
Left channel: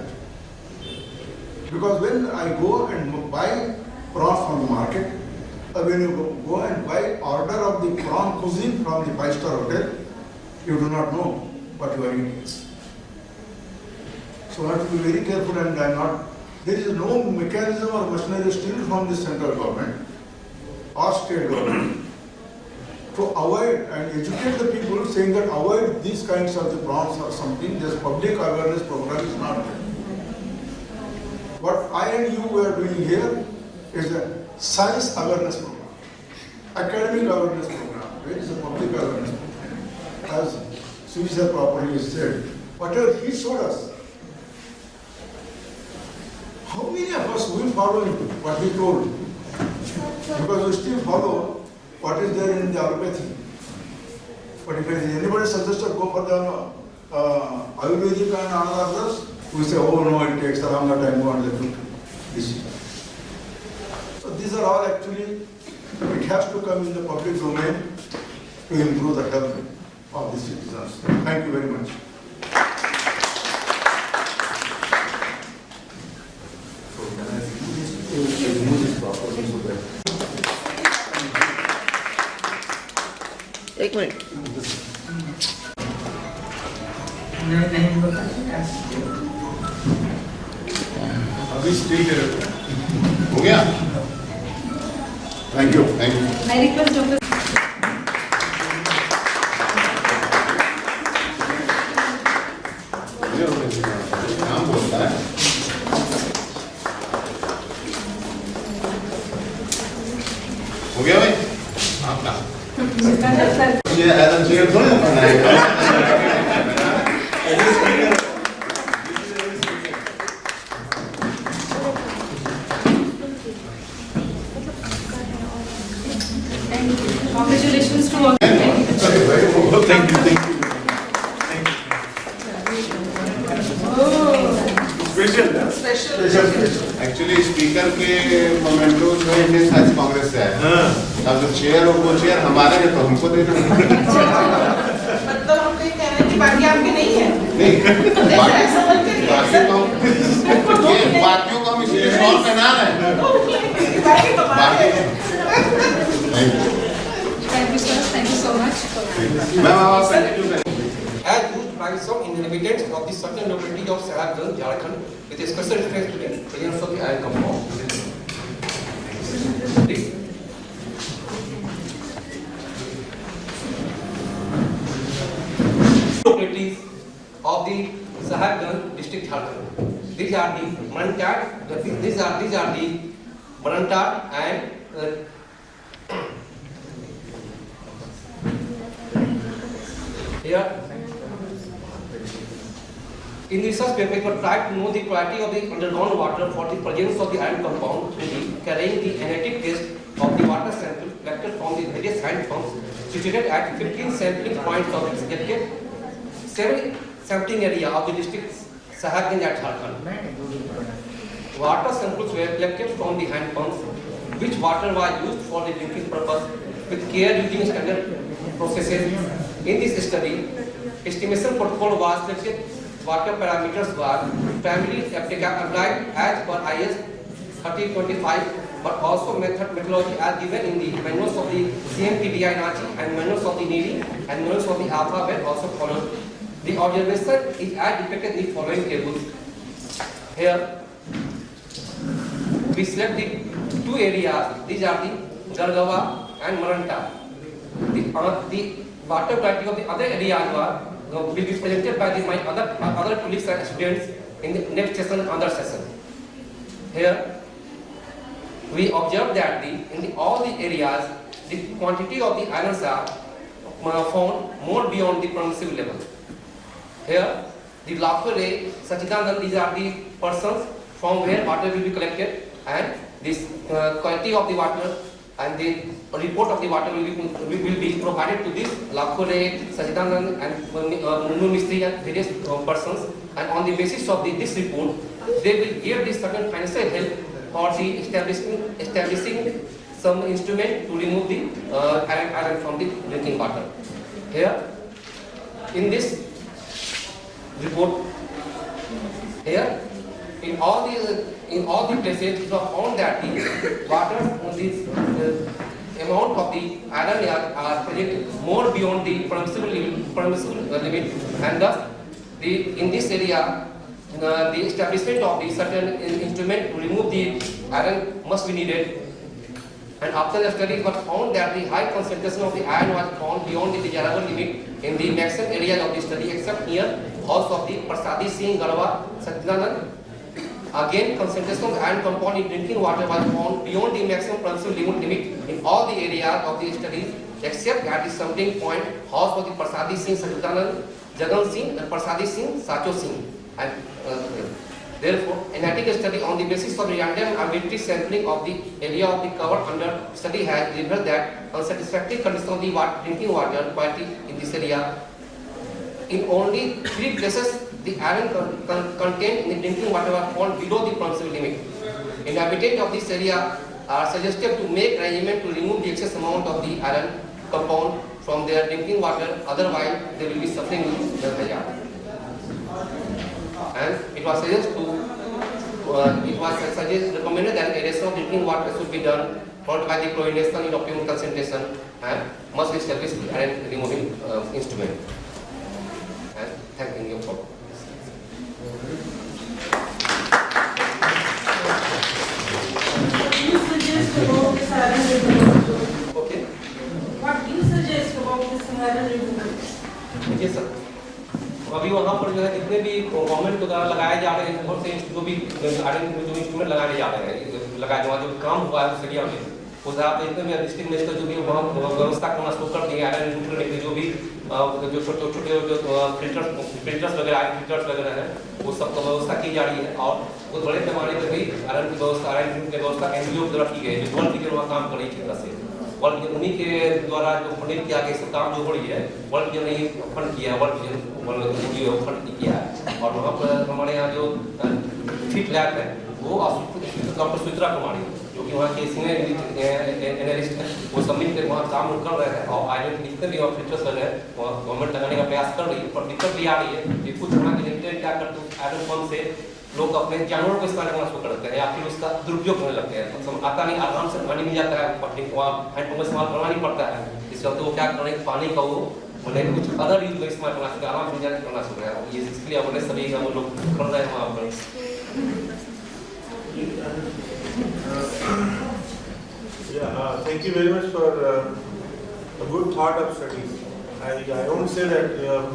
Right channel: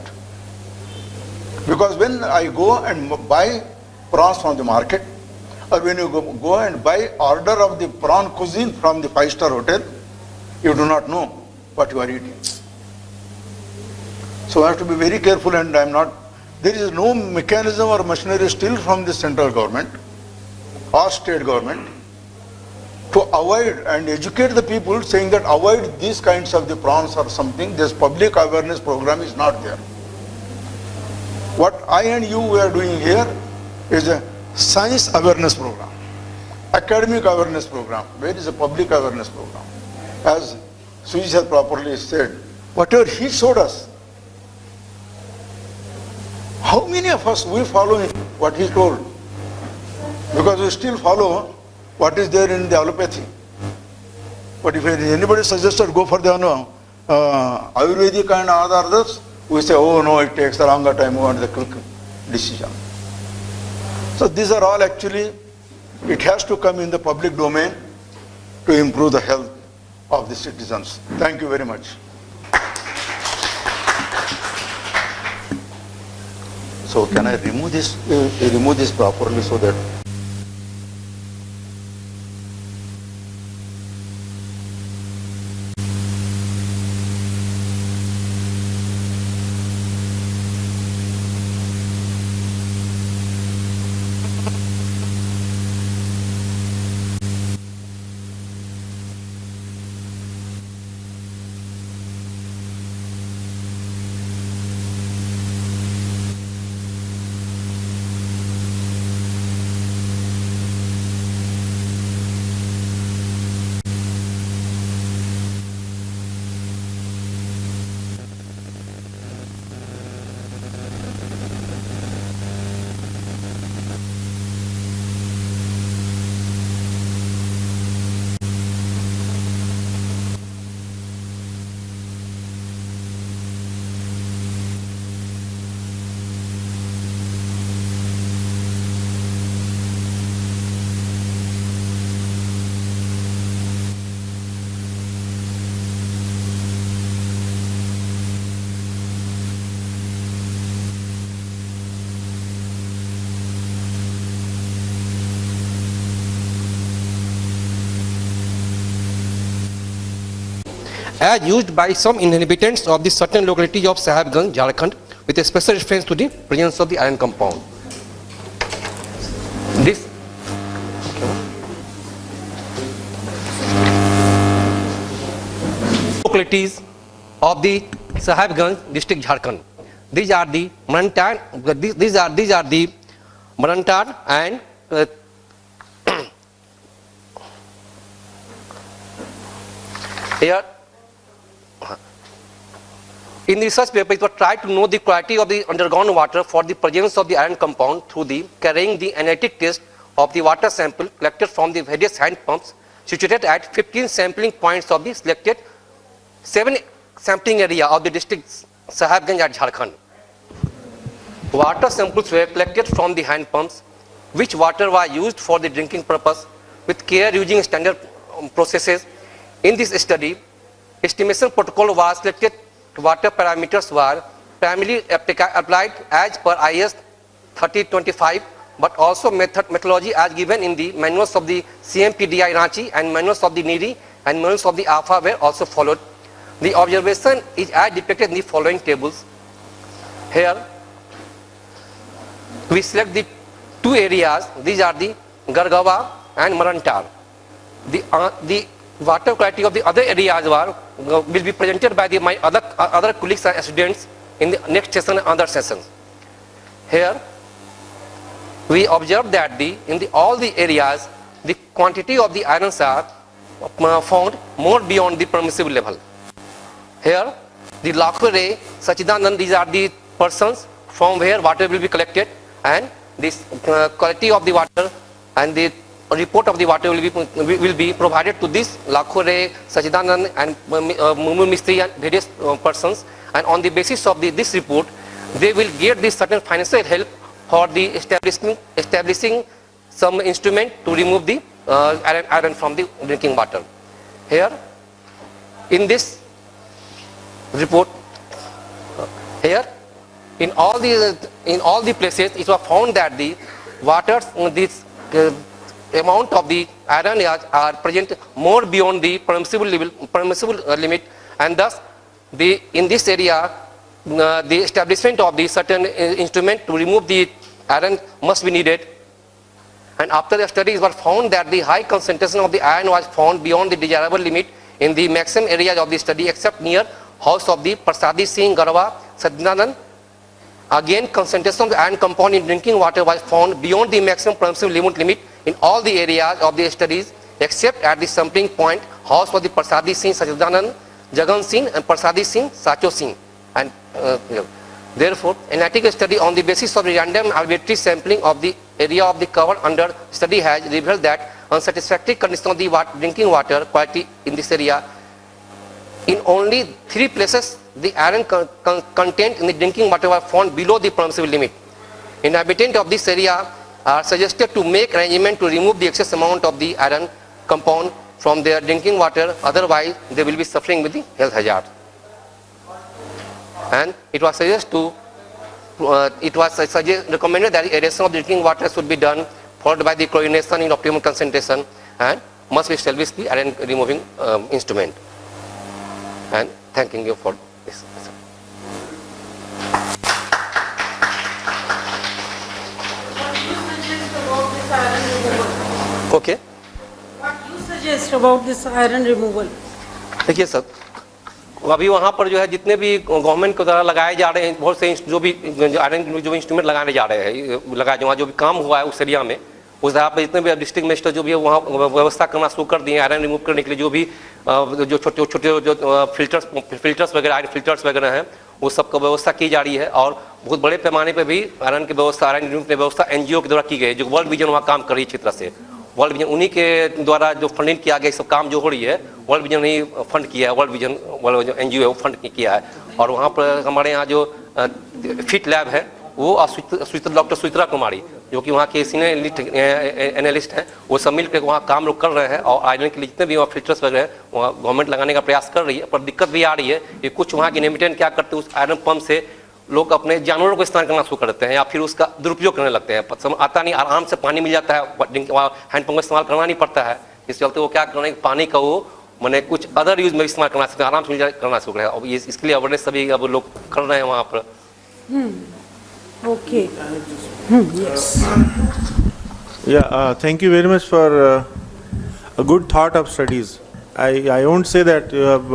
Because when I go and buy prawns from the market, or when you go and buy order of the prawn cuisine from the 5-star hotel, you do not know what you are eating. So I have to be very careful, and I am not, there is no mechanism or machinery still from the central government or state government to avoid and educate the people, saying that avoid these kinds of the prawns or something. This public awareness program is not there. What I and you are doing here is a science awareness program, academic awareness program. Where is a public awareness program? As Suji has properly said, whatever he showed us, how many of us we follow in what he told? Because we still follow what is there in the allopathy. But if anybody suggested go for the Ayurvedic and others, we say, oh no, it takes a longer time, we want the quick decision. So these are all actually, it has to come in the public domain to improve the health of the citizens. Thank you very much. So can I remove this properly so that? एक minute अभी speak हो गया? Thank you. I request Dr. नाम बोलता है हो गया भाई आपका ये ऐसा चेयर थोड़ी ना बनाएगा Congratulations to all. Thank you. Actually speaker के मोमेंटो जो इंडियन साइंस कांग्रेस से है अब जो चेयर और वो चेयर हमारे हैं तो हमको देना मतलब हम ये कह रहे हैं कि बाकी आपके नहीं है। नहीं बाकियों को हम इसलिए सॉल्व करना रहे हैं बाकी बाकी Thank you, sir. Thank you so much. Ma'am आप as used by some inhabitants of the certain locality of Sahibganj, Jharkhand, with a special reference to the presence of the iron compound. This localities of the Sahibganj district, Jharkhand. These are the Marantar. These are the Marantar and here. In research paper, it was tried to know the quality of the underground water for the presence of the iron compound through the carrying the analytic test of the water sample collected from the various hand pumps situated at 15 sampling points of the selected 7 sampling area of the district Sahibganj at Jharkhand. Water samples were collected from the hand pumps, which water was used for the drinking purpose with care using standard processes. In this study, estimation protocol was selected. Water parameters were primarily applied as per IS 3025, but also methodology as given in the manuals of the CMPDI Ranchi and manuals of the NIRI and manuals of the ALPHA were also followed. The observation is as depicted in the following tables. Here, we select the 2 areas. These are the Gargawa and Marantar. The water quality of the other areas will be presented by my other colleagues and students in the next session and other sessions. Here, we observe that in all the areas, the quantity of the irons are found more beyond the permissible level. Here, the Lakure, Sachidanand, these are the persons from where water will be collected, and this quality of the water and the report of the water will be provided to this Lakhure, Sachidanand and Mumu Mistri and various persons, and on the basis of this report, they will get this certain financial help for the establishing some instrument to remove the iron from the drinking water. Here, in this report, here, in all the places, it was found that the waters, this amount of the iron are present more beyond the permissible limit, and thus in this area the establishment of the certain instrument to remove the iron must be needed. And after the study, it was found that the high concentration of the iron was found beyond the desirable limit in the maximum areas of the study except near house of the Prasadi Singh, Garwa, Sadnanand. Again, concentration of the iron compound in drinking water was found beyond the maximum permissible limit in all the areas of the studies except at the sampling point house of the Prasadi Singh, Sajudanand, Jagan Singh and Prasadi Singh, Sacho Singh. And therefore, analytical study on the basis of random arbitrary sampling of the area of the cover under study has revealed that unsatisfactory condition of the drinking water quality in this area. In only 3 places, the iron content in the drinking water was found below the permissible limit. Inhabitant of this area are suggested to make arrangement to remove the excess amount of the iron compound from their drinking water, otherwise they will be suffering with the health hazard. And it was recommended that aeration of drinking water should be done, followed by the chlorination in optimum concentration, and must be established the iron removing instrument. And thanking you for this. Okay. What do you suggest about this iron removal? देखिए sir, अभी वहाँ पर जो है जितने भी government के द्वारा लगाए जा रहे हैं बहुत से जो भी आयरन जो इंस्ट्रूमेंट लगाने जा रहे हैं लगाए वहाँ जो भी काम हुआ है उस एरिया में उस जगह पर जितने भी डिस्ट्रिक्ट मजिस्ट्रेट जो भी है वहाँ व्यवस्था करना शुरू कर दिए आयरन रिमूव करने के लिए जो भी जो छोटे छोटे जो फिल्टर्स वगैरह आयरन फिल्टर्स वगैरह हैं वो सबको व्यवस्था की जा रही है और बहुत बड़े पैमाने पर भी आयरन की व्यवस्था आयरन रिमूव की व्यवस्था NGO के द्वारा की गई है जो वर्ल्ड विजन वहाँ काम कर रही है क्षेत्र से वर्ल्ड विजन उन्हीं के द्वारा जो फंडिंग किया गया सब काम जो हो रही है वर्ल्ड विजन ने फंड किया है वर्ल्ड विजन NGO है वो फंड किया है और वहाँ पर हमारे यहाँ जो फिट लैब है वो डॉक्टर सुचित्रा कुमारी जो कि वहाँ के सीनियर एनालिस्ट हैं वो सब मिल कर वहाँ काम लोग कर रहे हैं और आयरन के लिए जितने भी वहाँ फिल्टर्स वगैरह हैं वहाँ गवर्नमेंट लगाने का प्रयास कर रही है पर दिक्कत भी आ रही है कि कुछ वहाँ के इनहेबिटेंट क्या करते हैं उस आयरन पंप से लोग अपने जानवरों को इस्तेमाल करना शुरू कर देते हैं या फिर उसका दुरुपयोग करने लगते हैं आता नहीं आराम से पानी मिल जाता है वहाँ हैंडपम्प का इस्तेमाल करना नहीं पड़ता है इस चलते वो क्या करना पानी का वो मैंने कुछ अदर यूज में इस्तेमाल करना सकते आराम से करना शुरू करें और ये इसके लिए अवेयरनेस सभी अब लोग कर रहे हैं वहाँ पर Okay. Yes. Yeah, thank you very much for a good thought of studies. I won't say that you have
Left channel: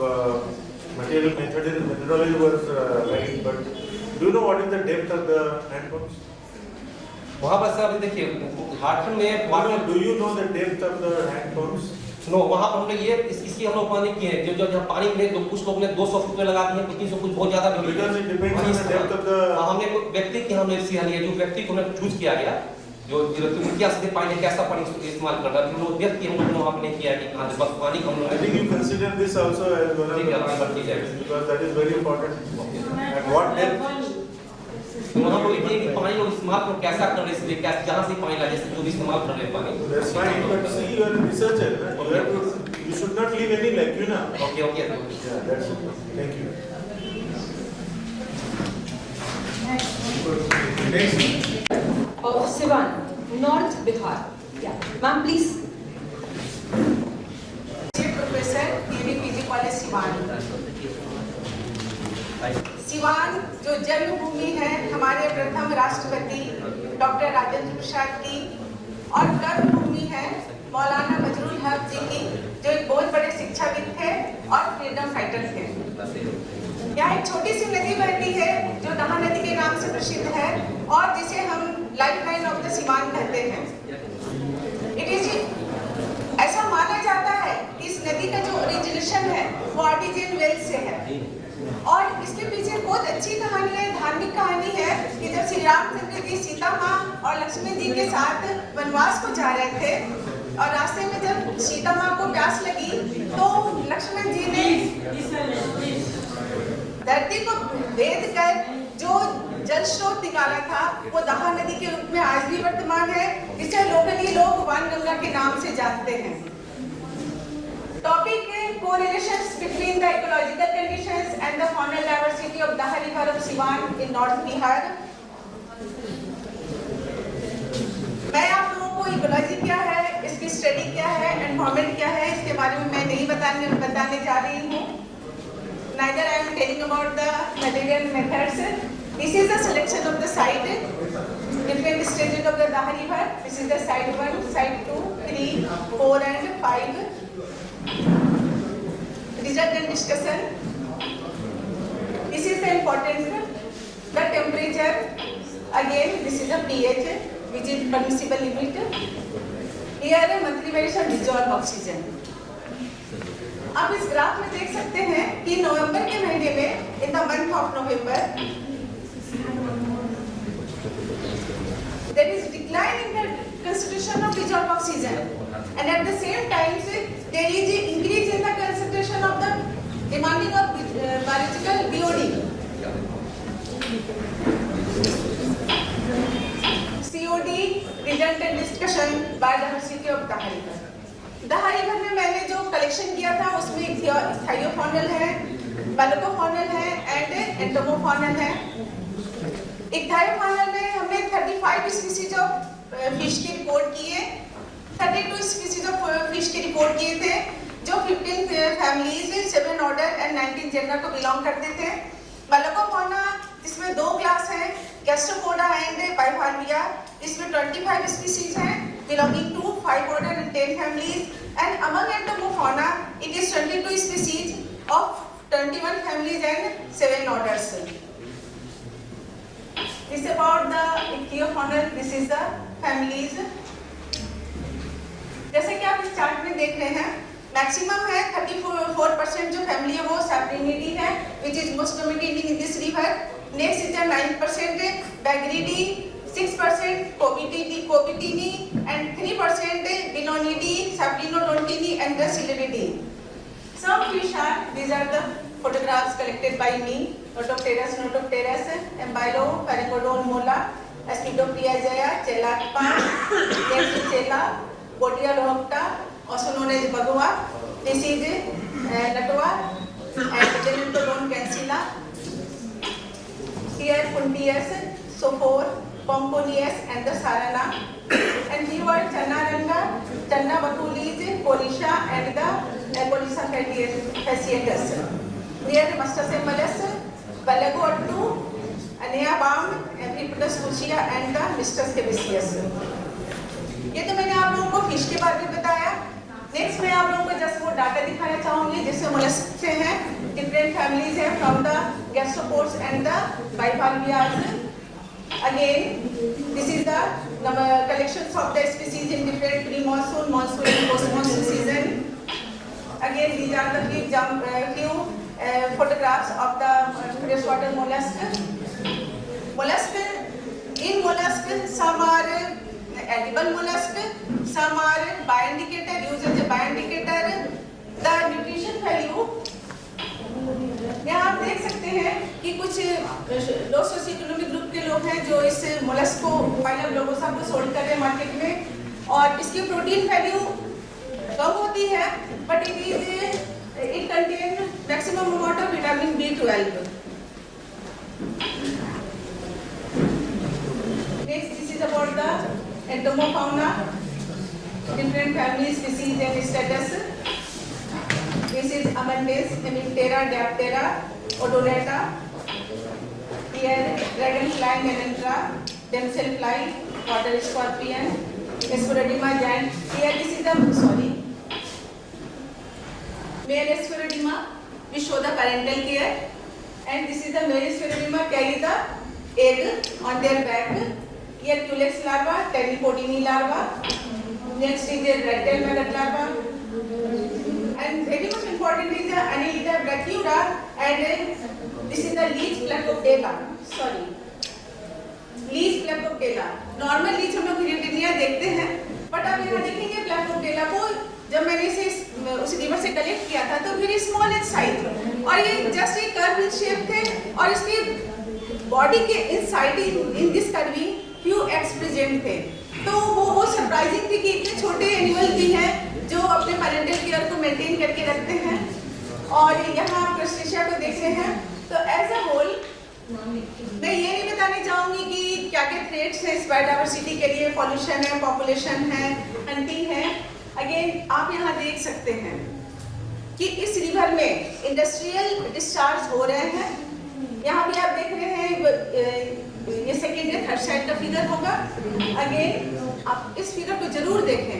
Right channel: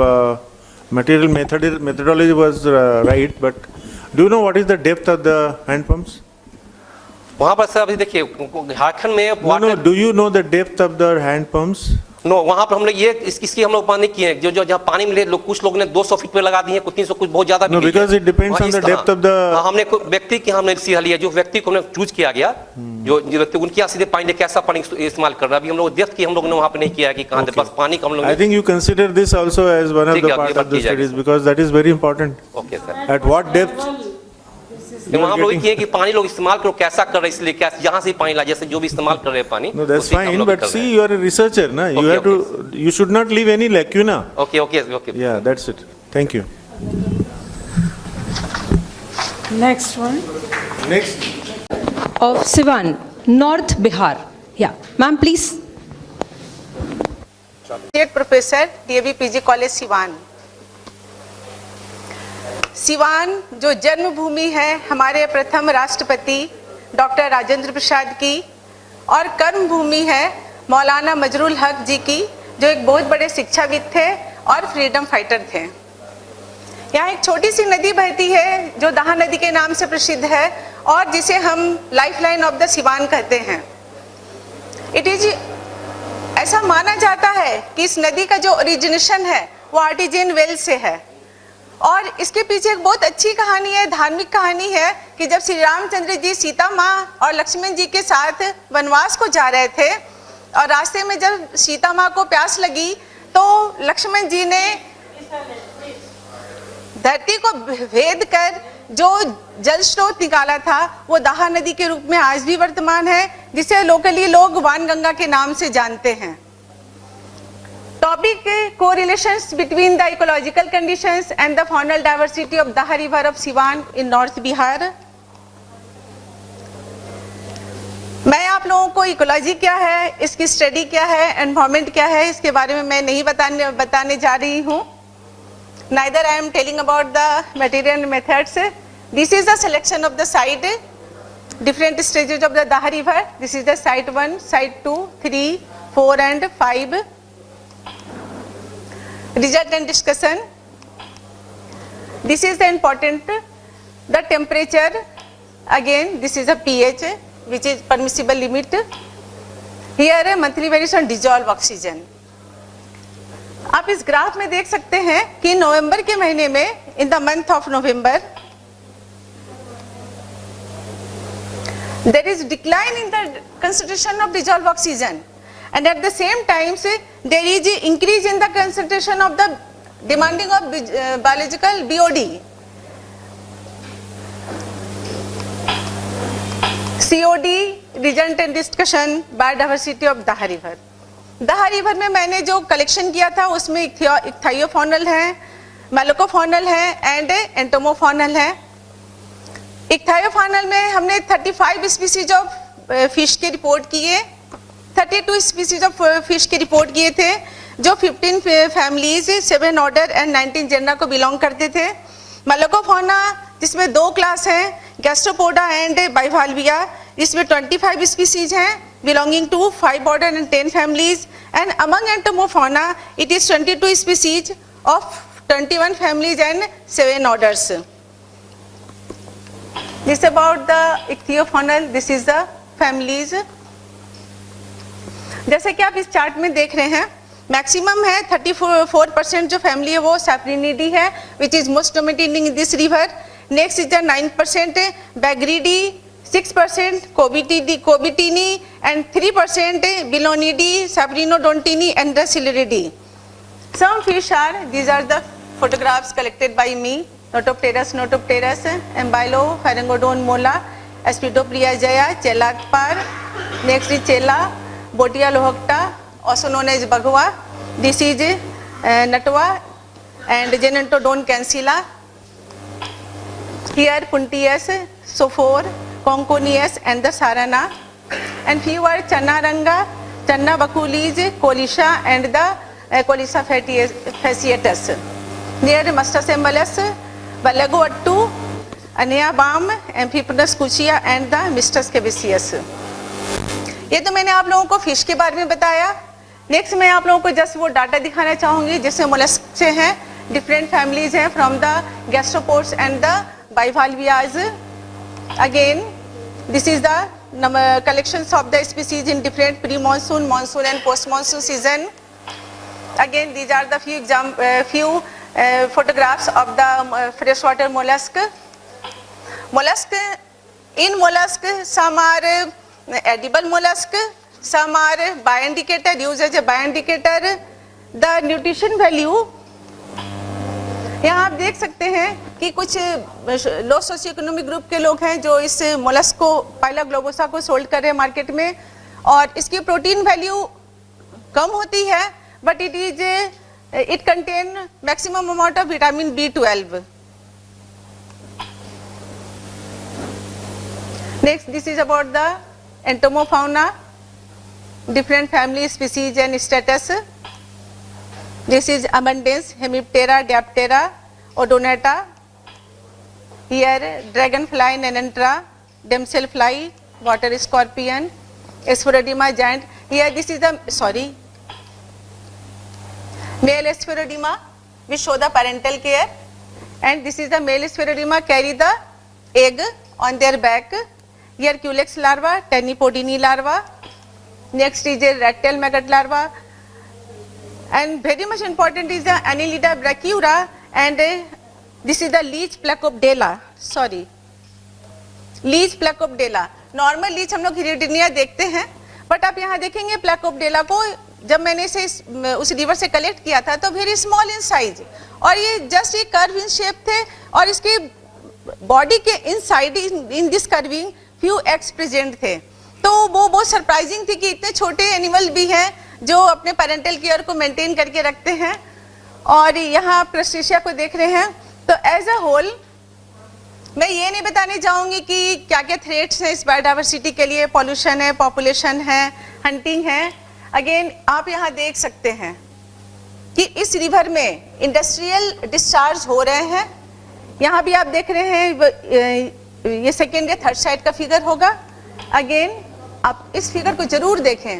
methodology was right, but do you know what is the depth of the hand pumps? वहाँ पर sir अभी देखिए झारखंड में No, do you know the depth of the hand pumps? No वहाँ पर हम लोग ये इसकी हम लोग पानी किए हैं जो जहाँ पानी मिले लोग कुछ लोग ने 200 फीट पे लगा दिए कुछ 300 कुछ बहुत ज्यादा No, because it depends on the depth of the हमने व्यक्ति की हमने सीधा लिया जो व्यक्ति को हमने चूज किया गया जो व्यक्ति उनके यहाँ से पानी कैसा पानी इस्तेमाल कर रहा है अभी हम लोग डेप्थ की हम लोग ने वहाँ पे नहीं किया कि कहाँ बस पानी का हम लोग I think you consider this also as one of the part of the studies because that is very important. Okay, sir. At what depth? वहाँ लोग ये कि पानी लोग इस्तेमाल करो कैसा कर रहे हैं इसलिए कैसे जहाँ से पानी ला जैसे जो भी इस्तेमाल कर रहे हैं पानी No, that's fine, but see, you are a researcher, na? You have to, you should not leave any lacuna. Okay. Yeah, that's it. Thank you. Next one. Next. Of Siwan, North Bihar. Yeah, ma'am, please. Professor TAB PG college Siwan जो जन्मभूमि है हमारे प्रथम राष्ट्रपति doctor Rajendra Prasad की और कर्म भूमि है मौलाना मजरूल हक जी की जो एक बहुत बड़े शिक्षाविद थे और फ्रीडम फाइटर थे। यहाँ एक छोटी सी नदी बहती है जो दहा नदी के नाम से प्रसिद्ध है और जिसे हम लाइफलाइन ऑफ द सिवान कहते हैं। इट इज ऐसा माना जाता है कि इस नदी का जो ओरिजिनेशन है वो आर्टिजियन वेल से है और इसके पीछे एक बहुत अच्छी कहानी है धार्मिक कहानी है कि जब श्री रामचंद्र जी सीता माँ और लक्ष्मण जी के साथ वनवास को जा रहे थे और रास्ते में जब सीता माँ को प्यास लगी तो लक्ष्मण जी ने धरती को भेद कर जो जल स्रोत निकाला था वो दाहा नदी के रूप में आज भी वर्तमान है जिसे लोकली लोग वानगंगा के नाम से जानते हैं। Topic correlations between the ecological conditions and the faunal diversity of Daha river of Siwan in north Bihar. मैं आप लोगों को इकोलॉजी क्या है इसकी स्टडी क्या है एनवायरमेंट क्या है इसके बारे में मैं नहीं बताने जा रही हूँ। Neither I am telling about the material and methods. This is the selection of the site, different stages of the Daha river. This is the site 1, site 2, 3, 4 and 5. Result and discussion. This is the important, the temperature. Again, this is a pH, which is permissible limit. Here, monthly variation dissolved oxygen. आप इस graph में देख सकते हैं कि नवंबर के महीने में in the month of November there is decline in the concentration of dissolve oxygen and at the same time there is increase in the concentration of the demanding of biological BOD COD present and discussion biodiversity of Daha river. Daha river में मैंने जो collection किया था उसमें इक्थायोफॉनल है, मेलोकोफॉनल है and एंटोमोफॉनल है। इक्थायोफॉनल में हमने 35 स्पीसीज ऑफ फिश की रिपोर्ट किए, 32 स्पीसीज ऑफ फिश की रिपोर्ट किए थे, जो 15 फैमिलीज, 7 ऑर्डर एंड 19 जेंडर को बिलोंग करते थे। मेलोकोफॉना जिसमें 2 क्लास हैं, गैस्ट्रोपोडा एंड बाइवाल्विया, इसमें 25 स्पीसीज हैं belonging to 5 order and 10 families, and among entomofauna it is 22 species of 21 families and 7 orders. This is about the ichthyofaunal. This is the families. जैसे कि आप इस चार्ट में देख रहे हैं, मैक्सिमम है 34% जो फैमिली है वो सैप्रिनिडी है, which is most dominating in this river. Next is the 9% Bagridae, 6% Cobitinae and 3% Belonidae, Cyprinodontinae and the Siluridae. Some fish are, these are the photographs collected by me, Notopterus, Embilo, Pharangodon mola, Aspidoplia jaya, Chelakpar, next is Chela, Botia lohocta, also known as Bagua, this is Natwa and Genentodon cancella. Here Puntius, Sophor, Conconius and the Sarana, and few are Chanaranga, Channa baculis, Colisha and the Colisa fasciatus. Near Mustasembulus, Balagoattu, Anea balm, Amphipolis cuchia and the Mistus cabecius. ये तो मैंने आप लोगों को fish के बारे में बताया। नेक्स्ट मैं आप लोगों को जस्ट वो डाटा दिखाना चाहूँगी जिससे मोलस्क से हैं, डिफरेंट फैमिलीज हैं from the gastropods and the bivalvias. Again this is the collections of the species in different pre monsoon, monsoon and post monsoon season. Again, these are the few photographs of the freshwater mollusk. In mollusk, some are edible mollusk, some are bioindicator, used as a bioindicator. The nutrition value, यहाँ आप देख सकते हैं कि कुछ लो socio economic group के लोग हैं जो इस मोलस्क को, बाइला ग्लोबोसा को सोल्ड कर रहे हैं मार्केट में, और इसकी प्रोटीन वैल्यू कम होती है, but it contain maximum amount of vitamin B12. Next, this is about the entomofauna, different family, species and status. This is abundance, Hemiptera, Diaptera, Odonata. Here, dragonfly, Nenantra, damselfly, water scorpion, Sphaerodema giant. Here, this is the, male Sphaerodema, which show the parental care, and this is the male Sphaerodema carry the egg on their back. Here Culex larva, Tanipodini larva. Next is a red tail maggot larva, and very much important is the Annelida brachyura, and this is the leech Placopdela. Leech Placobdella. Normal leech हम लोग हिरिडिनिया देखते हैं, but आप यहाँ देखेंगे प्लैकोपडेला को जब मैंने इसे उस रिवर से कलेक्ट किया था तो वेरी स्मॉल इन साइज, और ये जस्ट एक कर्व शेप थे, और इसके बॉडी के inside in this curving few eggs present थे। तो वो बहुत सरप्राइजिंग थी कि इतने छोटे एनिमल भी हैं जो अपने पेरेंटल केयर को मेंटेन करके रखते हैं। और यहाँ आप क्रस्टेशिया को देख रहे हैं। तो एज अ होल मैं ये नहीं बताने चाहूँगी कि क्या क्या थ्रेट्स हैं इस बायोडाइवर्सिटी के लिए, पॉल्यूशन है, पॉपुलेशन है, हंटिंग है। अगेन आप यहाँ देख सकते हैं कि इस रिवर में इंडस्ट्रियल डिस्चार्ज हो रहे हैं। यहाँ भी आप देख रहे हैं, ये सेकेंड या थर्ड साइड का फिगर होगा। अगेन आप इस फिगर को जरूर देखें।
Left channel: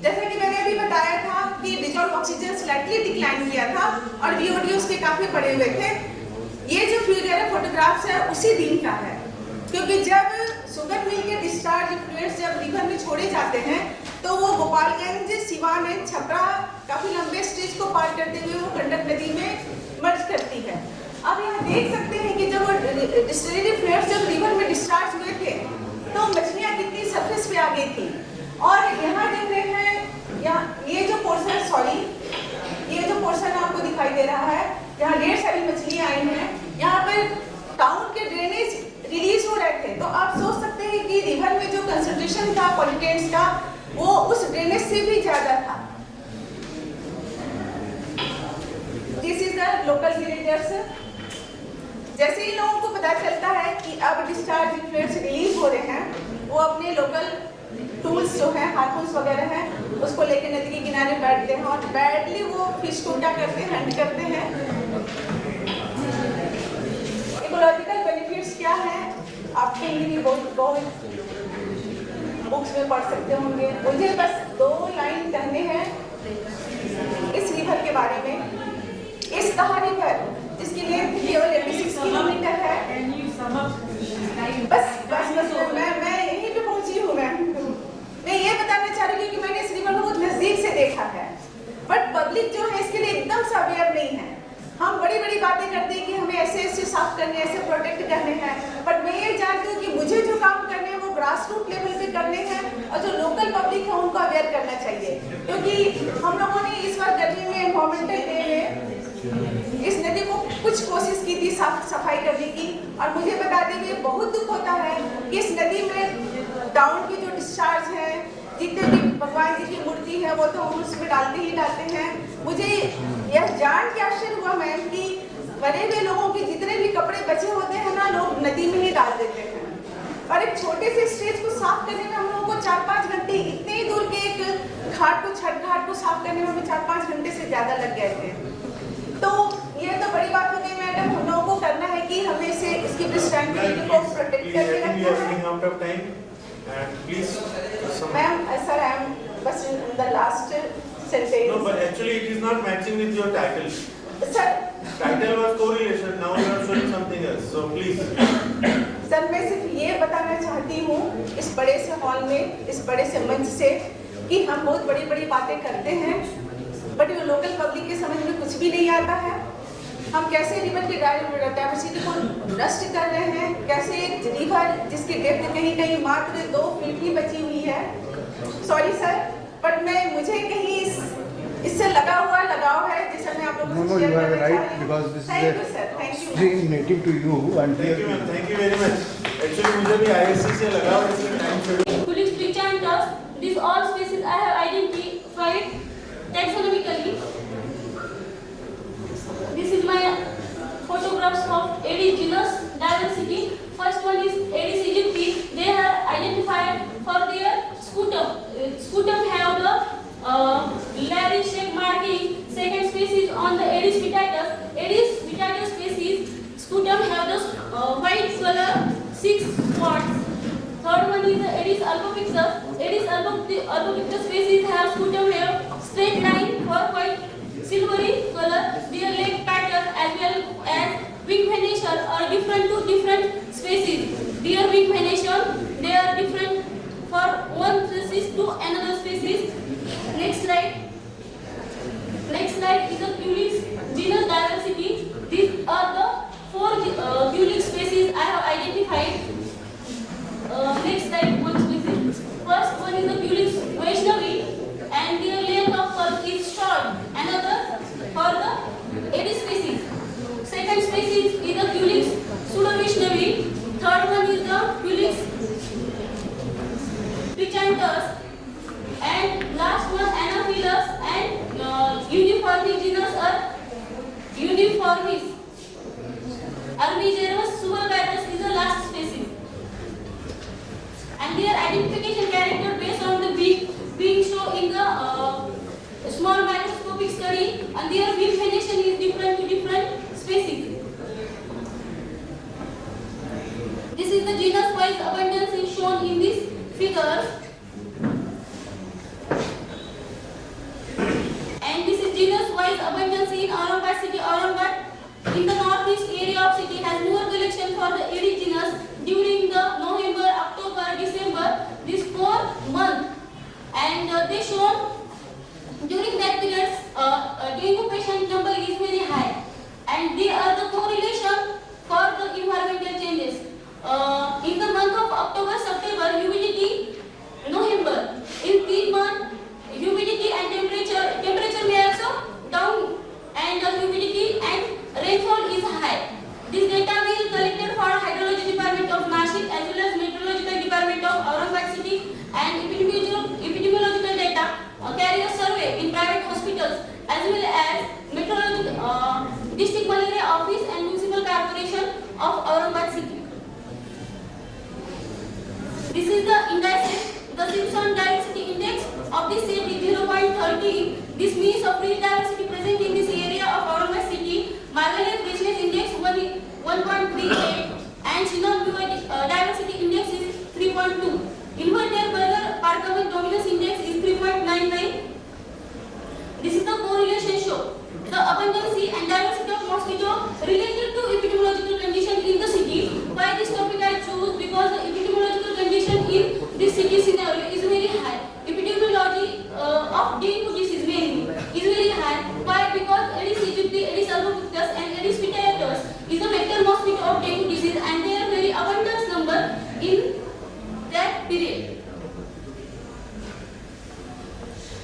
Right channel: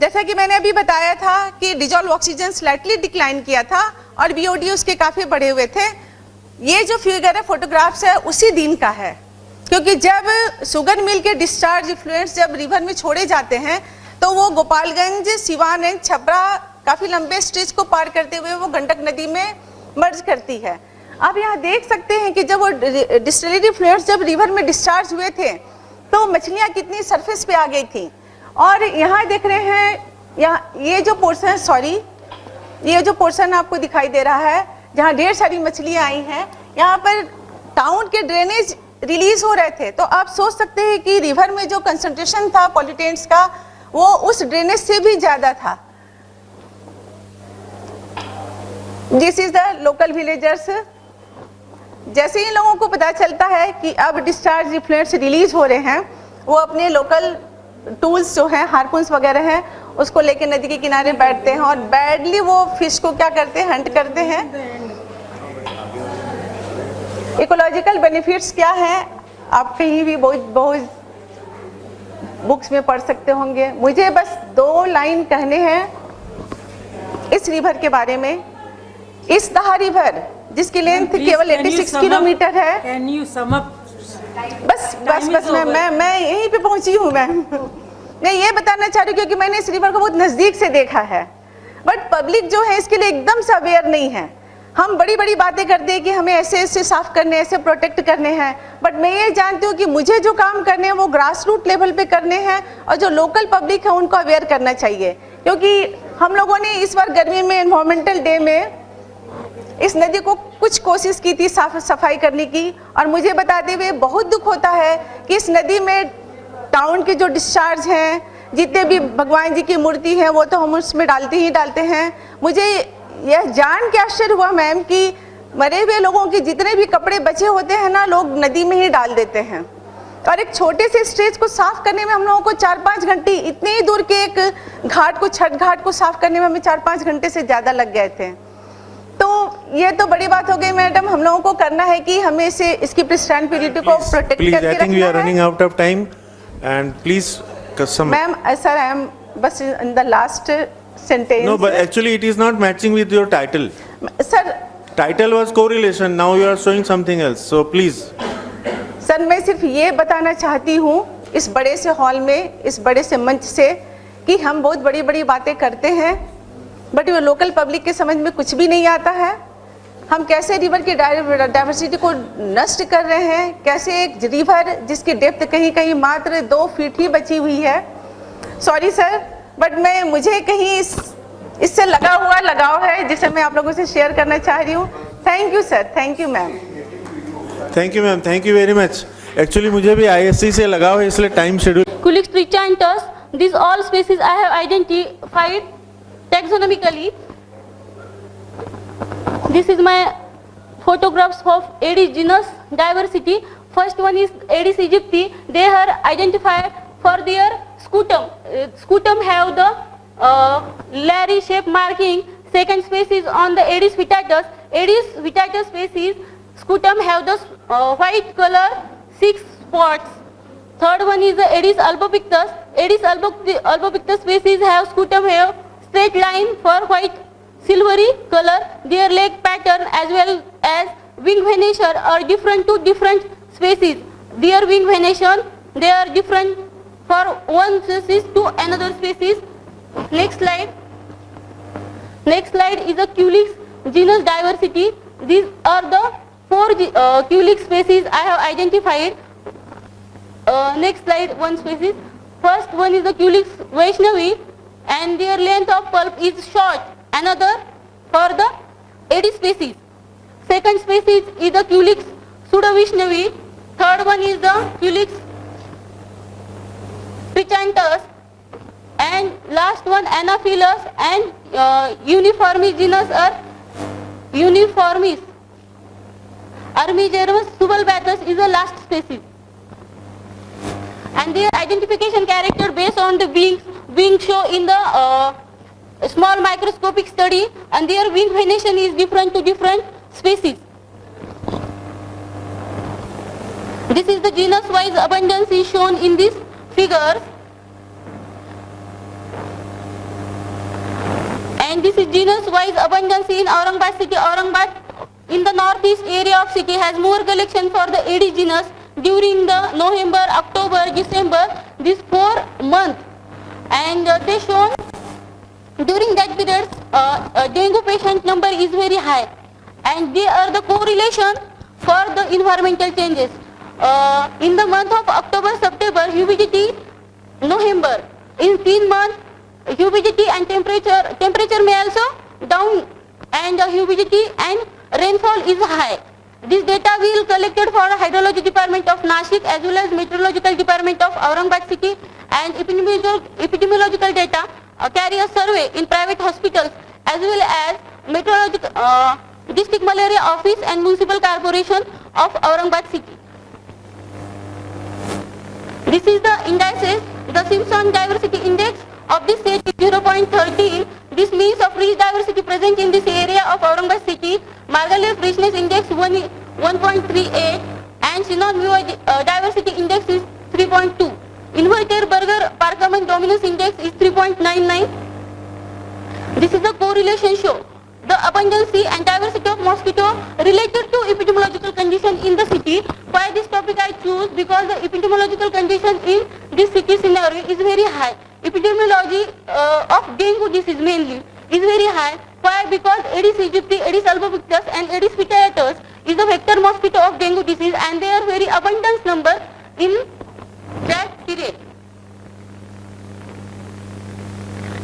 जैसा कि मैंने अभी बताया था कि डिजॉल्व ऑक्सीजन स्लाइटली डिक्लाइन किया था और बीओडी उसके काफ़ी बढ़े हुए थे। ये जो फिगर है, फोटोग्राफ्स है, उसी दिन का है, क्योंकि जब शुगर मिल के डिस्चार्ज इफ्लुएंट्स जब रिवर में छोड़े जाते हैं तो वो गोपालगंज, सिवान एंड छपरा काफ़ी लंबे स्ट्रेच को पार करते हुए वो गंडक नदी में मर्ज करती है। आप यहाँ देख सकते हैं कि जब वो डिस्टिलरी फ्लूइड्स जब रिवर में डिस्चार्ज हुए थे तो मछलियाँ कितनी सरफेस पे आ गई थी। और यहाँ देख रहे हैं, यहाँ ये जो पोर्शन, ये जो पोर्शन आपको दिखाई दे रहा है जहाँ ढेर सारी मछलियाँ आई हैं, यहाँ पर टाउन के ड्रेनेज रिलीज हो रहे थे, तो आप सोच सकते हैं कि रिवर में जो कंसंट्रेशन था पॉल्यूटेंट्स का वो उस ड्रेनेज से भी ज़्यादा था। This is the local villagers. जैसे ही लोगों को पता चलता है कि अब डिस्चार्ज इफ्लुएंट्स रिलीज हो रहे हैं, वो अपने लोकल टूल्स जो हैं, हार्पून्स वगैरह हैं, उसको लेके नदी के किनारे बैठते हैं और बैडली वो फिश को क्या करते हैं, हंट करते हैं। इकोलॉजिकल बेनिफिट्स क्या है आप कहीं भी बहुत बुक्स में पढ़ सकते होंगे। मुझे बस 2 लाइन कहने हैं इस रिवर के बारे में। इस तहा रिवर जिसकी लेंथ केवल 86 किलोमीटर है। बस मैं यहीं पे पहुंची हूँ। मैं ये बताना चाह रही हूँ क्योंकि मैंने इस रिवर को बहुत नज़दीक से देखा है, बट पब्लिक जो है इसके लिए एकदम से अवेयर नहीं है। हम बड़ी बड़ी बातें करते हैं कि हमें ऐसे ऐसे साफ करने, ऐसे प्रोटेक्ट करने हैं, बट मैं ये जानती हूँ कि मुझे जो काम करने हैं वो ग्रास रूट लेवल पे करने हैं और जो लोकल पब्लिक है उनको अवेयर करना चाहिए। क्योंकि हम लोगों ने इस बार गर्मी में एनवायरमेंटल डे में इस नदी को कुछ कोशिश की थी साफ सफाई करने की, और मुझे बताते हुए बहुत दुख होता है कि इस नदी में टाउन के जो डिस्चार्ज हैं, जितने भी भगवान जी की मूर्ति है वो तो हम उसमें डालते ही डालते हैं। मुझे यह जान के आश्चर्य हुआ मैम कि मरे हुए लोगों के जितने भी कपड़े बचे होते हैं ना, लोग नदी में ही डाल देते हैं। और एक छोटे से स्ट्रेच को साफ करने में हम लोगों को 4-5 घंटे, इतने ही दूर के एक घाट को, छठ घाट को साफ करने में हमें 4-5 घंटे से ज़्यादा लग गए थे। तो ये तो बड़ी बात हो गई मैडम, हम लोगों को करना है कि हमें इसे इसकी प्रिस्टेंटिविटी को प्रोटेक्ट करके रखना है। I think we are running out of time and please Ma'am, sir, I am but in the last sentence. No, but actually it is not matching with your title. Sir, title was correlation, now you are showing something else, so please. Sir मैं सिर्फ ये बताना चाहती हूँ इस बड़े से hall में, इस बड़े से मंच से, कि हम बहुत बड़ी बड़ी बातें करते हैं बट वो लोकल पब्लिक के समझ में कुछ भी नहीं आता है। हम कैसे रिवर की डाइवर्सिटी को नष्ट कर रहे हैं, कैसे एक रिवर जिसकी डेप्थ कहीं कहीं मात्र 2 फीट ही बची हुई है। सॉरी सर, बट मुझे कहीं इससे लगा हुआ लगाव है जिसे मैं आप लोगों से शेयर करना चाह रही हूँ। Thank you sir, thank you ma'am. Thank you ma'am, thank you very much. Actually मुझे भी ISC से लगाव है, इसलिए time schedule. Culex trichanthes, these all species I have identified taxonomically. This is my photographs of Aedes genus diversity. First one is Aedes aegypti. They are identified for their scutum. Scutum have the leery shape marking. Second species on the Aedes vittatus. Aedes vittatus species scutum have the white color, 6 spots. Third one is the Aedes albopictus. Aedes albopictus species have scutum have straight line for white silvery color. Their leg pattern as well as wing venation are different to different species. Their wing venation, they are different for one species to another species. Next slide. Next slide is a Culex genus diversity. These are the 4 Culex species I have identified. Next slide, one species. First one is the Culex vaishnavi, and their length of pulp is short. Another for the Aedes species. Second species is the Culex pseudovaishnavi. Third one is the Culex trichanthes, and last one Anopheles and uniformis genus are uniformis. Armigermus subulbacus is the last species. And their identification character based on the wing show in the small microscopic study, and their wing venation is different to different species. This is the genus wise abundance is shown in this figure, and this is genus wise abundance in Aurangabad city. Aurangabad in the northeast area of city has more collection for the Aedes genus during the November, October, December, these 4 months, and they shown during that period dengue patient number is very high, and they are the correlation for the environmental changes. In the month of October, September, humidity, November, in 3 months humidity and temperature may also down, and humidity and rainfall is high. This data will collected for Hydrology Department of Nashik as well as Meteorological Department of Aurangabad city, and epidemiological data carry a survey in private hospitals as well as meteorological district malaria office and municipal corporation of Aurangabad city. This is the indices. The Simpson Diversity Index of this state is 0.13. This means of rich diversity present in this area of Aurangabad city. Margaret Richness Index 1.38 and Synon Diversity Index is 3.2. Inverter Burger Parkman Dominance Index is 3.99. This is the correlation show. The abundance and diversity of mosquito related to epidemiological condition in the city. Why this topic I choose? Because the epidemiological condition in this city scenario is very high. Epidemiology of dengue disease mainly is very high. Why? Because Aedes aegypti, Aedes albopictus and Aedes vitiatus is the vector mosquito of dengue disease, and they are very abundant number in that period.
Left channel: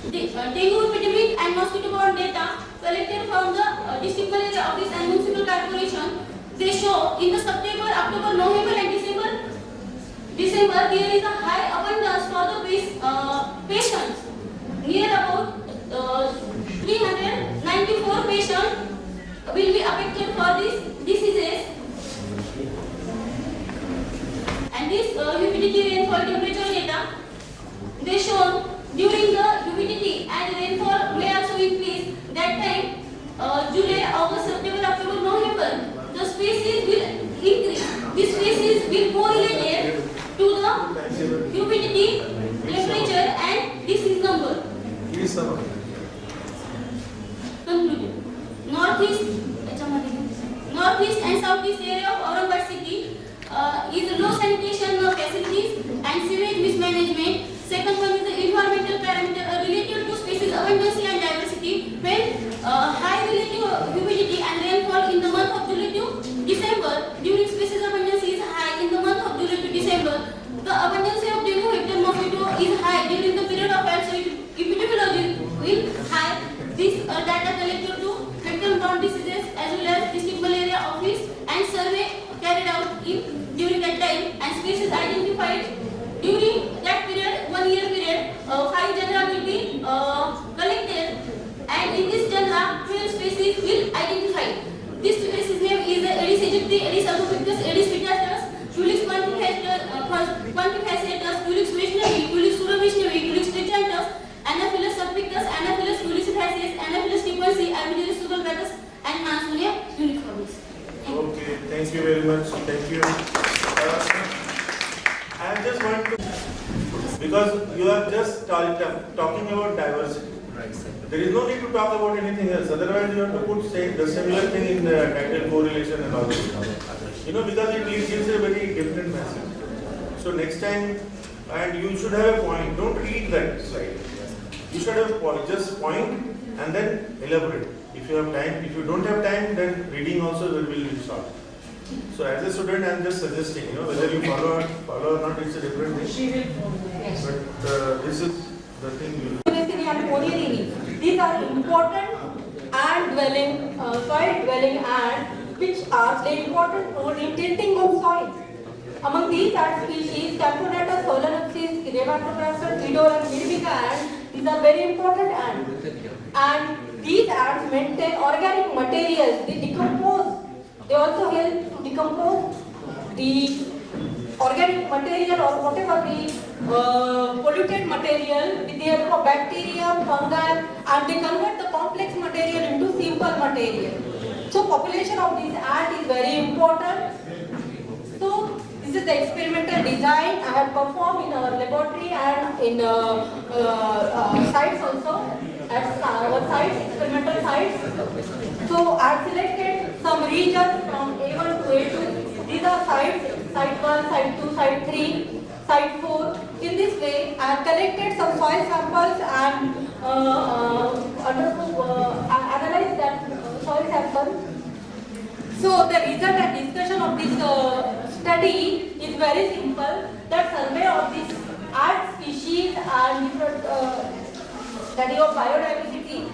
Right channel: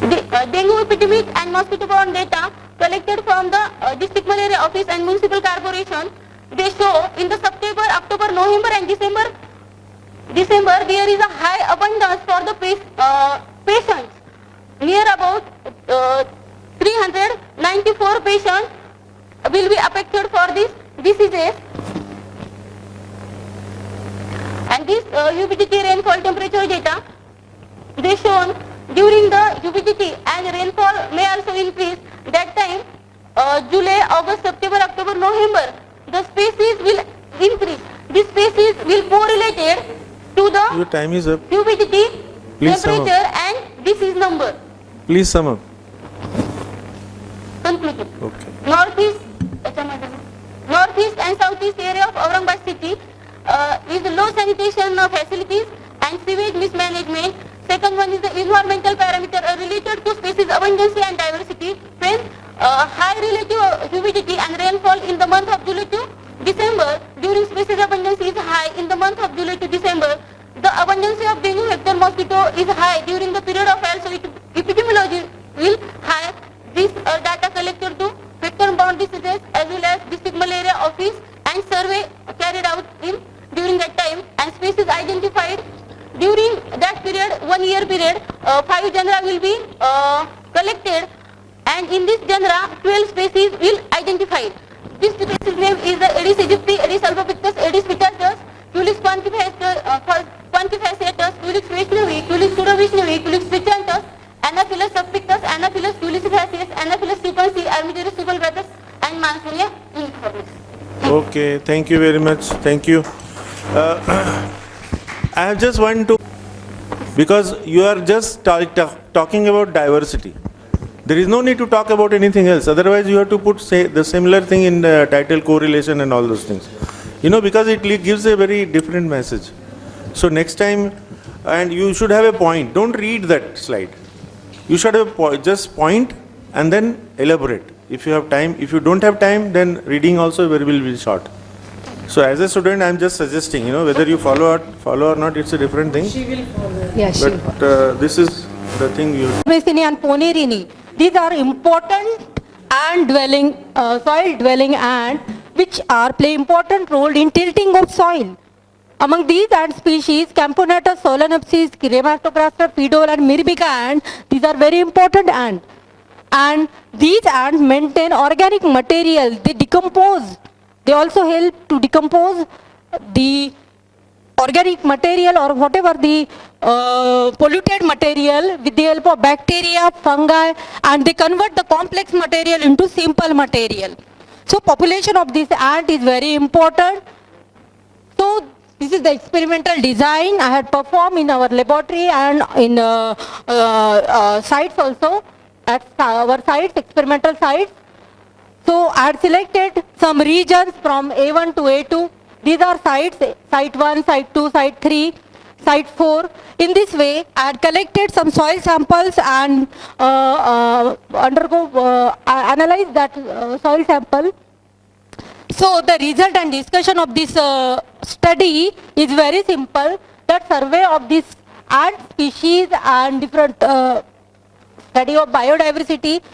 The dengue epidemic and mosquito-borne data collected from the district malaria office and municipal corporation, they show in the September, October, November and December there is a high abundance for the patients. Near about 394 patients will be affected for these diseases. And this humidity, rainfall, temperature data, they shown during the humidity and rainfall may also increase. That time, July, August, September, October, November, the species will increase. This species will correlated to Your time is up. the humidity, Please temperature and disease number. Please sum up. Conclusion. Okay. Northeast and southeast area of Aurangabad city is low sanitation facilities and sewage mismanagement. Second one is the environmental parameter related to species abundance and diversity. When high relative humidity and rainfall in the month of July to December, during species abundance is high in the month of July to December. The abundance of dengue vector mosquito is high during the period of time, so epidemiology will high. This data collected to vector-borne diseases as well as district malaria office and survey carried out during that time, and species identified during that period, 1 year period, 5 genera will be collected, and in this genera 12 species will identify. This species name is the Aedes aegypti, Aedes albopictus, Aedes vitiatus, Tulips quantifaciatus, Tulips vishnavi, Tulips pseudo-vishnavi, Tulips vitiantus, Anaphyllus subpictus, Anaphyllus tulicifacius, Anaphyllus stipensi, Armigerus subulbatus, and Mansonia uniformis. Okay, thank you very much. Thank you. I have just want to, because you are just talking about diversity. There is no need to talk about anything else. Otherwise, you have to put the similar thing in the title, correlation and all those things. You know, because it gives a very different message. So next time, and you should have a point. Don't read that slide. You should have just point and then elaborate. If you have time, if you don't have time, then reading also will be short. So as a student, I am just suggesting, whether you follow or not, it's a different thing. She will follow. Yes. But this is the thing you. And Ponerini, these are important ant dwelling, soil dwelling ants, which play important role in tilting of soil. Among these ant species, Camponatus, Solenopsis, Kirematograptor, Pedol and Myrmica ants, these are very important ants. And these ants maintain organic material, they decompose. They also help to decompose the organic material or whatever the polluted material with the help of bacteria, fungi, and they convert the complex material into simple material. So population of this ant is very important. So this is the experimental design I had performed in our laboratory and in sites also, at our sites, experimental sites. So I had selected some regions from A1 to A2. These are sites, site 1, site 2, site 3, site 4. In this way, I had collected some soil samples and analyzed that soil sample. So the result and discussion of this study is very simple. That survey of this ant species and different study of biodiversity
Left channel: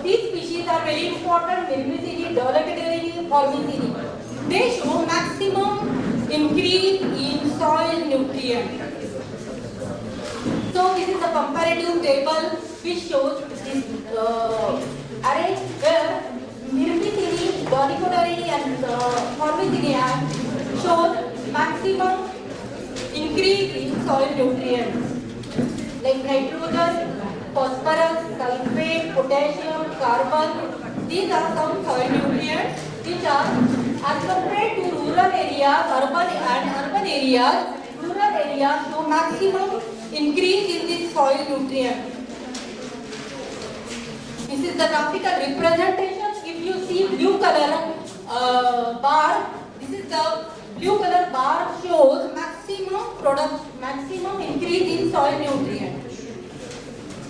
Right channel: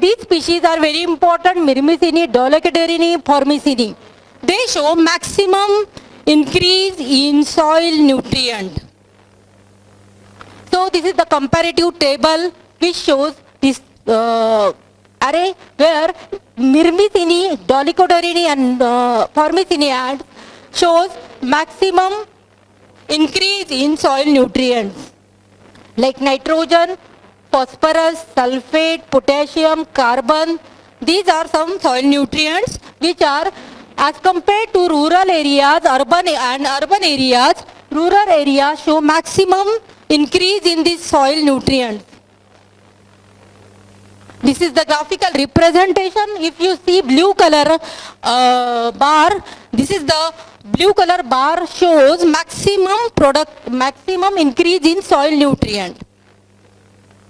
These species are very important, Myrmicini, Dolichodorini, Formicini. They show maximum increase in soil nutrient. So this is the comparative table which shows this array where Myrmicini, Dolichodorini and Formicini shows maximum increase in soil nutrients like nitrogen, phosphorus, sulfate, potassium, carbon. These are some soil nutrients which are, as compared to rural areas, urban areas, rural areas show maximum increase in this soil nutrient. This is the graphical representation. If you see blue color bar, this is the blue color bar shows maximum increase in soil nutrient.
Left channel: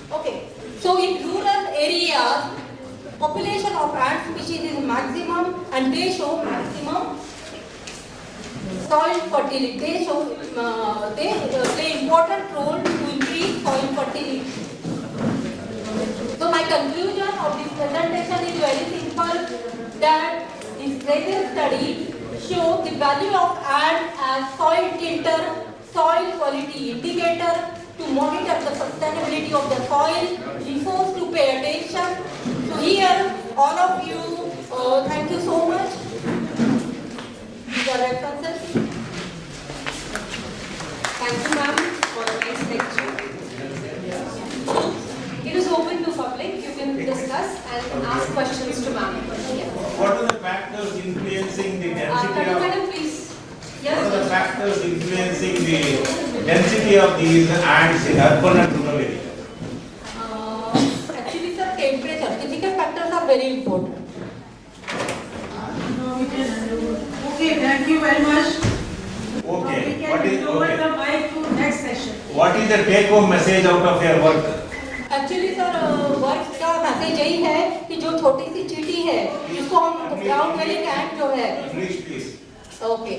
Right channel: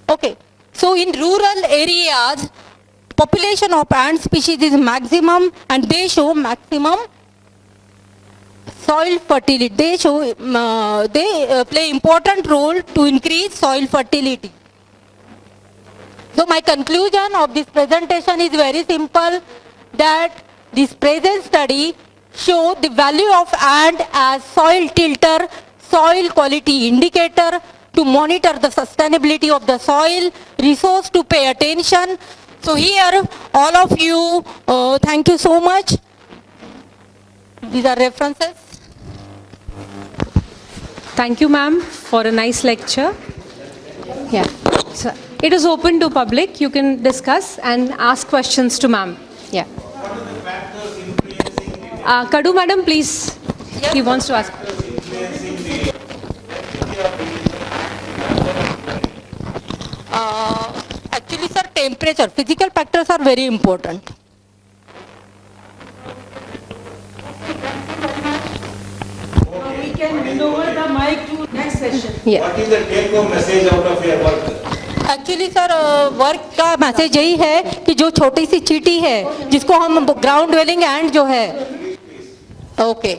Okay, so in rural areas, population of ant species is maximum and they show maximum soil fertility. They play important role to increase soil fertility. So my conclusion of this presentation is very simple, that this present study show the value of ant as soil tilter, soil quality indicator to monitor the sustainability of the soil, resource to pay attention. So here all of you, thank you so much. These are references. Thank you, ma'am, for a nice lecture. Yeah. So it is open to public. You can discuss and ask questions to ma'am. Yeah. What are the factors influencing the Kadu madam, please. He wants to ask. factors influencing the density of these ants in urban and rural areas? Actually, sir, temperature, physical factors are very important. Okay, thank you very much. Okay. We can hand over the mic to next session. Yeah. What is the take-home message out of your work? Actually sir work का message यही है कि जो छोटी सी चींटी है जिसको हम ग्राउंड ड्वेलिंग एंट जो है okay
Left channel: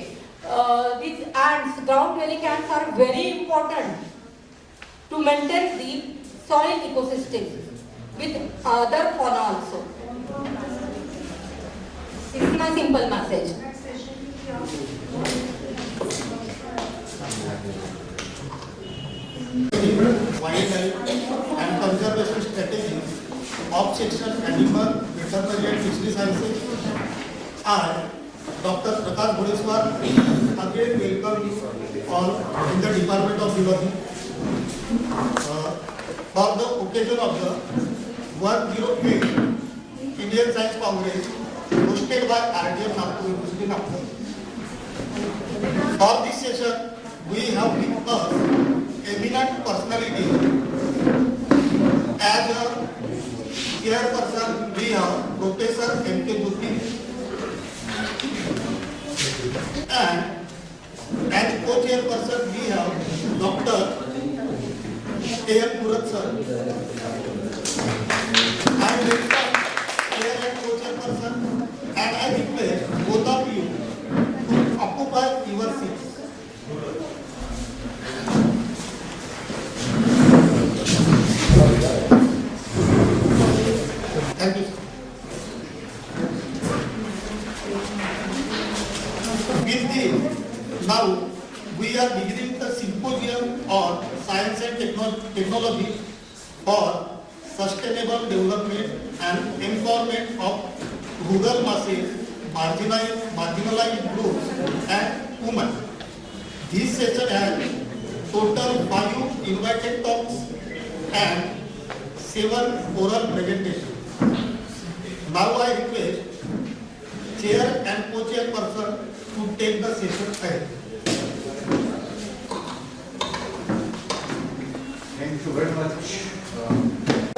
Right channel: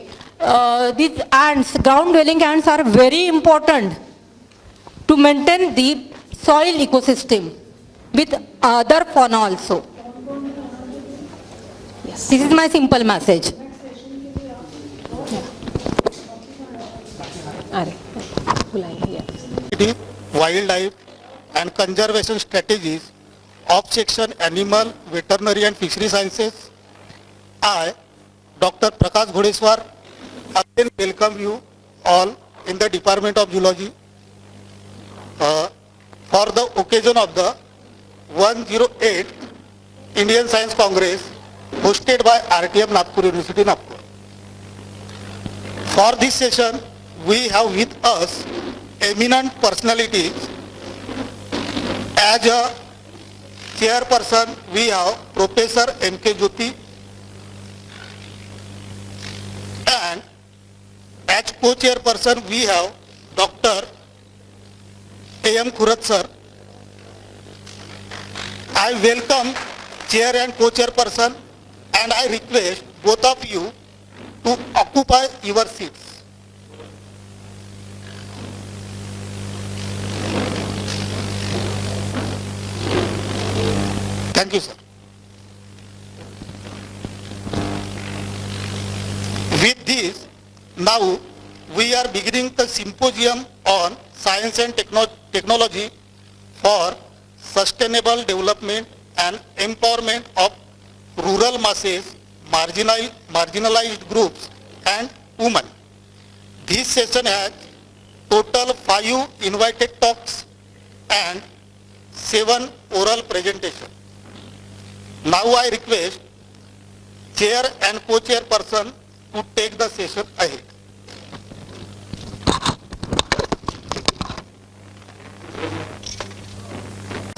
these ants, ground dwelling ants are very important to maintain the soil ecosystem with other fauna also. This is my simple message. Wildlife and conservation strategies of section Animal, Veterinary and Fishery Sciences. I, Dr. Prakash Ghodeswar, again welcome you all in the Department of Zoology for the occasion of the 108th Indian Science Congress hosted by RTM Nagpur University, Nagpur. For this session, we have with us eminent personalities. As a chairperson, we have Professor M.K. Jyoti, and as co-chairperson, we have Dr. A.M. Kurat sir. I welcome chair and co-chairperson, and I request both of you to occupy your seats. Thank you, sir. With this, now we are beginning the symposium on science and technology for sustainable development and empowerment of rural masses, marginalized groups and women. This session has total 5 invited talks and 7 oral presentations. Now I request chair and co-chairperson to take the session ahead.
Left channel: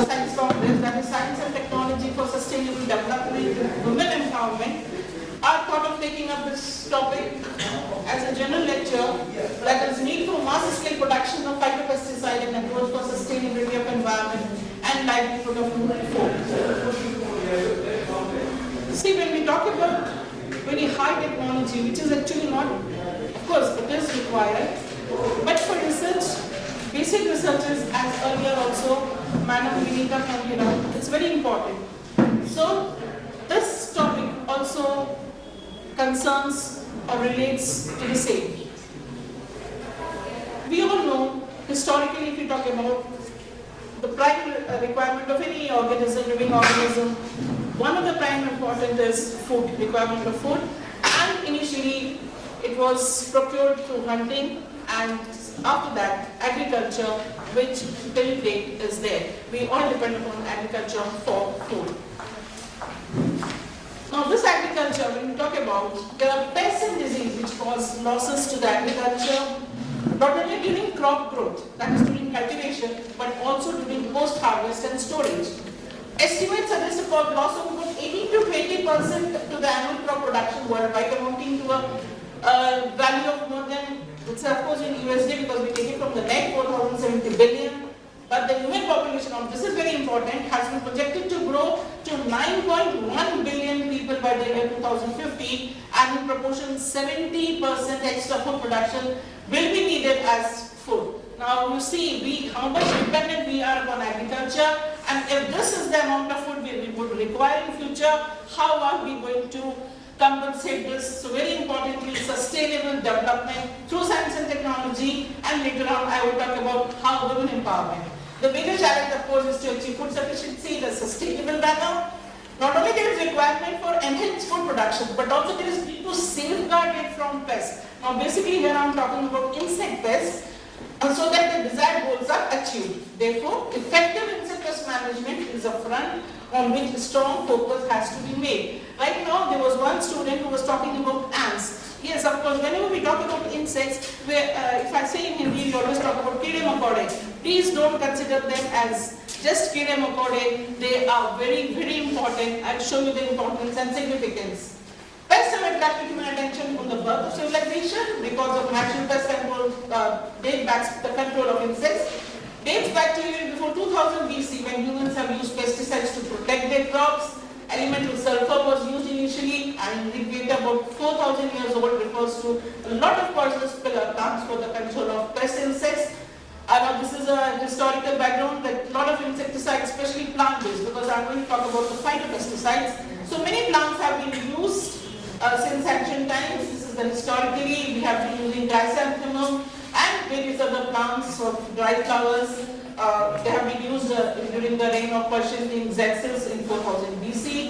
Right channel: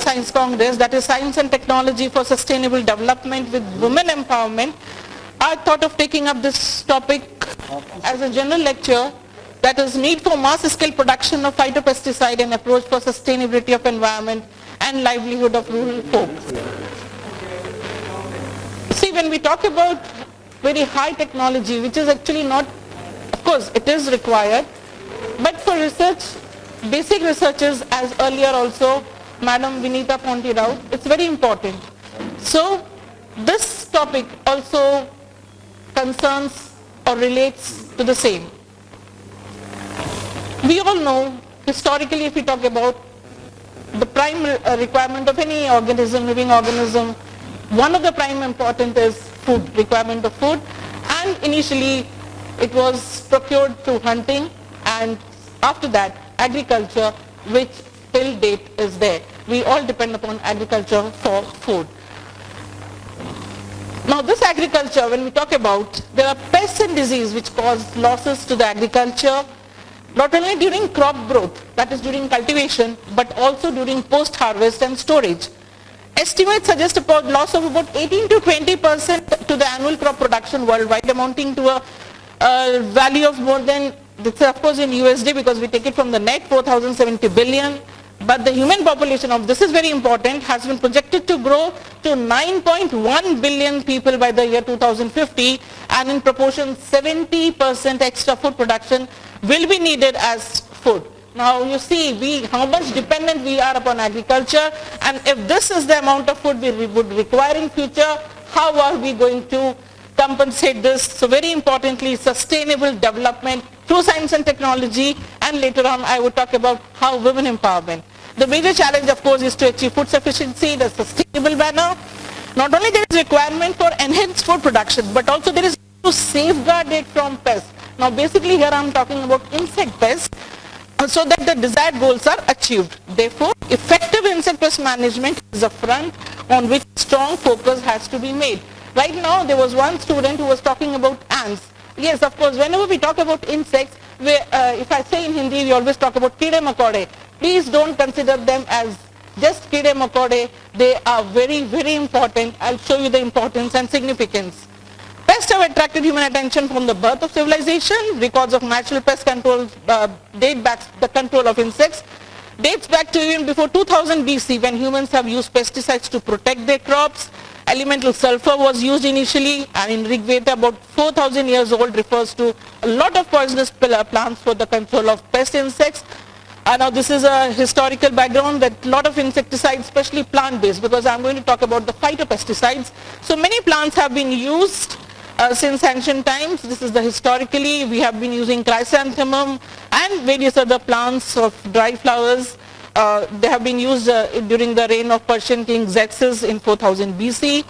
Science Congress, that is Science and Technology for Sustainable Development with Women Empowerment, I thought of taking up this topic as a general lecture, that is need for mass scale production of phytopesticide and approach for sustainability of environment and livelihood of rural folk. See, when we talk about very high technology, which is actually not, of course it is required, but for research, basic researchers, as earlier also Madam Vinita pointed out, it's very important. So this topic also concerns or relates to the same. We all know, historically, if we talk about the prime requirement of any organism, living organism, one of the prime important is food, requirement of food, and initially it was procured through hunting, and after that agriculture, which till date is there. We all depend upon agriculture for food. Now this agriculture, when we talk about, there are pests and disease which cause losses to the agriculture, not only during crop growth, that is during cultivation, but also during post-harvest and storage. Estimates suggest a loss of about 18 to 20% to the annual crop production worldwide, amounting to a value of more than, it's of course in USD because we take it from the net, 4,070 billion. But the human population of, this is very important, has been projected to grow to 9.1 billion people by the year 2050, and in proportion 70% extra food production will be needed as food. Now you see how much dependent we are upon agriculture, and if this is the amount of food we would require in future, how are we going to compensate this? So very importantly, sustainable development through science and technology, and later on I would talk about how women empowerment. The major challenge of course is to achieve food sufficiency in a sustainable manner. Not only there is requirement for enhanced food production, but also there is to safeguard it from pests. Now basically here I am talking about insect pests, so that the desired goals are achieved. Therefore, effective insect pest management is a front on which strong focus has to be made. Right now there was one student who was talking about ants. Yes, of course, whenever we talk about insects, if I say in Hindi, we always talk about kide makode. Please don't consider them as just kide makode. They are very, very important. I'll show you the importance and significance. Pests have attracted human attention from the birth of civilization because of natural pest control, the control of insects dates back to even before 2000 BC, when humans have used pesticides to protect their crops. Elemental sulfur was used initially, and in Rig Veda, about 4,000 years old, refers to a lot of poisonous plants for the control of pest insects. Now this is a historical background that a lot of insecticides, especially plant-based, because I'm going to talk about the phytopesticides. So many plants have been used since ancient times. This is the historically, we have been using chrysanthemum and various other plants of dry flowers. They have been used during the reign of Persian king Xerxes in 4000 BC.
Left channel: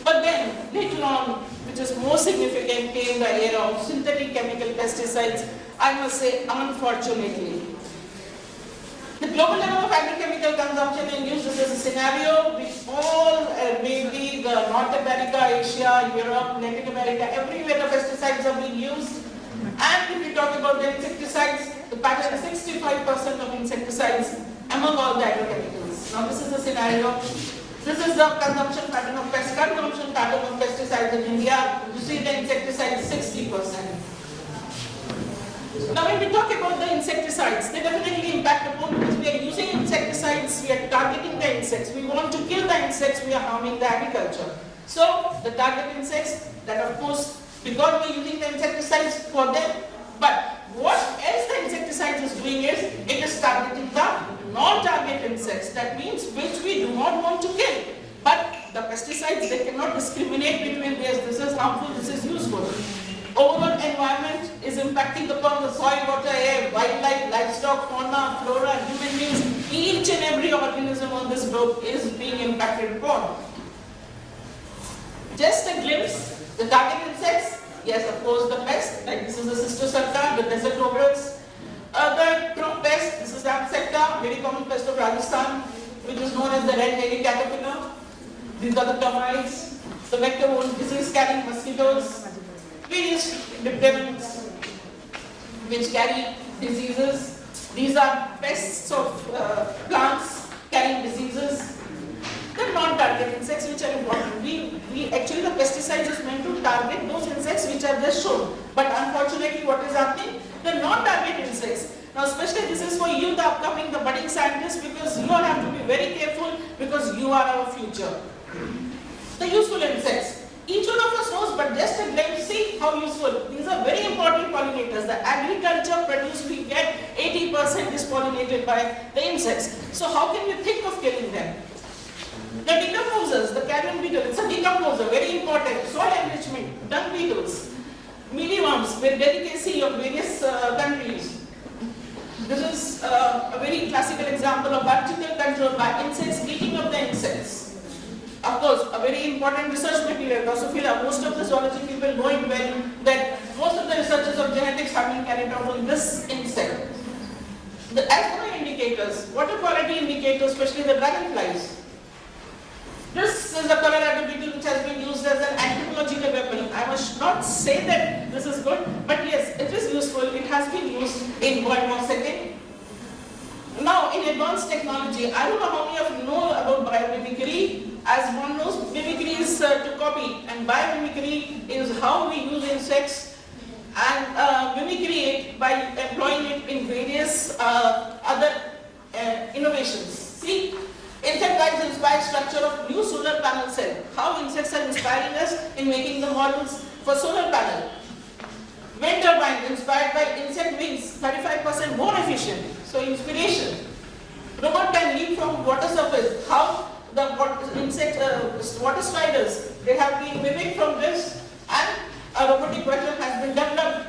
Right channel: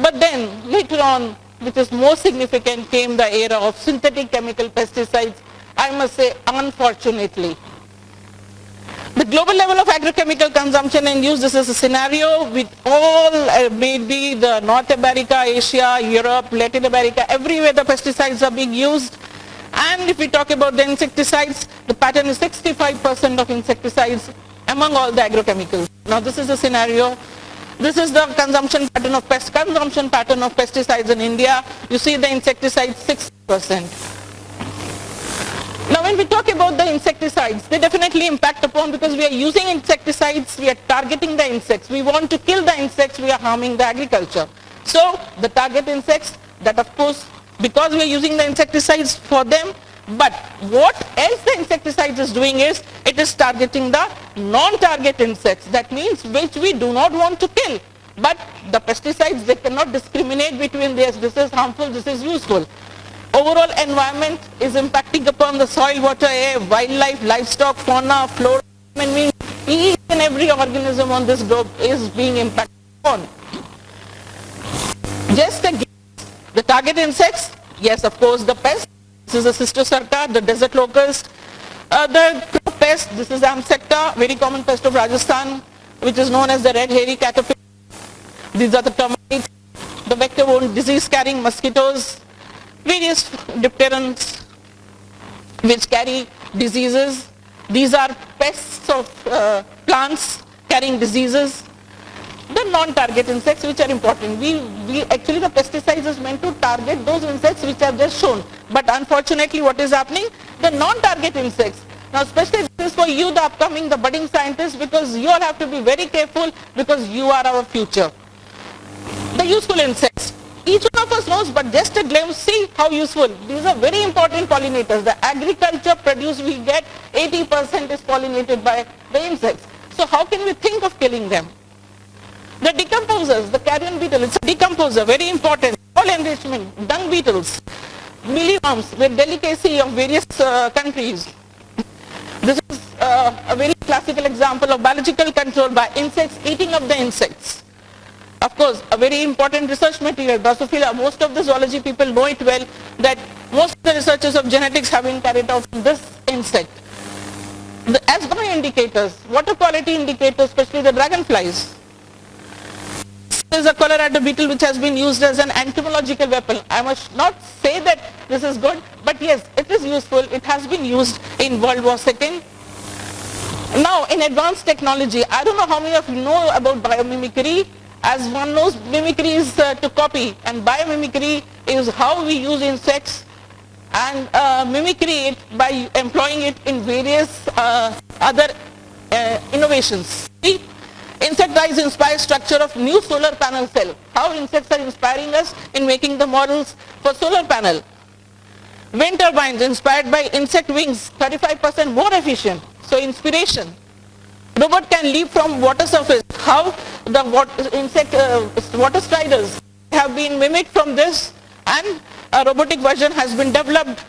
But then later on, which is more significant, came the era of synthetic chemical pesticides, I must say unfortunately. The global level of agrochemical consumption and use, this is a scenario with all, maybe the North America, Asia, Europe, Latin America, everywhere the pesticides are being used. And if we talk about the insecticides, the pattern is 65% of insecticides among all the agrochemicals. Now this is a scenario. This is the consumption pattern of pesticides in India. You see the insecticides 60%. Now when we talk about the insecticides, they definitely impact upon, because we are using insecticides, we are targeting the insects. We want to kill the insects, we are harming the agriculture. So the target insects, that of course, because we are using the insecticides for them, but what else the insecticides is doing is, it is targeting the non-target insects. That means which we do not want to kill. But the pesticides, they cannot discriminate between this is harmful, this is useful. Overall environment is impacting upon the soil, water, air, wildlife, livestock, fauna, flora, human beings. Each and every organism on this globe is being impacted upon. Just a glimpse. The target insects, yes, of course, the pest. This is a Cystosarta, the desert locust. The crop pest, this is Amsecta, very common pest of Rajasthan, which is known as the red hairy caterpillar. These are the termites, the vector-borne disease-carrying mosquitoes, various dipterans which carry diseases. These are pests of plants carrying diseases. The non-target insects, which are important. Actually the pesticides is meant to target those insects which are just shown. But unfortunately what is happening? The non-target insects. Now especially this is for you, the upcoming, the budding scientists, because you all have to be very careful, because you are our future. The useful insects. Each one of us knows, but just a glimpse, see how useful. These are very important pollinators. The agriculture produce we get, 80% is pollinated by the insects. So how can we think of killing them? The decomposers, the carrion beetle, it's a decomposer, very important. Soil enrichment, dung beetles, mealyworms with delicacy of various countries. This is a very classical example of biological control by insects eating up the insects. Of course, a very important research material, Drosophila, most of the zoology people know it well, that most of the researches of genetics have been carried out on this insect. The asthma indicators, water quality indicators, especially the dragonflies. This is a Colorado beetle which has been used as an entomological weapon. I must not say that this is good, but yes, it is useful. It has been used in World War setting. Now, in advanced technology, I don't know how many of you know about biomimicry. As one knows, mimicry is to copy, and biomimicry is how we use insects and mimicry it by employing it in various other innovations. See? Insect dyes inspire structure of new solar panel cell. How insects are inspiring us in making the models for solar panel. Wind turbines inspired by insect wings, 35% more efficient. So inspiration. Robot can leap from water surface. How the water striders have been mimicked from this, and a robotic version has been developed.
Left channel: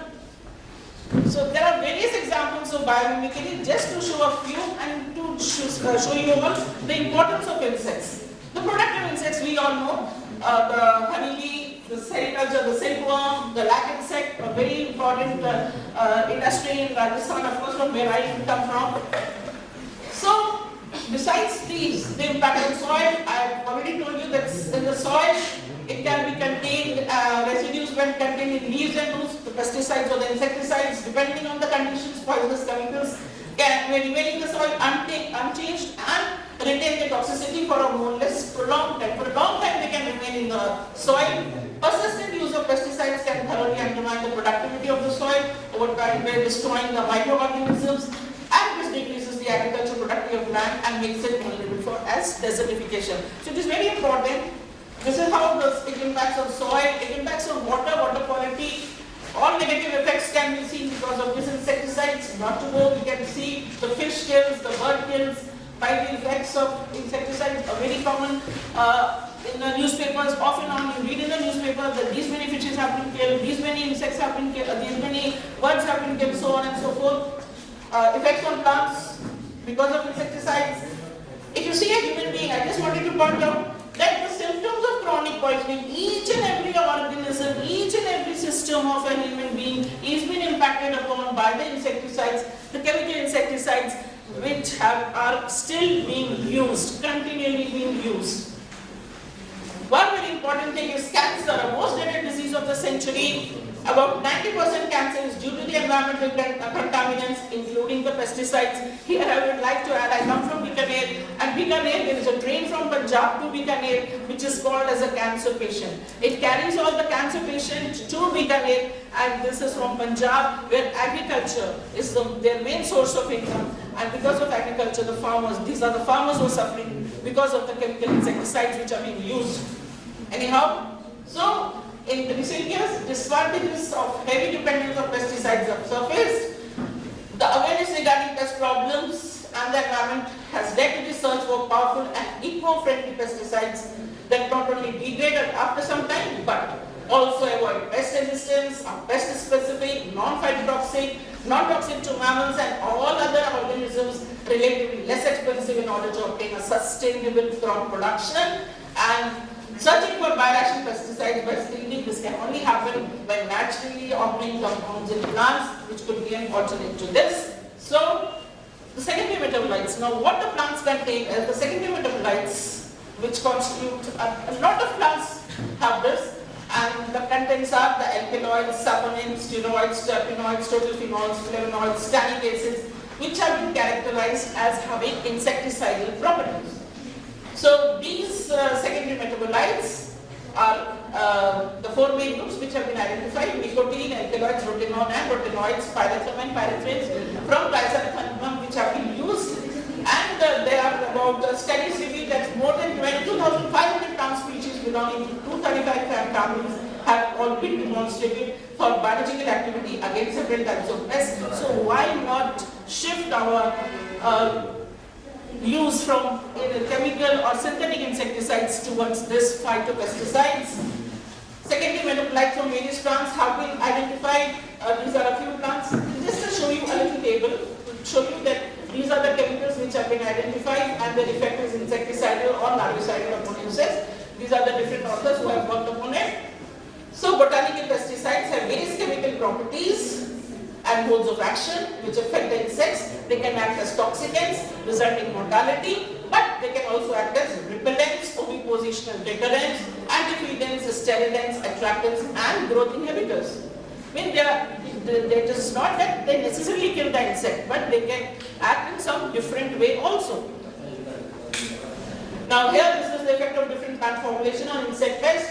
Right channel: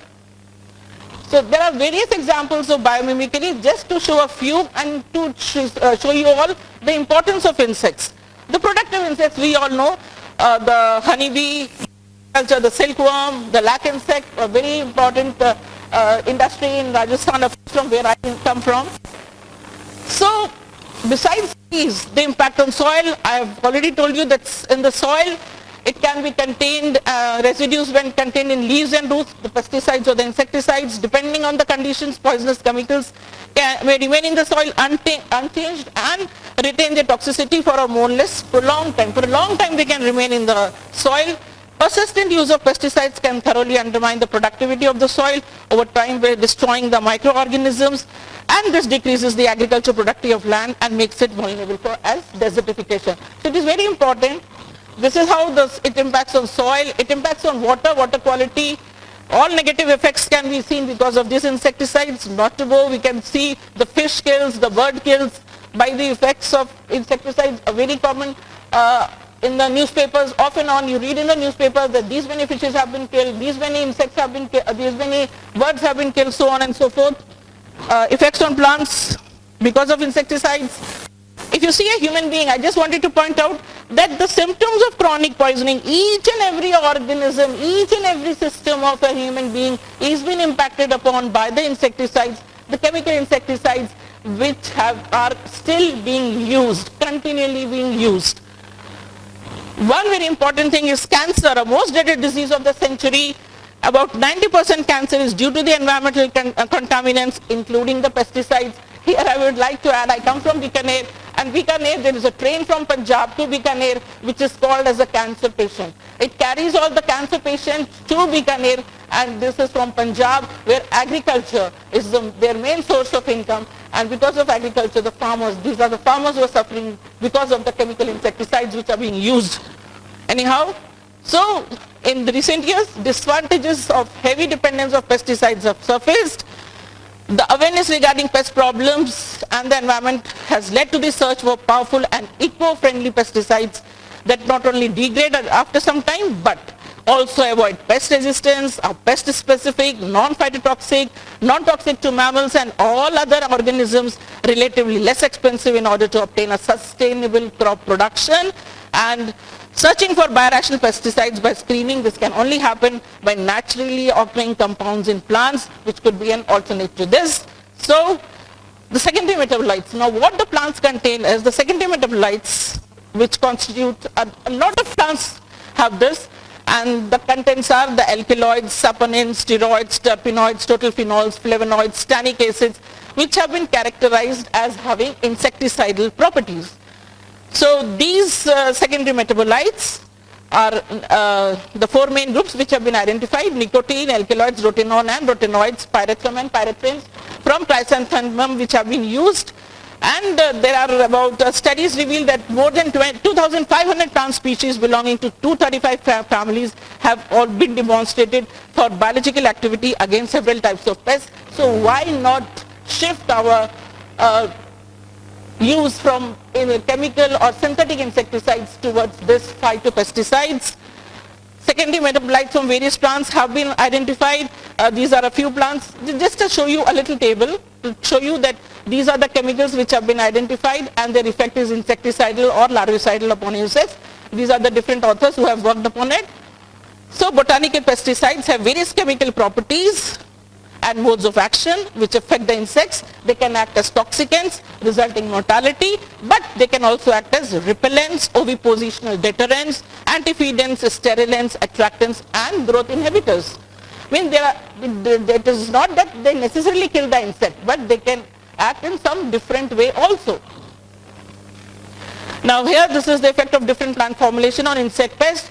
So there are various examples of biomimicry, just to show a few and to show you all the importance of insects. The productive insects we all know, the honeybee, the cell, the silkworm, the lac insect, a very important industry in Rajasthan, from where I come from. So besides these, the impact on soil, I have already told you that in the soil, it can be contained, residues when contained in leaves and roots, the pesticides or the insecticides, depending on the conditions, poisonous chemicals may remain in the soil unchanged and retain their toxicity for a more or less prolonged time. For a long time they can remain in the soil. Persistent use of pesticides can thoroughly undermine the productivity of the soil over time by destroying the microorganisms, and this decreases the agricultural productivity of land and makes it vulnerable for as desertification. So it is very important. This is how it impacts on soil, it impacts on water quality. All negative effects can be seen because of these insecticides. Not to go, we can see the fish kills, the bird kills by the effects of insecticides, are very common in the newspapers. Off and on you read in the newspaper that these many fishes have been killed, these many insects have been killed, these many birds have been killed, so on and so forth. Effects on plants because of insecticides. If you see a human being, I just wanted to point out that the symptoms of chronic poisoning, each and every organism, each and every system of a human being is being impacted upon by the insecticides, the chemical insecticides which are still being used, continually being used. One very important thing is cancer, a most dreaded disease of the century. About 90% cancer is due to the environmental contaminants, including the pesticides. Here I would like to add, I come from Bikaner, and Bikaner, there is a train from Punjab to Bikaner which is called as a cancer patient. It carries all the cancer patients to Bikaner, and this is from Punjab, where agriculture is their main source of income. And because of agriculture, the farmers, these are the farmers who are suffering because of the chemical insecticides which are being used. Anyhow, so in the recent years, disadvantages of heavy dependence of pesticides have surfaced. The awareness regarding pest problems and the environment has led to the search for powerful and eco-friendly pesticides that not only degrade after some time, but also avoid pest resistance, are pest-specific, non-phytotoxic, non-toxic to mammals and all other organisms, relatively less expensive in order to obtain a sustainable crop production. And searching for biorational pesticides by screening, this can only happen by naturally occurring compounds in plants, which could be an alternate to this. So, the secondary metabolites. Now, what the plants contain is the secondary metabolites, which constitute, a lot of plants have this, and the contents are the alkaloids, saponins, steroids, terpenoids, total phenols, flavonoids, tannic acids, which have been characterized as having insecticidal properties. So these secondary metabolites are the four main groups which have been identified: nicotine, alkaloids, rotenone and rotenoids, pyrethrum and pyrethrins from chrysanthemum, which have been used. And there are about studies reveal that more than 2,500 plant species belonging to 235 families have all been demonstrated for biological activity against several types of pests. So why not shift our use from chemical or synthetic insecticides towards this phytopesticides. Secondary metabolites from various plants have been identified. These are a few plants. Just to show you a little table, to show you that these are the chemicals which have been identified and their effect is insecticidal or larvicidal upon insects. These are the different authors who have worked upon it. So botanical pesticides have various chemical properties and modes of action which affect the insects. They can act as toxicants, resulting mortality, but they can also act as repellents, ovipositional deterrents, antifeedants, sterilants, attractants, and growth inhibitors. I mean, it is not that they necessarily kill the insect, but they can act in some different way also. Now here, this is the effect of different plant formulation on insect pest.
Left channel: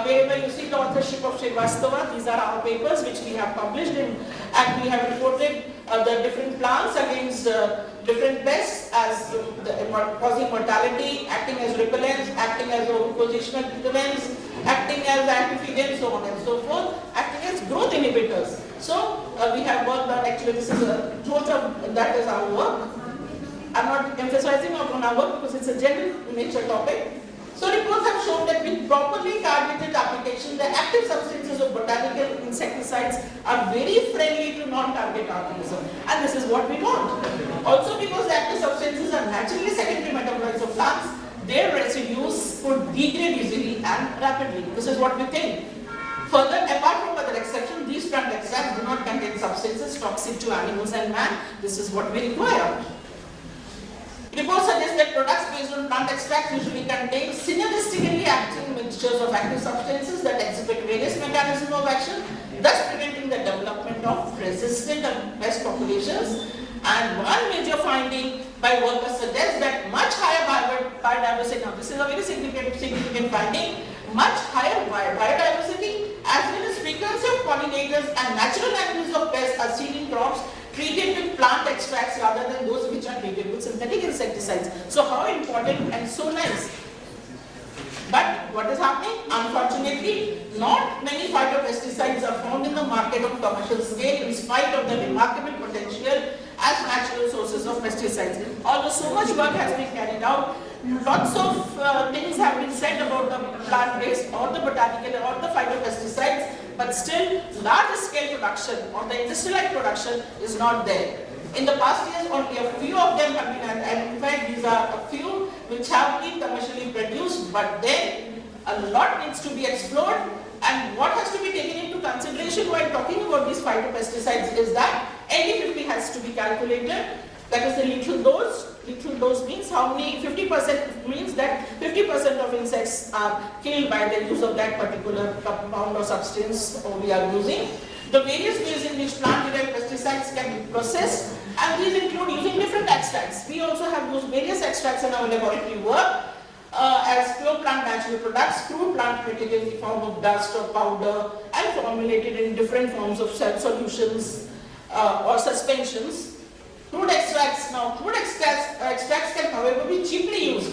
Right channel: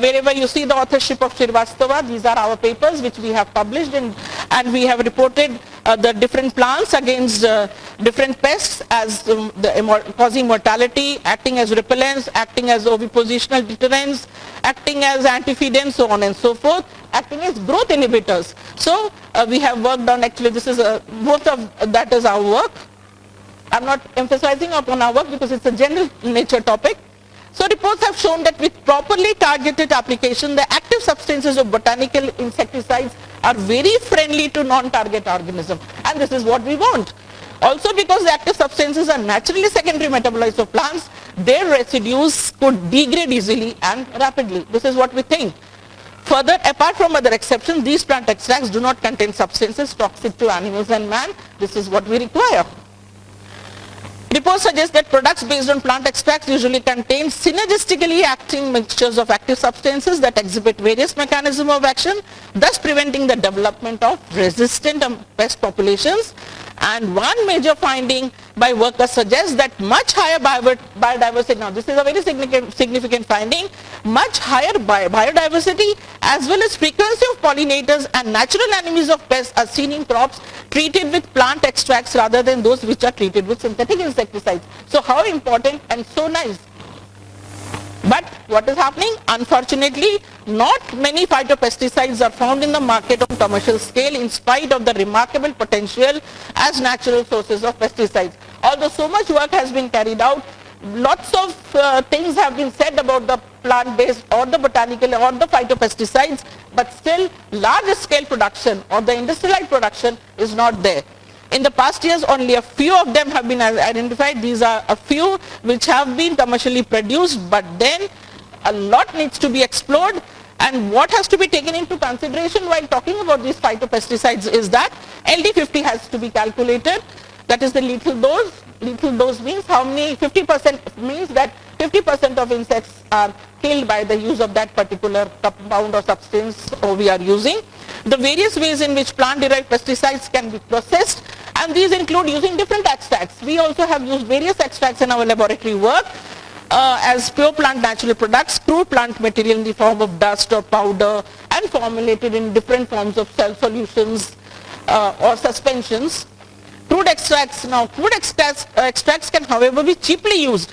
Wherever you see the authorship of Srivastava, these are our papers which we have published and we have reported the different plants against different pests as causing mortality, acting as repellents, acting as ovipositional deterrents, acting as antifeedants, so on and so forth, acting as growth inhibitors. So we have worked on, actually this is most of that is our work. I'm not emphasizing upon our work because it's a general nature topic. So reports have shown that with properly targeted application, the active substances of botanical insecticides are very friendly to non-target organisms, and this is what we want. Also, because the active substances are naturally secondary metabolites of plants, their residues could degrade easily and rapidly. This is what we think. Further, apart from other exceptions, these plant extracts do not contain substances toxic to animals and man. This is what we require. Reports suggest that products based on plant extracts usually contain synergistically acting mixtures of active substances that exhibit various mechanisms of action, thus preventing the development of resistant pest populations. And one major finding by workers suggests that much higher biodiversity, now this is a very significant finding, much higher biodiversity as well as frequency of pollinators and natural enemies of pests are seen in crops treated with plant extracts rather than those which are treated with synthetic insecticides. So how important and so nice. But what is happening? Unfortunately, not many phytopesticides are found in the market on commercial scale in spite of the remarkable potential as natural sources of pesticides. Although so much work has been carried out, lots of things have been said about the plant-based or the botanical or the phytopesticides, but still large scale production or the industrialized production is not there. In the past years, only a few of them have been identified. These are a few which have been commercially produced, but then a lot needs to be explored. And what has to be taken into consideration while talking about these phytopesticides is that LD50 has to be calculated. That is the lethal dose. Lethal dose means how many, 50% means that 50% of insects are killed by the use of that particular compound or substance we are using. The various ways in which plant-derived pesticides can be processed, and these include using different extracts. We also have used various extracts in our laboratory work as pure plant natural products, crude plant material in the form of dust or powder, and formulated in different forms of solutions or suspensions. Crude extracts, now crude extracts can however be cheaply used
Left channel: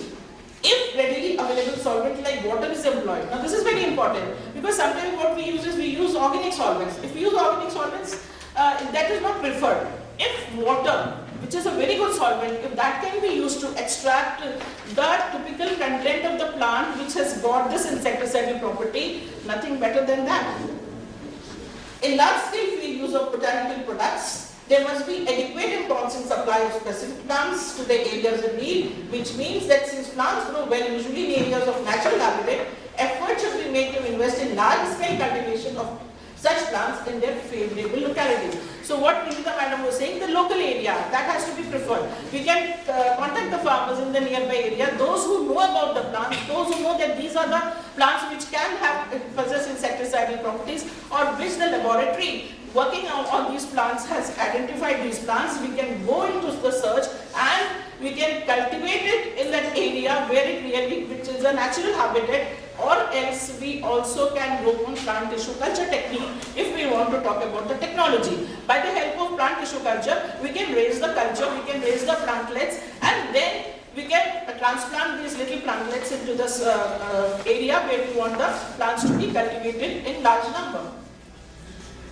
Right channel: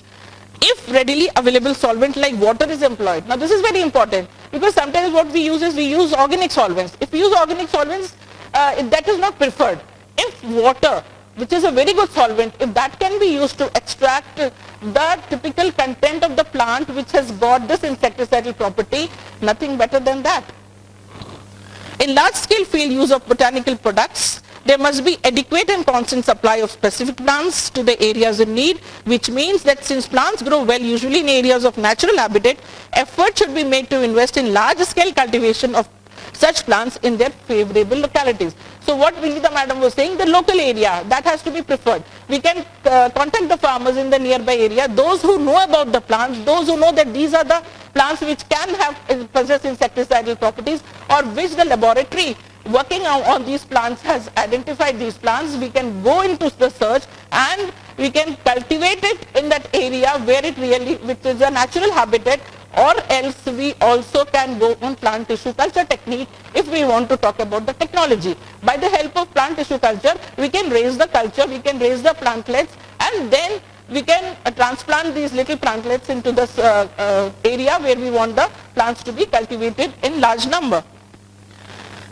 if readily available solvent like water is employed. Now this is very important because sometimes what we use is we use organic solvents. If we use organic solvents, that is not preferred. If water, which is a very good solvent, if that can be used to extract the typical content of the plant which has got this insecticidal property, nothing better than that. In large scale field use of botanical products, there must be adequate and constant supply of specific plants to the areas in need, which means that since plants grow well usually in areas of natural habitat, effort should be made to invest in large scale cultivation of such plants in their favorable localities. So what Vinita madam was saying, the local area, that has to be preferred. We can contact the farmers in the nearby area, those who know about the plants, those who know that these are the plants which can possess insecticidal properties, or which the laboratory working on these plants has identified these plants. We can go into the search and we can cultivate it in that area where it really, which is a natural habitat, or else we also can go on plant tissue culture technique if we want to talk about the technology. By the help of plant tissue culture, we can raise the culture, we can raise the plantlets, and then we can transplant these little plantlets into this area where we want the plants to be cultivated in large number.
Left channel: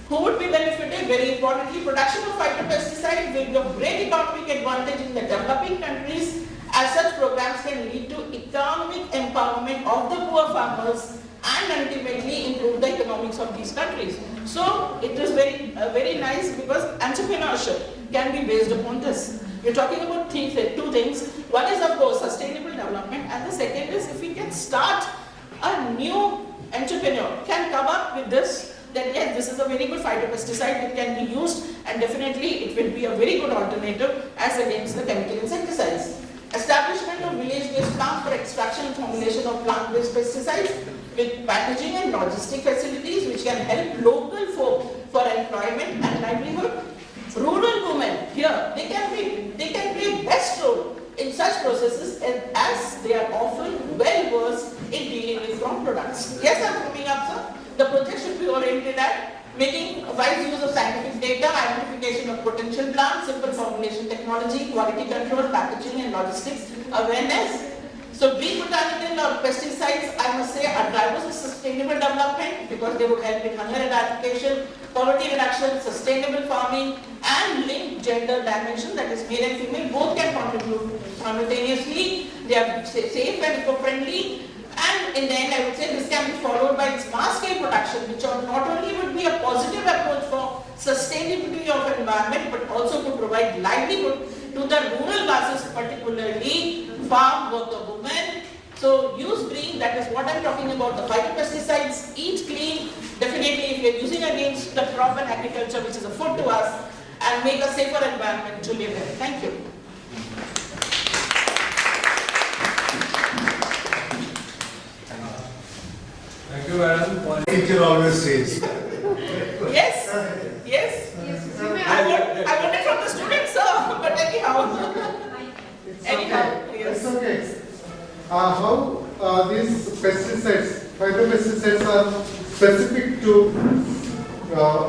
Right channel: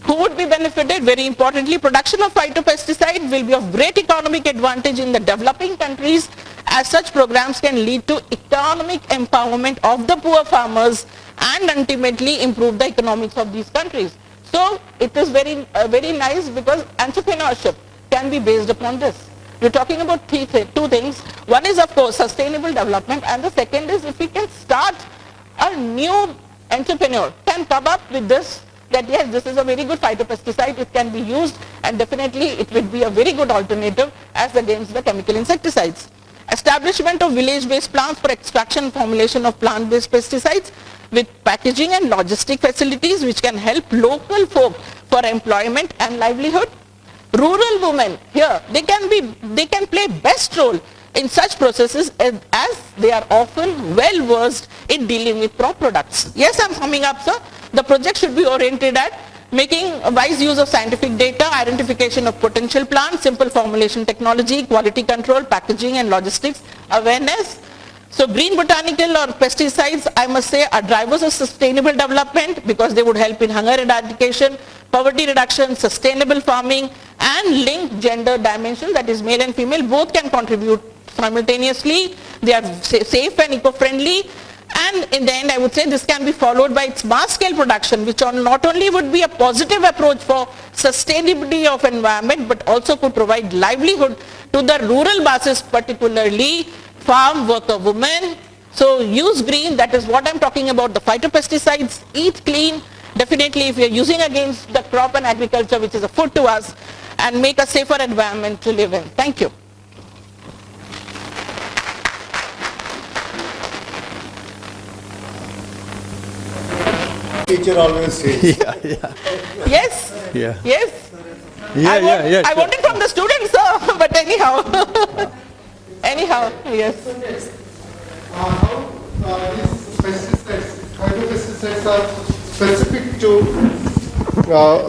Who would be benefited? Very importantly, production of phytopesticide will be of great economic advantage in the developing countries as such programs can lead to economic empowerment of the poor farmers and ultimately improve the economics of these countries. So it is very nice because entrepreneurship can be based upon this. We're talking about two things. One is of course sustainable development, and the second is if we can start a new entrepreneur can come up with this, that yes, this is a very good phytopesticide, it can be used, and definitely it will be a very good alternative as against the chemical insecticides. Establishment of village-based plants for extraction and formulation of plant-based pesticides with packaging and logistic facilities which can help local folk for employment and livelihood. Rural women here, they can play best role in such processes as they are often well versed in dealing with crop products. Yes, I'm summing up, sir. The project should be oriented at making a wise use of scientific data, identification of potential plants, simple formulation technology, quality control, packaging and logistics, awareness. So green botanical or pesticides, I must say, are drivers of sustainable development because they would help in hunger eradication, poverty reduction, sustainable farming, and linked gender dimension, that is male and female, both can contribute simultaneously. They are safe and eco-friendly. And in the end, I would say this can be followed by its mass scale production, which not only would be a positive approach for sustainability of environment, but also could provide livelihood to the rural masses, particularly farm worker women. So use green, that is what I'm talking about, the phytopesticides, eat clean, definitely if you're using against the crop and agriculture, which is a food to us, and make a safer environment to live in. Thank you. Teacher always says. Yes? Yeah. Yes? Yeah. I want it from the students, sir, but anyhow. Anyhow, yes. How these pesticides, phytopesticides are specific to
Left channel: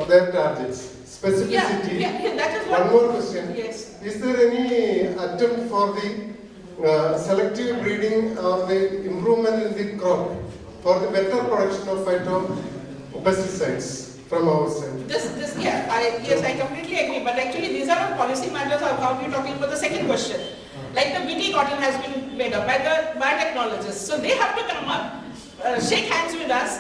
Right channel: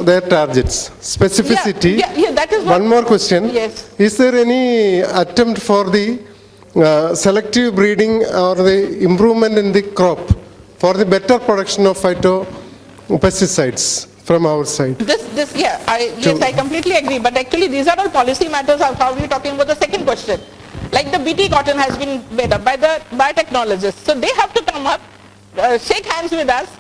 their targets? Specificity. Yeah, that is one more question. Yes. Is there any attempt for the selective breeding or the improvement in the crop for the better production of phytopesticides from our side? Yes, I completely agree. But actually, these are all policy matters of how we're talking about the second question. Like the BT cotton has been made up by the biotechnologists. So they have to come up, shake hands with us,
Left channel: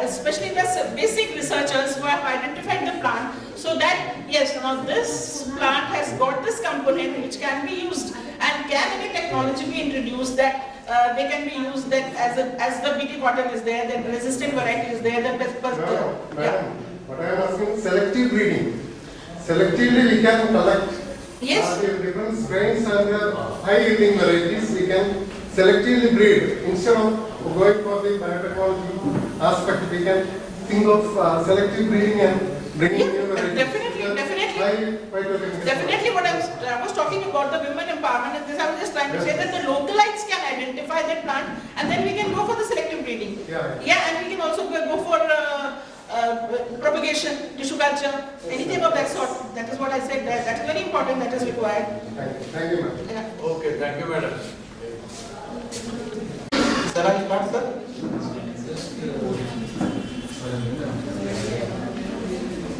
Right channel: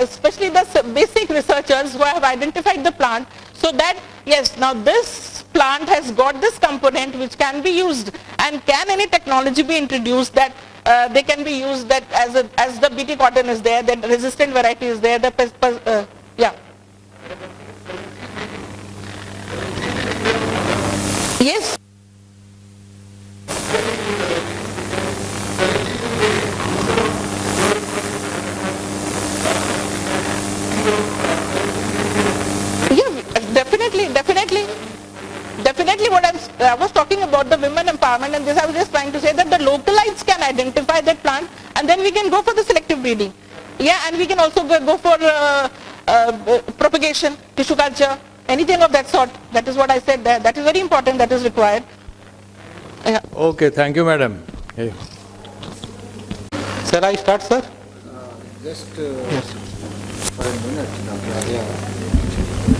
especially the basic researchers who have identified the plant, so that yes, now this plant has got this component which can be used, and can any technology be introduced that they can be used that as the BT cotton is there, the resistant variety is there, yeah. But I am asking selective breeding. Selectively we can collect. Yes. The different strains and the high yielding varieties we can selectively breed. Instead of going for the standard aspect, we can think of selective breeding and Definitely what I was talking about the women empowerment, and this I was just trying to say that the localites can identify that plant and then we can go for the selective breeding. Yeah, and we can also go for propagation, tissue culture, anything of that sort. That is what I said there. That is very important, that is required. Thank you, yeah. Okay, thank you, madam. Hey. Shall I start, sir? Just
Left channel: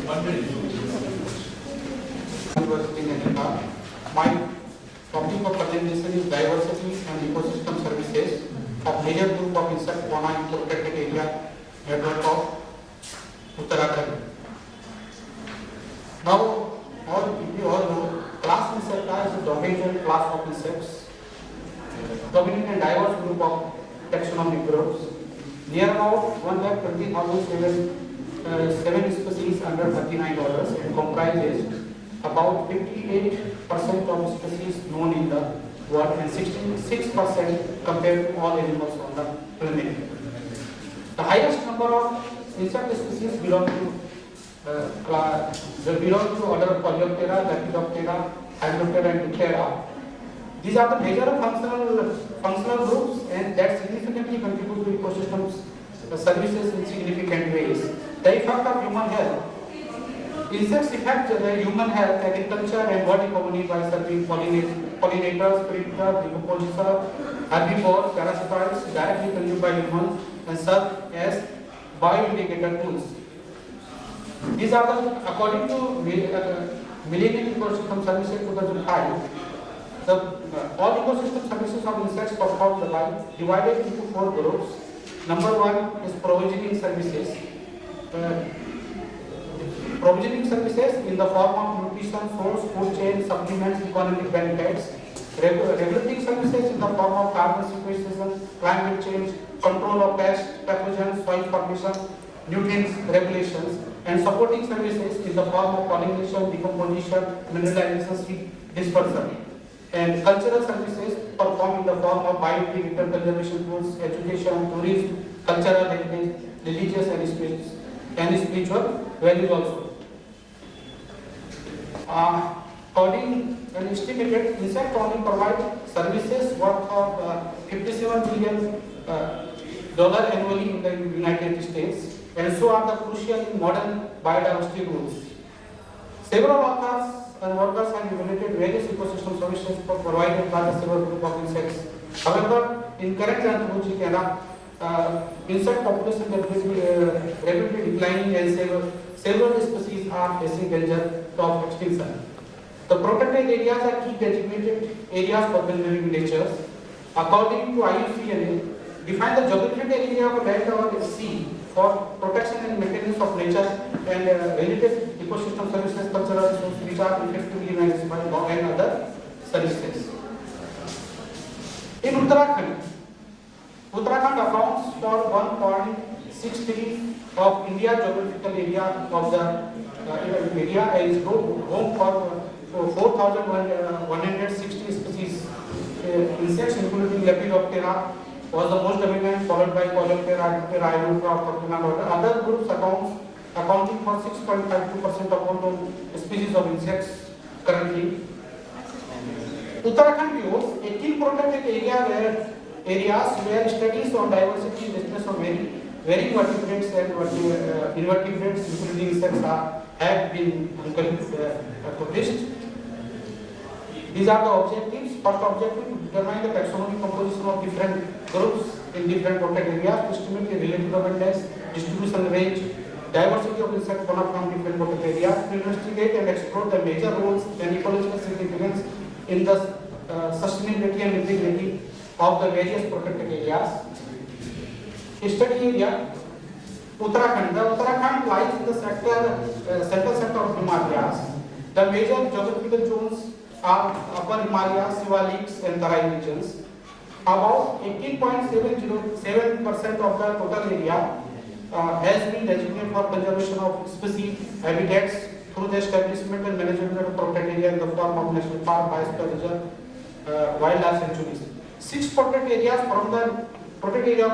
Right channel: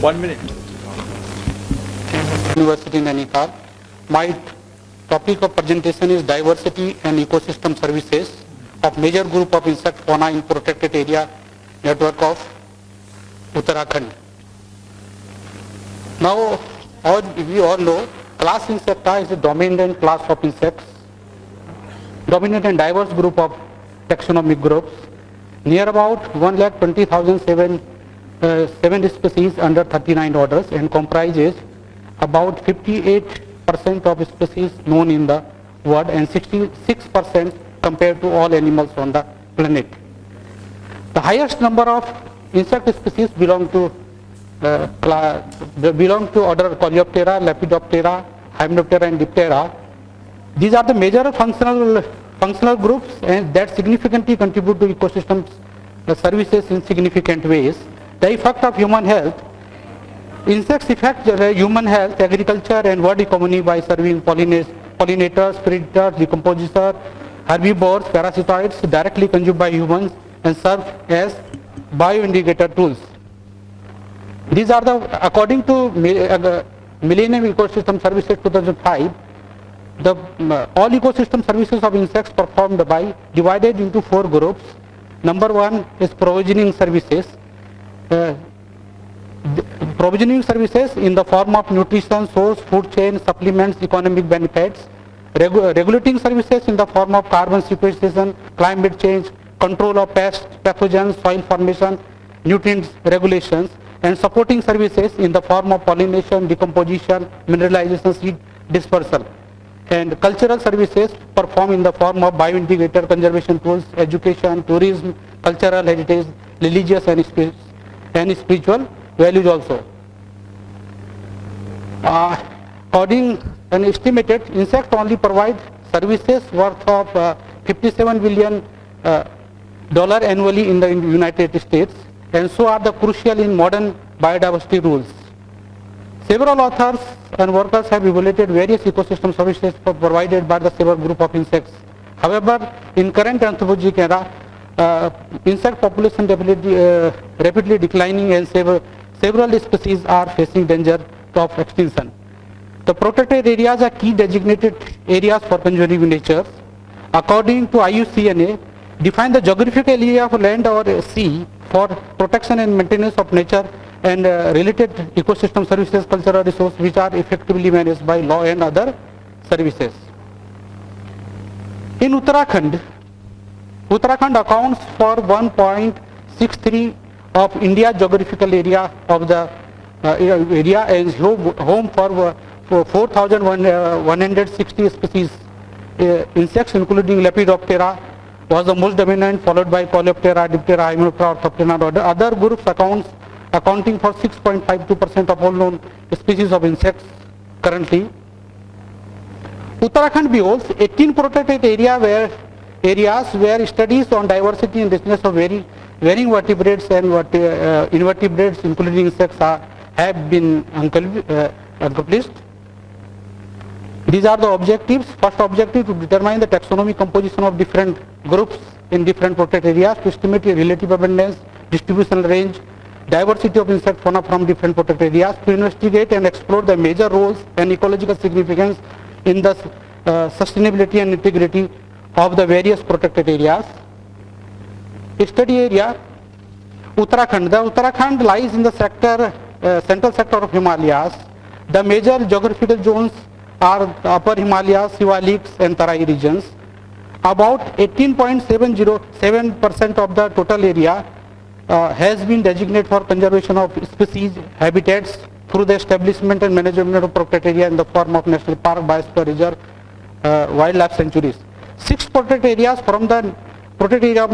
1 minute. University Nainital. My topic of presentation is diversity and ecosystem services of major group of insect fauna in protected area network of Uttarakhand. Now, we all know, class Insecta is a dominant class of insects, dominant and diverse group of taxonomic groups, near about 1,20,007 species under 39 orders, and comprises about 58% of species known in the world and 66% compared to all animals on the planet. The highest number of insect species belong to order Coleoptera, Lepidoptera, Hymenoptera and Diptera. These are the major functional groups and that significantly contribute to ecosystem services in significant ways. The effect of human health. Insects affect human health, agriculture and world economy by serving pollinators, predators, decomposers, herbivores, parasitoids directly consumed by humans and serve as bioindicator tools. These are the, according to Millennium Ecosystem Services 2005, all ecosystem services of insects performed by divided into 4 groups. Number 1 is provisioning services. Provisioning services in the form of nutrition, source, food chain, supplements, economic benefits. Regulating services in the form of carbon sequestration, climate change, control of pests, pathogens, soil formation, nutrients regulations, and supporting services in the form of pollination, decomposition, mineralization, seed dispersal. And cultural services performed in the form of bioindicator, conservation tools, education, tourism, cultural heritage, religious and spiritual values also. According and estimated, insect only provide services worth of $57 billion annually in the United States, and so are the crucial in modern biodiversity rules. Several authors and workers have evaluated various ecosystem services provided by the several group of insects. However, in current anthropogenic era, insect population rapidly declining and several species are facing danger of extinction. The protected areas are key designated areas for conserving nature. According to IUCN, define the geographical area of land or sea for protection and maintenance of nature and related ecosystem services, cultural resources which are effectively managed by law and other services. In Uttarakhand accounts for 1.63 of India's geographical area of the area and is home for 4,160 species. Insects including Lepidoptera was the most dominant, followed by Coleoptera, Diptera, Hymenoptera, Orthoptera, and other groups accounting for 6.52% of all known species of insects currently. Uttarakhand beholds 18 protected areas where studies on diversity and richness of varying vertebrates and invertebrates, including insects, have been accomplished. These are the objectives. First objective, to determine the taxonomic composition of different groups in different protected areas, to estimate relative abundance, distribution range, diversity of insect fauna from different protected areas, to investigate and explore the major roles and ecological significance in the sustainability and integrity of the various protected areas. Study area, Uttarakhand. The Uttarakhand lies in the central sector of Himalayas. The major geographical zones are Upper Himalayas, Siwaliks and Tarai regions. About 18.707% of the total area has been designated for conservation of species, habitats through the establishment and management of protected area in the form of national park, biosphere reserve, wildlife sanctuaries. 6 protected areas from the protected area of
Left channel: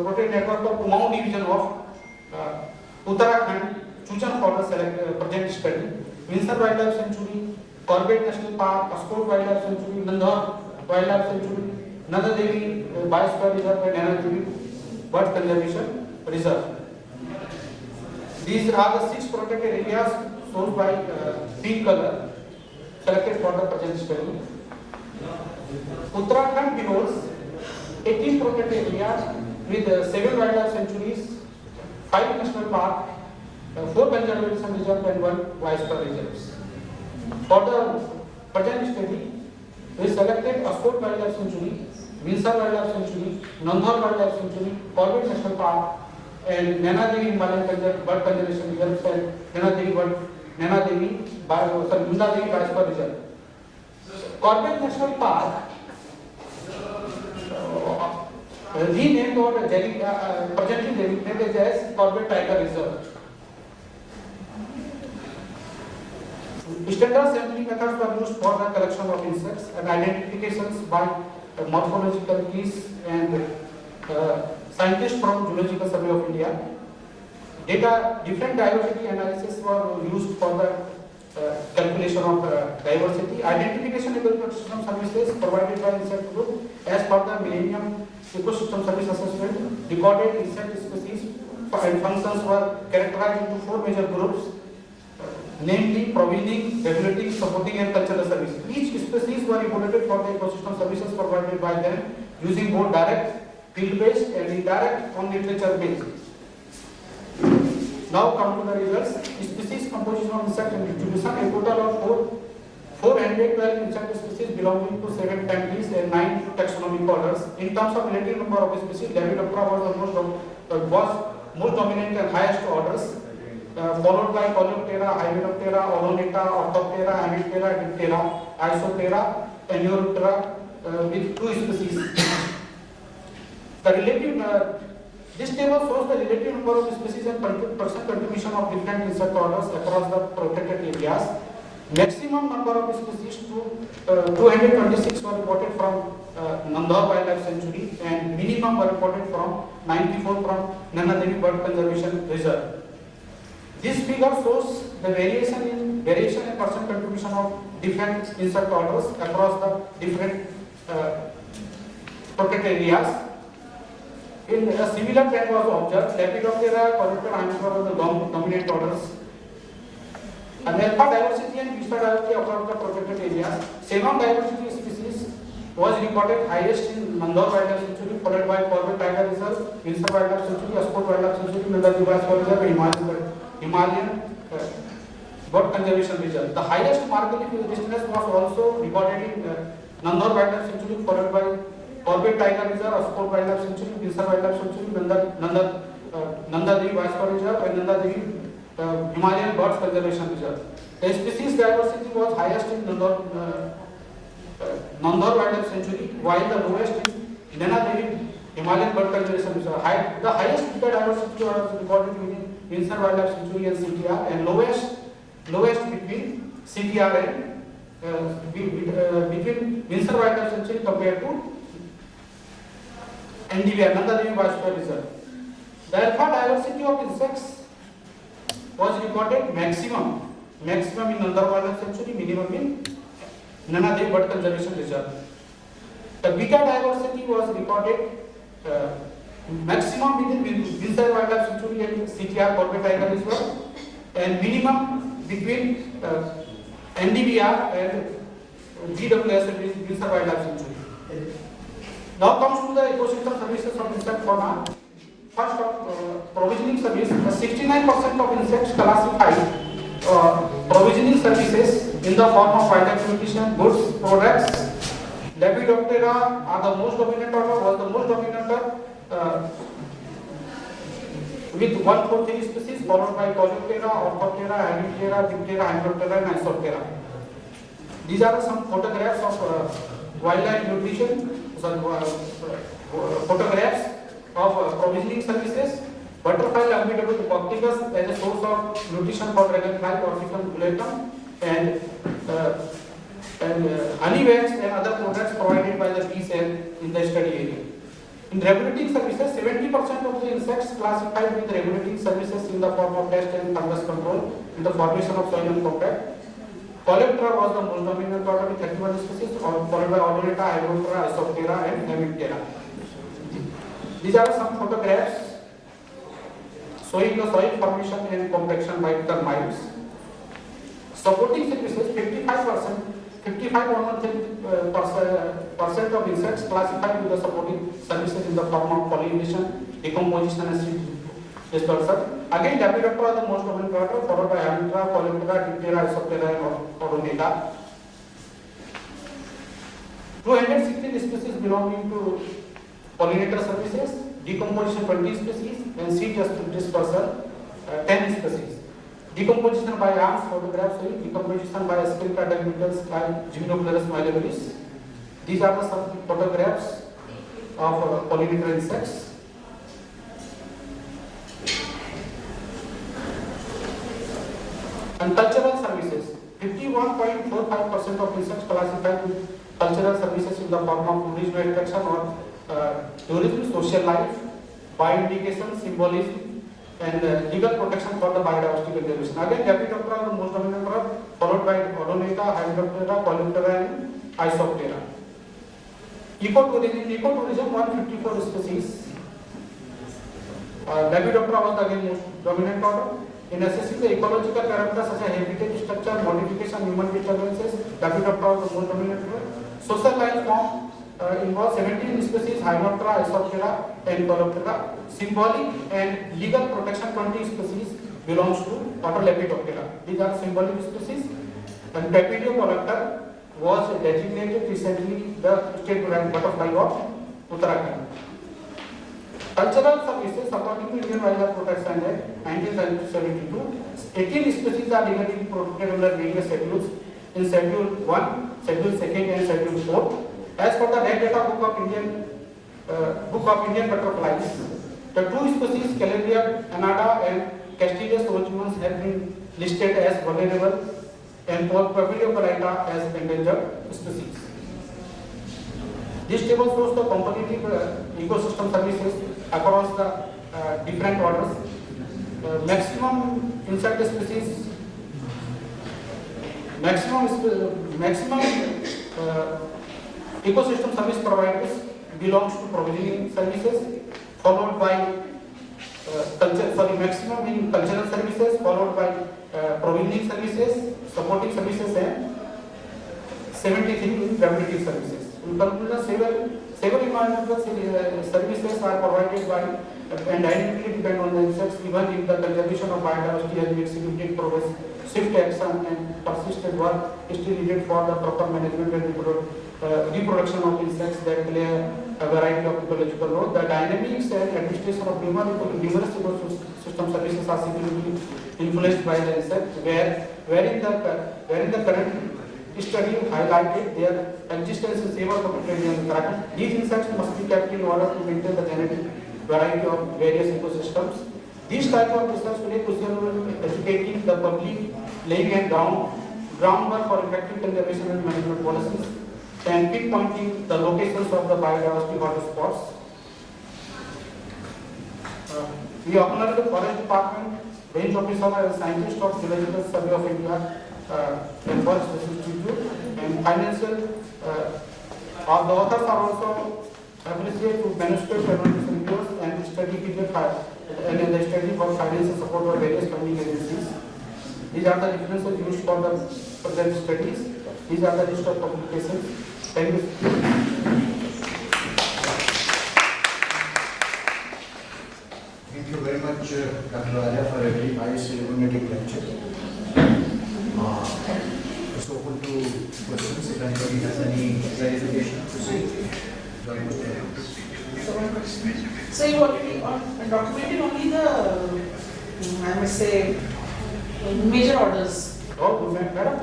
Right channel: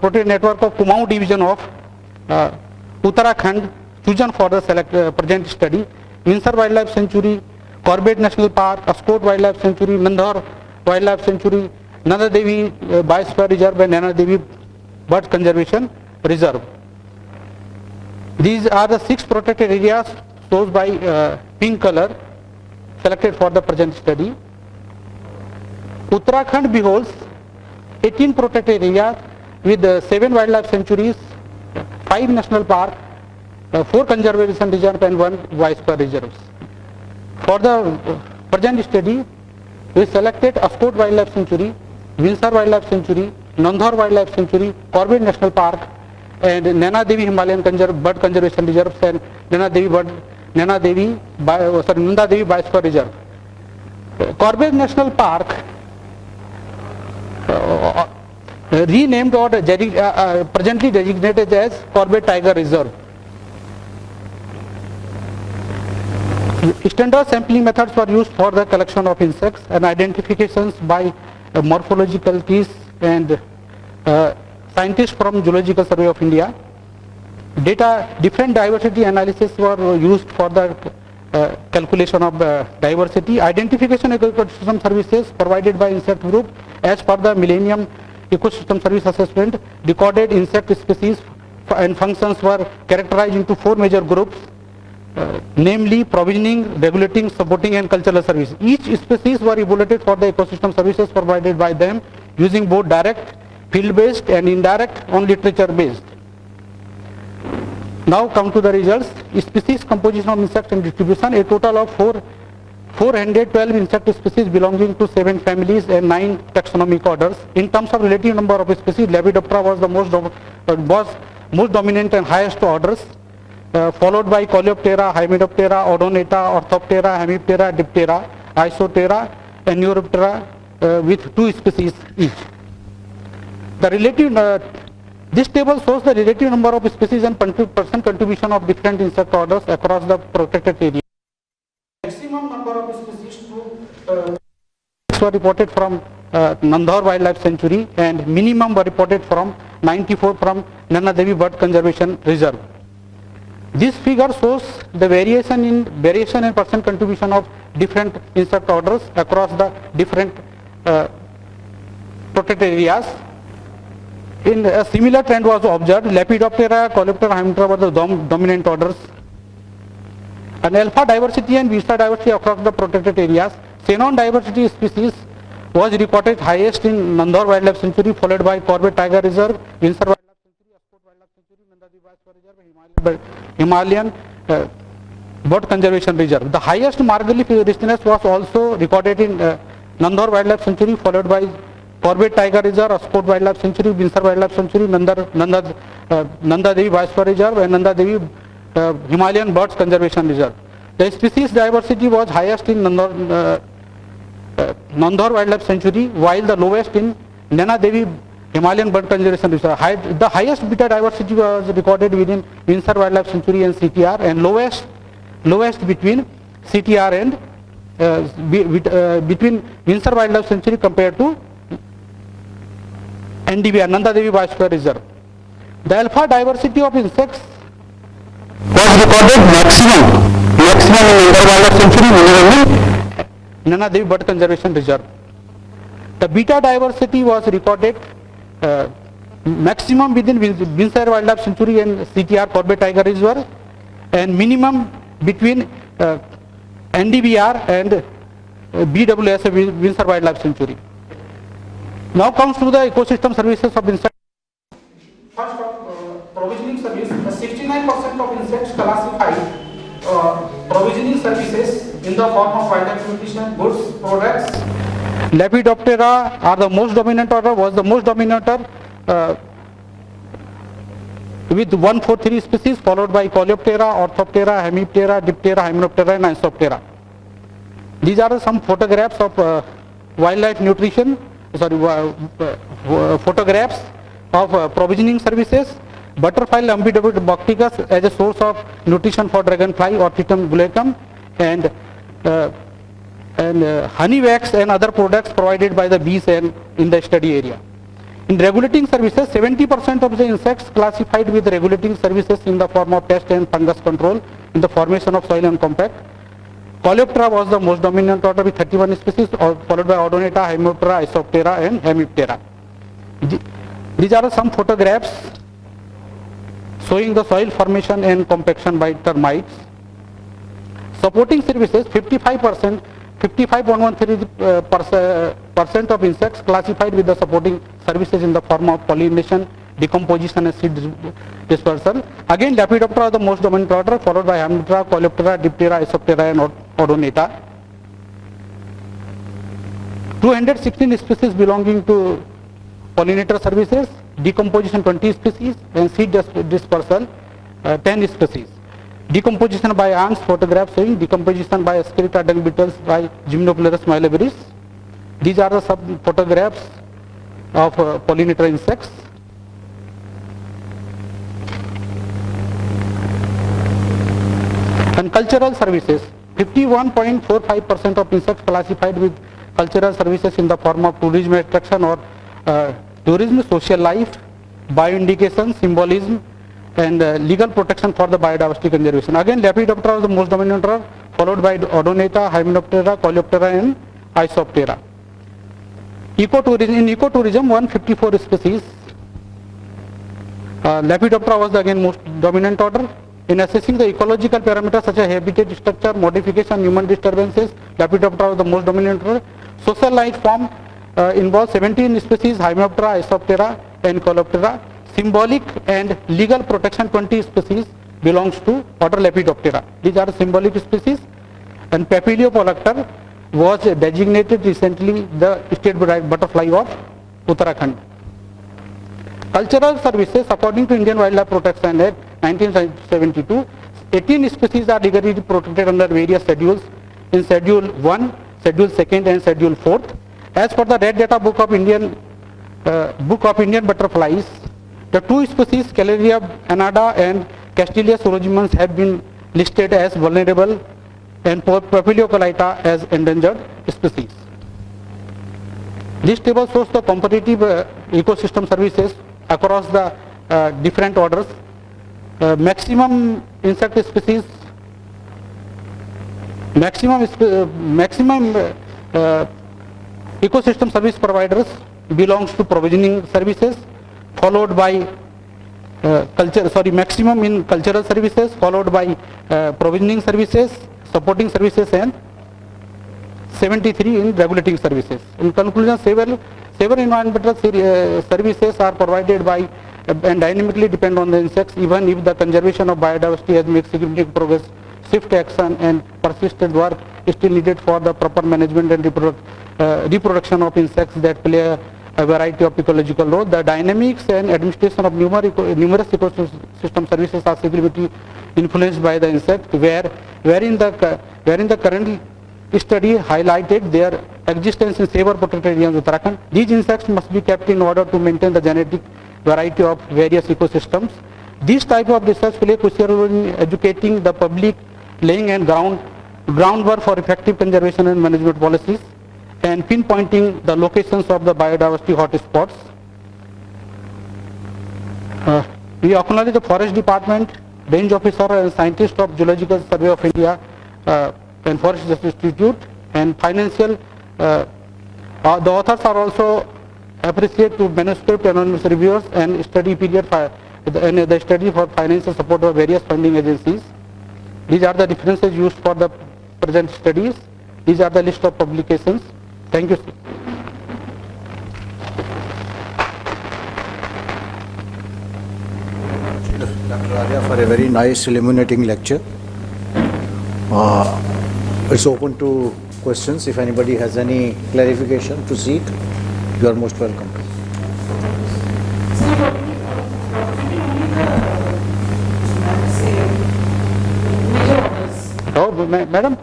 protected network of Kumaon division of Uttarakhand chosen for the present study: Vinsar Wildlife Sanctuary, Corbett National Park, Ascot Wildlife Sanctuary, Nandhar Wildlife Sanctuary, Nanda Devi Biosphere Reserve and Nana Devi Bird Conservation Reserve. These are the 6 protected areas shown by pink color selected for the present study. Uttarakhand beholds 18 protected areas with 7 wildlife sanctuaries, 5 national parks, 4 conservation reserves and 1 biosphere reserves. For the present study, we selected Ascot Wildlife Sanctuary, Vinsar Wildlife Sanctuary, Nandhar Wildlife Sanctuary, Corbett National Park, and Nana Devi Himalayan Bird Conservation Reserve and Nanda Devi Biosphere Reserve. Corbett National Park, renamed or presently designated as Corbett Tiger Reserve. Standard sampling methods were used for the collection of insects and identifications by morphological keys and scientists from Zoological Survey of India. Different diversity analysis were used for the calculation of diversity. Identification ecosystem services provided by insect group as per the Millennium Ecosystem Service Assessment. Recorded insect species and functions were characterized into 4 major groups, namely provisioning, regulating, supporting and cultural service. Each species were evaluated for the ecosystem services provided by them using both direct, field-based and indirect on literature-based. Now come to the results. Species composition of insect and distribution. A total of 412 insect species belonging to 7 families and 9 taxonomic orders. In terms of relative number of species, Lepidoptera was the most dominant and highest orders, followed by Coleoptera, Hymidoptera, Odonata, Orthoptera, Hemiptera, Diptera, Isoptera, and Neuroptera with 2 species each. This table shows the relative number of species and percent contribution of different insect orders across the protected areas. Maximum number of species 226 were reported from Nandhor Wildlife Sanctuary, and minimum were reported from 94 from Nana Devi Bird Conservation Reserve. This figure shows the variation in percent contribution of different insect orders across the different protected areas. In a similar trend was observed. Lepidoptera, Coleoptera, Hymiptera were the dominant orders. And alpha diversity and beta diversity across the protected areas. Xenon diversity species was reported highest in Nandhor Wildlife Sanctuary, followed by Corbett Tiger Reserve, Windsor Wildlife Sanctuary, Ascot Wildlife Sanctuary, Nandhar Reserve, and Himalayan Bird Conservation Reserve. The highest margali richness was also recorded in Nandhor Wildlife Sanctuary, followed by Corbett Tiger Reserve, Ascot Wildlife Sanctuary, Windsor Wildlife Sanctuary, Nanda Devi Viceroy Reserve, and Nanda Devi Himalayan Birds Conservation Reserve. The species diversity was highest in Nandhor Wildlife Sanctuary, while the lowest in Nana Devi Himalayan Bird Conservation Reserve. The highest beta diversity was recorded within Windsor Wildlife Sanctuary and CTR, and lowest between CTR and between Windsor Wildlife Sanctuary compared to NDVR, Nanda Devi Viceroy Reserve. The alpha diversity of insects was recorded maximum in Windsor Wildlife Sanctuary, minimum in Nana Devi Bird Conservation Reserve. The beta diversity was recorded maximum within Windsor Wildlife Sanctuary and CTR Corbett Tiger Reserve, and minimum between NDVR and BWS Windsor Wildlife Sanctuary. Now comes to the ecosystem services of insect fauna. First of provisioning service, 69% of insects classified provisioning services in the form of wildlife nutrition, goods, products. Lepidoptera are the most dominant order, was the most dominant order with 143 species, followed by Coleoptera, Orthoptera, Hemiptera, Diptera, Hymenoptera, and Isoptera. These are some photographs of wildlife nutrition, photographs of provisioning services. Butterfly Lumpidopticus as a source of nutrition for dragonfly, Orchitum gulatum, and honey wax and other products provided by the bees and in the study area. In regulating services, 70% of the insects classified with regulating services in the form of pest and fungus control in the formation of soil and compact. Coleoptera was the most dominant order with 31 species, followed by Odonata, Hymiptera, Isoptera, and Hemiptera. These are some photographs showing the soil formation and compaction by termites. Supporting services, 55.13% of insects classified with the supporting services in the form of pollination, decomposition, and seed dispersal. Again, Lepidoptera are the most dominant order, followed by Hemiptera, Coleoptera, Diptera, Isoptera, and Odonata. 216 species belonging to pollinator services, decomposition 20 species, and seed dispersal 10 species. Decomposition by ants, photographs showing decomposition by Asclepiad dung beetles by Gymnoplerus myliveris. These are the some photographs of pollinator insects. And cultural services, 51.45% of insects classified with cultural services in the form of tourism attraction or tourism, social life, bioindication, symbolism, and legal protection for the biodiversity conservation. Again, Lepidoptera was the most dominant order, followed by Odonata, Hymenoptera, Coleoptera, and Isoptera. In ecotourism, 154 species. Lepidoptera was the again most dominant order. In assessing the ecological parameters such as habitat structure, modification, human disturbances, Lepidoptera was the most dominant order. Social life form involves 17 species, Hymenoptera, Isoptera, and Coleoptera. Symbolic and legal protection, 20 species belongs to order Lepidoptera. These are symbolic species. and Papilio was designated recently the state butterfly of Uttarakhand. Cultural services, according to Indian Wildlife Protection Act 1972, 18 species are legally protected under various schedules in Schedule 1, Schedule 2nd and Schedule 4. As per the Red Data Book of Indian Butterflies, the two species Caleria annata and Castilia sorogimens have been listed as vulnerable and Papilio as endangered species. This table shows the competitive ecosystem services across the different orders. Maximum insect species, maximum ecosystem service providers belongs to provisioning services, followed by maximum in cultural services, followed by provisioning services, supporting services, and 73 in regulating services. In conclusion, several environmental services are provided by and dynamically depend on the insects, even if the conservation of biodiversity has made significant progress. Swift action and persistent work is still needed for the proper management and reproduction of insects that play a variety of ecological roles. The dynamics and administration of numerous ecosystem services are significantly influenced by the insect, wherein the current study highlighted their existence in several protected areas in Uttarakhand. These insects must be kept in order to maintain the genetic variety of various ecosystems. These type of research play a crucial role in educating the public, laying and groundwork for effective conservation and management policies, and pinpointing the locations of the biodiversity hotspots. We acknowledge the Forest Department, Range Officer and Scientist of Geological Survey of India and Forest Institute, and financial. The authors are also appreciate to manuscript anonymous reviewers and study period and the study for financial support of various funding agencies. These are the references used for the present studies. These are the list of publications. Thank you. Thank you very much, Dr. Arya, for a very nice illuminating lecture. It's open to questions. If anybody has any clarification to seek, you are most welcome. So you already documented only the, I would say, major orders. Oh, madam,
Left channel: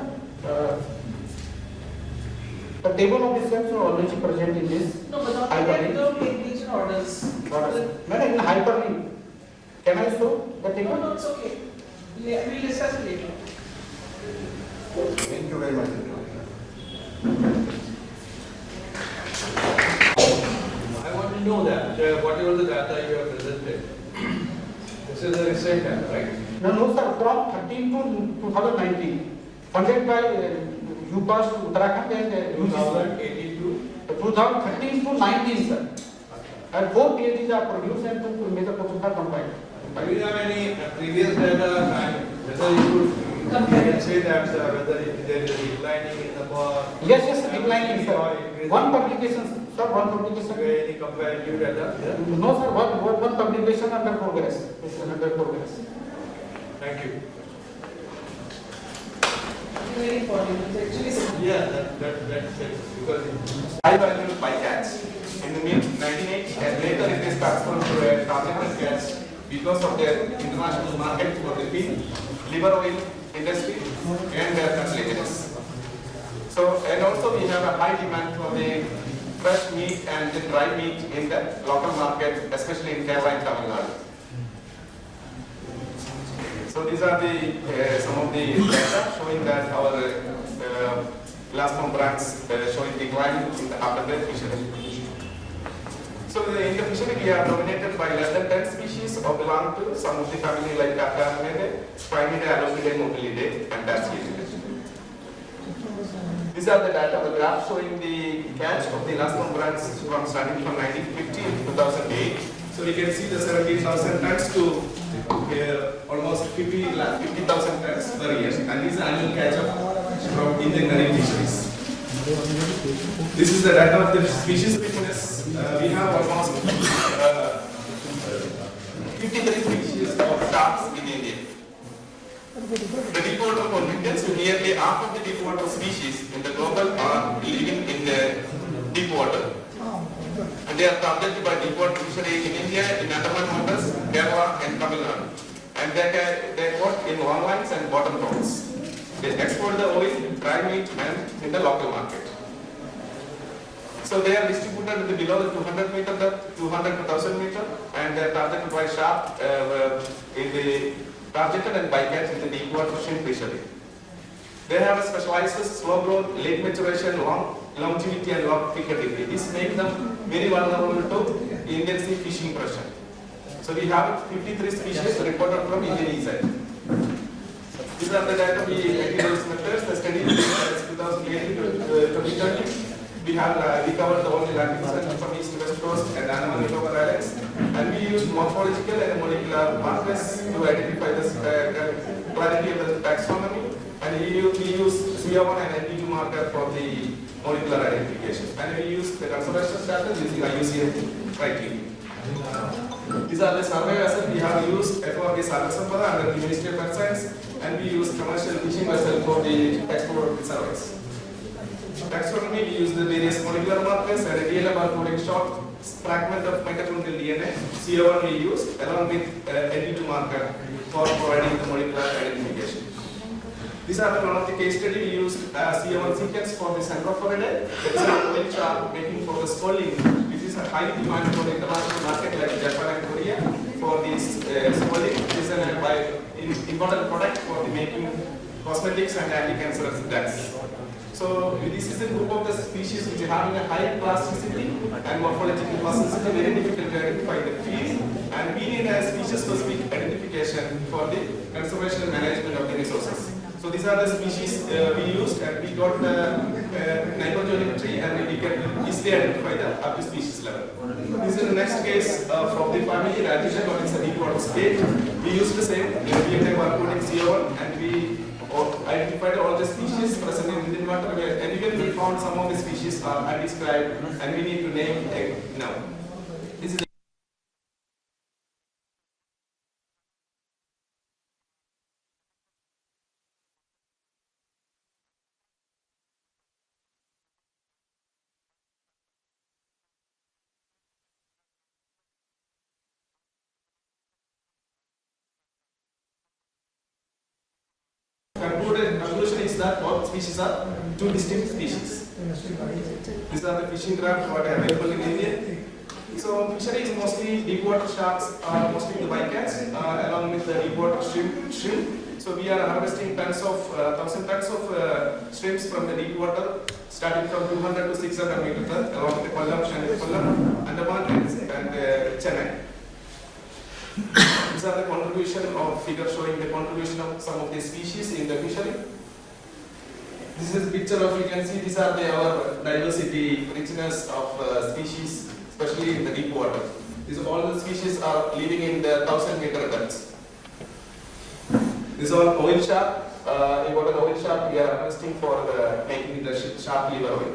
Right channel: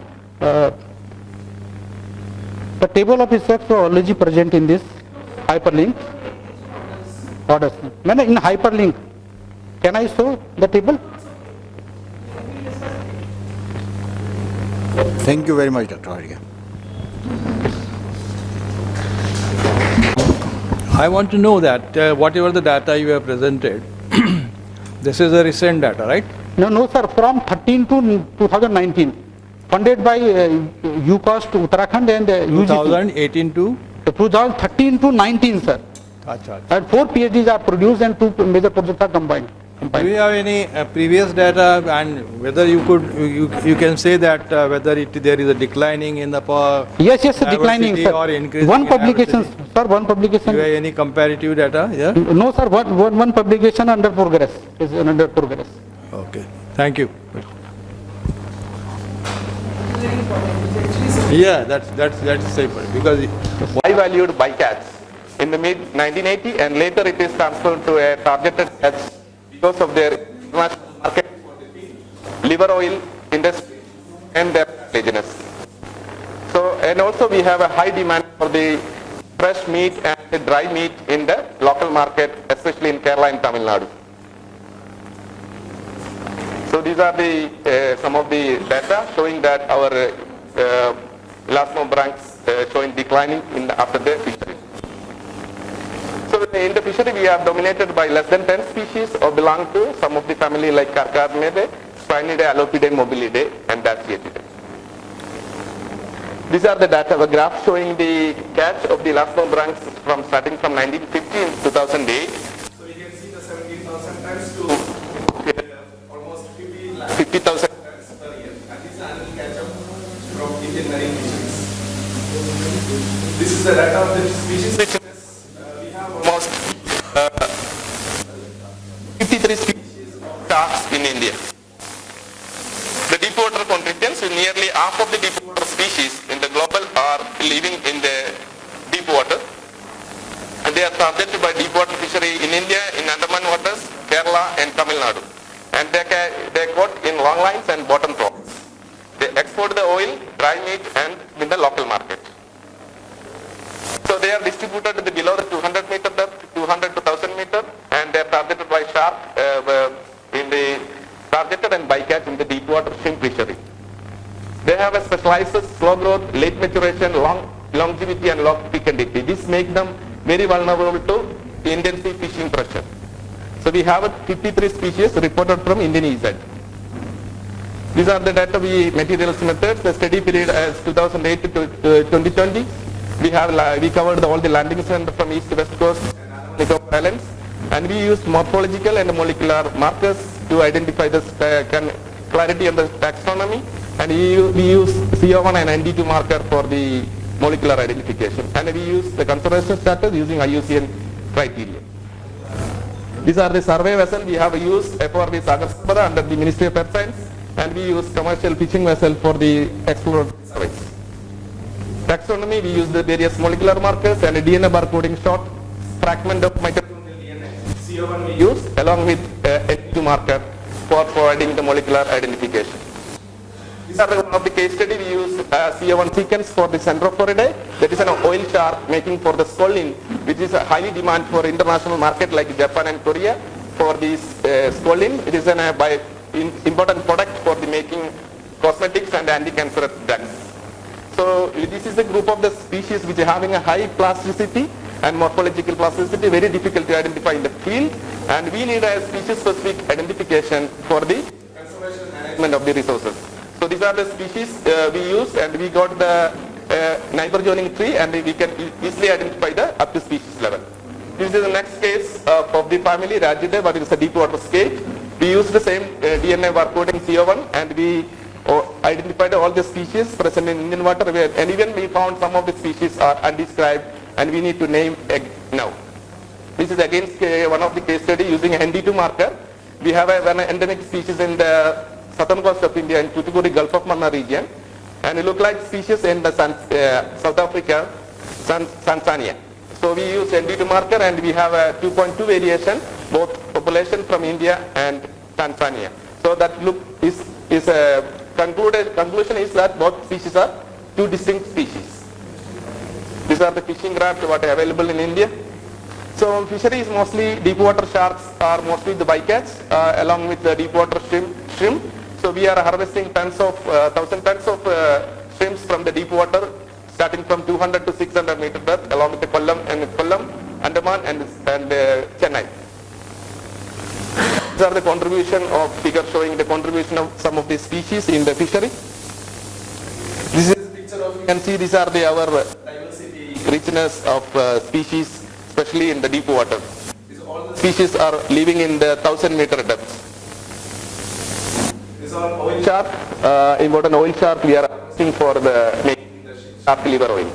the table of insects are already present in this hyperlink. Orders. Madam, in hyperlink, can I show the table? No, it's okay. We'll discuss the table. Thank you very much, Dr. Arya. I want to know that whatever the data you have presented, this is the recent data, right? No, sir, from 13 to 2019, funded by UCOST Uttarakhand and UGC. 2018 to? 2013 to 19, sir. Achha. And 4 PhDs are produced and 2 major projects are combined. Do you have any previous data, and whether you can say that whether there is a declining in the yes, declining, sir. Or increasing? One publication, sir, one publication. Do you have any comparative data? Yeah. No, sir. One publication under progress is under progress. Okay. Thank you. Yeah, that's safer because High valued bycatch in the mid 1980, and later it is transferred to a targeted catch because of their international market for the liver oil industry and their laziness. So, and also we have a high demand for the fresh meat and the dry meat in the local market, especially in Kerala and Tamil Nadu. So these are the some of the data showing that our elasmobranchs brands showing declining after their fishery. So in the fishery we are dominated by less than 10 species or belong to some of the family like Carcasmidae, Spinidae, Alopidae, Mobilidae and Dasyatidae. These are the data, a graph showing the catch of the elasmobranchs from starting from 1950 in 2008. So you can see the 70,000 tons to almost 50,000 tons per year, and this is annual catch up from Indian marine fisheries. This is the data of the species richness. We have almost 53 species of sharks in India. The deep water contributors, nearly half of the deep water species in the global are living in the deep water. And they are subjected by deep water fishery in India, in Andaman waters, Kerala and Tamil Nadu. And they caught in long lines and bottom trawls. They export the oil, dry meat and in the local market. So they are distributed below the 200 meter depth, 200 to 1000 meter, and they are targeted by shark in the targeted and bycatch in the deep water shrimp fishery. They have a specialized slow growth, late maturation, long longevity and long fecundity. This makes them very vulnerable to intensive fishing pressure. So we have 53 species reported from Indian EZ. These are the data materials methods. The study period as 2008 to 2020. We covered all the landing centers from east to west coast and Nicobar Islands, and we used morphological and molecular markers to identify the clarity of the taxonomy, and we use CO1 and ND2 marker for the molecular identification, and we use the conservation status using IUCN criteria. These are the survey vessels we have used for the Sagar Sambara under the Ministry of Earth Science, and we use commercial fishing vessel for the exploratory surveys. Taxonomy, we use the various molecular markers and a DNA barcoding short fragment of mitochondrial DNA. CO1 we use along with ND2 marker for providing the molecular identification. These are one of the case study. We use CO1 sequence for the Centrophoridae. That is an oil shark making for the scolding, which is a highly demand for international market like Japan and Korea for this scolding. It is an important product for the making cosmetics and anti-cancerous drugs. So this is a group of the species which are having a high plasticity and morphological plasticity, very difficult to identify in the field, and we need a species-specific identification for the conservation and management of the resources. So these are the species we used, and we got the neighbor joining tree, and we can easily identify the up to species level. This is the next case of the family Rajidae, but it's a deep water scale. We used the same DNA barcoding CO1, and we identified all the species present in Indian water, and even we found some of the species are undescribed, and we need to name now. This is again one of the case study using ND2 marker. We have an endemic species in the southern coast of India in Tuticorin Gulf of Mannar region, and it look like species in the South Africa, Tanzania. So we use ND2 marker, and we have a 2.2 variation, both population from India and Tanzania. So that look is a conclusion is that both species are two distinct species. These are the fishing craft what are available in India. So fishery is mostly deep water sharks are mostly the bycatch along with the deep water shrimp. So we are harvesting tons of 1,000 tons of shrimps from the deep water, starting from 200 to 600 meter depth along with the Kollam, Andaman and Chennai. These are the contribution of figure showing the contribution of some of the species in the fishery. This is a picture of, you can see these are our diversity, richness of species, especially in the deep water. These all the species are living in the 1,000 meter depths. This is all oil shark, important oil shark we are harvesting for the making the shark liver oil.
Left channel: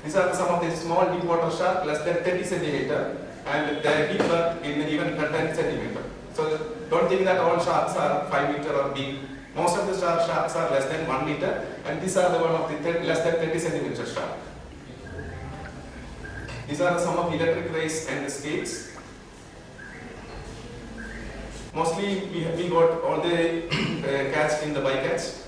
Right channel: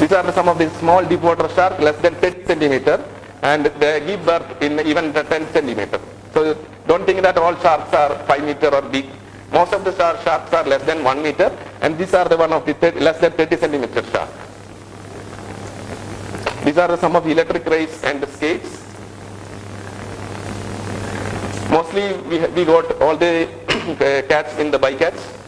These are some of the small deep water shark, less than 30 centimeter, and they give birth in even 10 centimeter. So don't think that all sharks are 5 meter or big. Most of the sharks are less than 1 meter, and these are the one of the less than 30 centimeter shark. These are some of the electric rays and the skates. Mostly we got all the cats in the bycatch.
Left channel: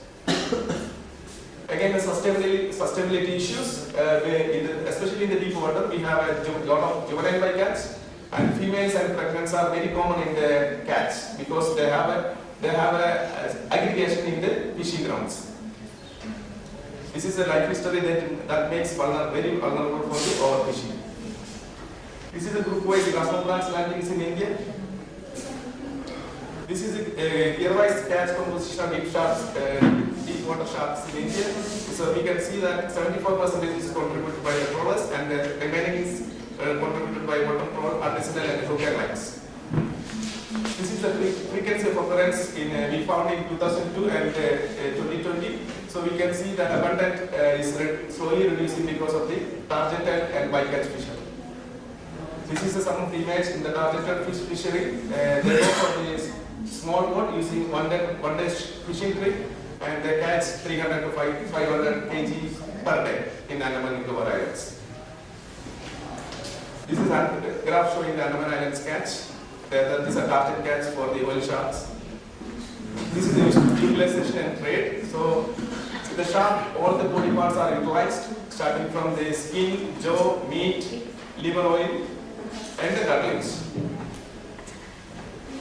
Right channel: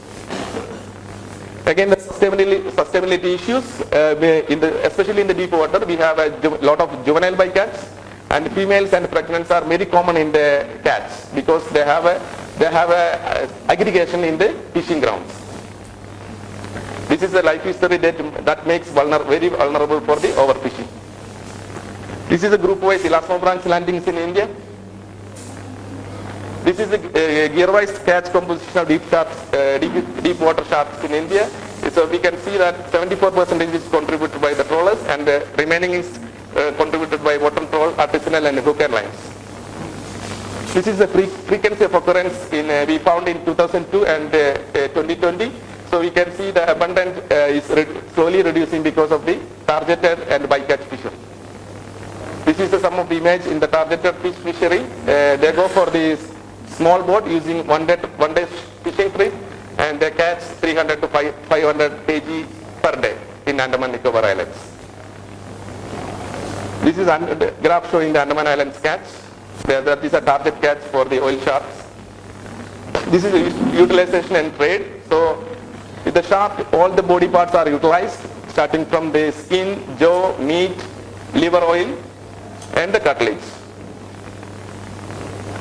Again, the sustainability issues, especially in the deep water, we have a lot of juvenile bycatch, and females and pregnants are very common in the cats because they have a aggregation in the fishing grounds. This is a life history that makes very vulnerable for the overfishing. This is a group-wise elasmobranch landings in India. This is a gear-wise catch composition of deep water sharks in India. So we can see that 74% is contributed by the trawlers, and the remaining is contributed by bottom trawl, artisanal and hook and lines. This is the frequency of occurrence we found in 2002 and 2020. So we can see the abundance is slowly reducing because of the targeted and bycatch fishing. This is some of the image in the targeted fish fishery. They go for this small boat using one day fishing trip, and they catch 300 to 500 kg per day in Andaman Nicobar Islands. This is a graph showing the Andaman Islands catch. These are target catch for the oil sharks. This is utilization and trade. So with the shark, all the body parts are utilized, starting from the skin, jaw, meat, liver oil, and the cartilage.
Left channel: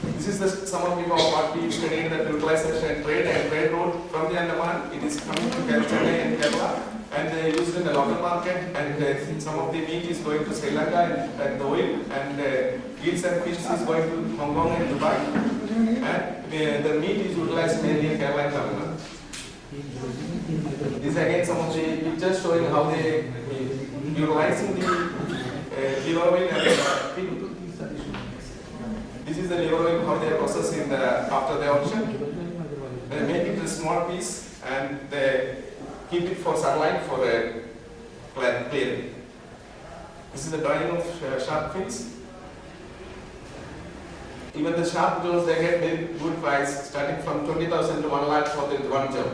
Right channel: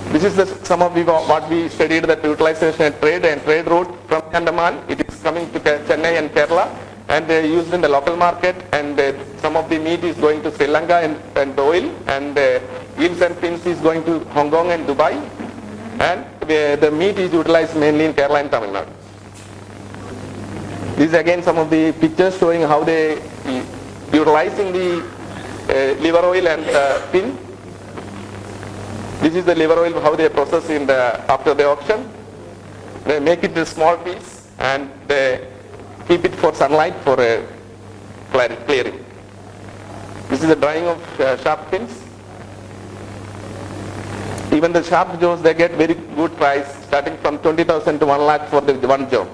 This is some of what we studied, that utilization and trade route from Andaman. It is coming to Chennai and Kerala, and they are used in the local market, and some of the meat is going to Sri Lanka and oil, and gills and fins is going to Hong Kong and Dubai, and the meat is utilized mainly in Kerala and Tamil Nadu. This is again some of the pictures showing how they utilizing the liver oil and fin. This is the liver oil, how they process after the auction. They make it a small piece and they keep it for sunlight for a clearing. This is a drawing of shark fins. Even the shark jaws, they get very good price, starting from 20,000 to 1 lakh for the one jaw.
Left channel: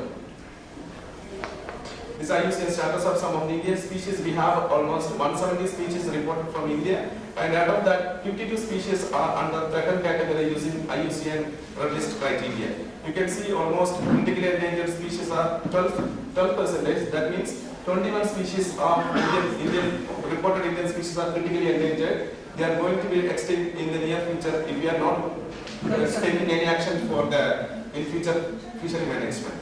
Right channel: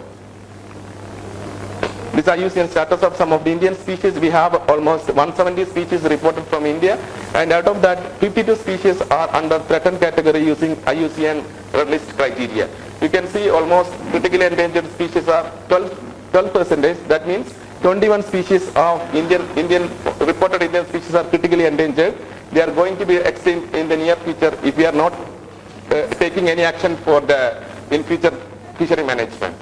These are used in status of some of the Indian species. We have almost 170 species reported from India, and out of that 52 species are under threatened category using IUCN red list criteria. You can see almost critically endangered species are 12%. That means 21 species of reported Indian species are critically endangered. They are going to be extinct in the near future if we are not taking any action for in future fishery management.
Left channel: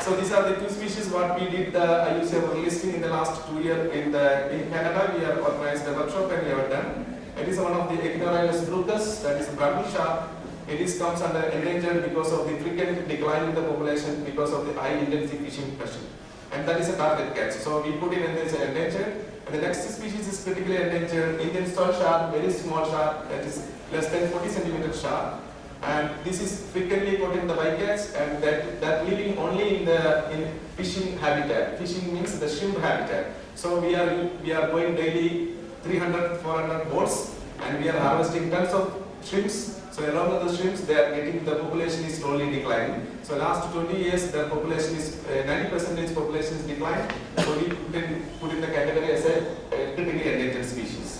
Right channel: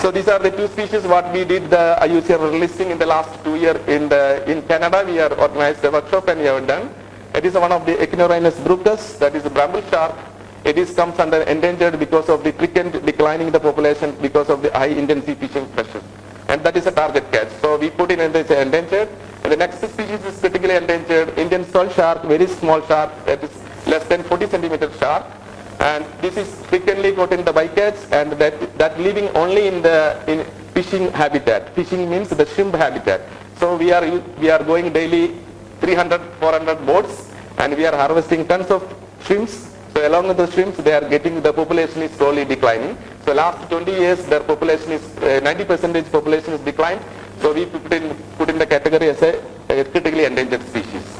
So these are the 2 species what we did the IUCN listing in the last 2 years in Canada. We have organized a workshop and we have done. It is one of the Echinorinus brutus, that is a bramble shark. It comes under endangered because of the quick declining the population because of the high intensity fishing pressure. And that is a target catch. So we put in as endangered. And the next species is critically endangered, Indian salt shark, very small shark, that is less than 40 centimeter shark. And this is frequently caught in the bycatch, and that living only in fishing habitat. Fishing means the shrimp habitat. So we are going daily 300, 400 boats, and we are harvesting tons of shrimps. So along with the shrimps, the population is slowly declining. So last 20 years, their population is 90% population is declined. So we put in the category as a critically endangered species.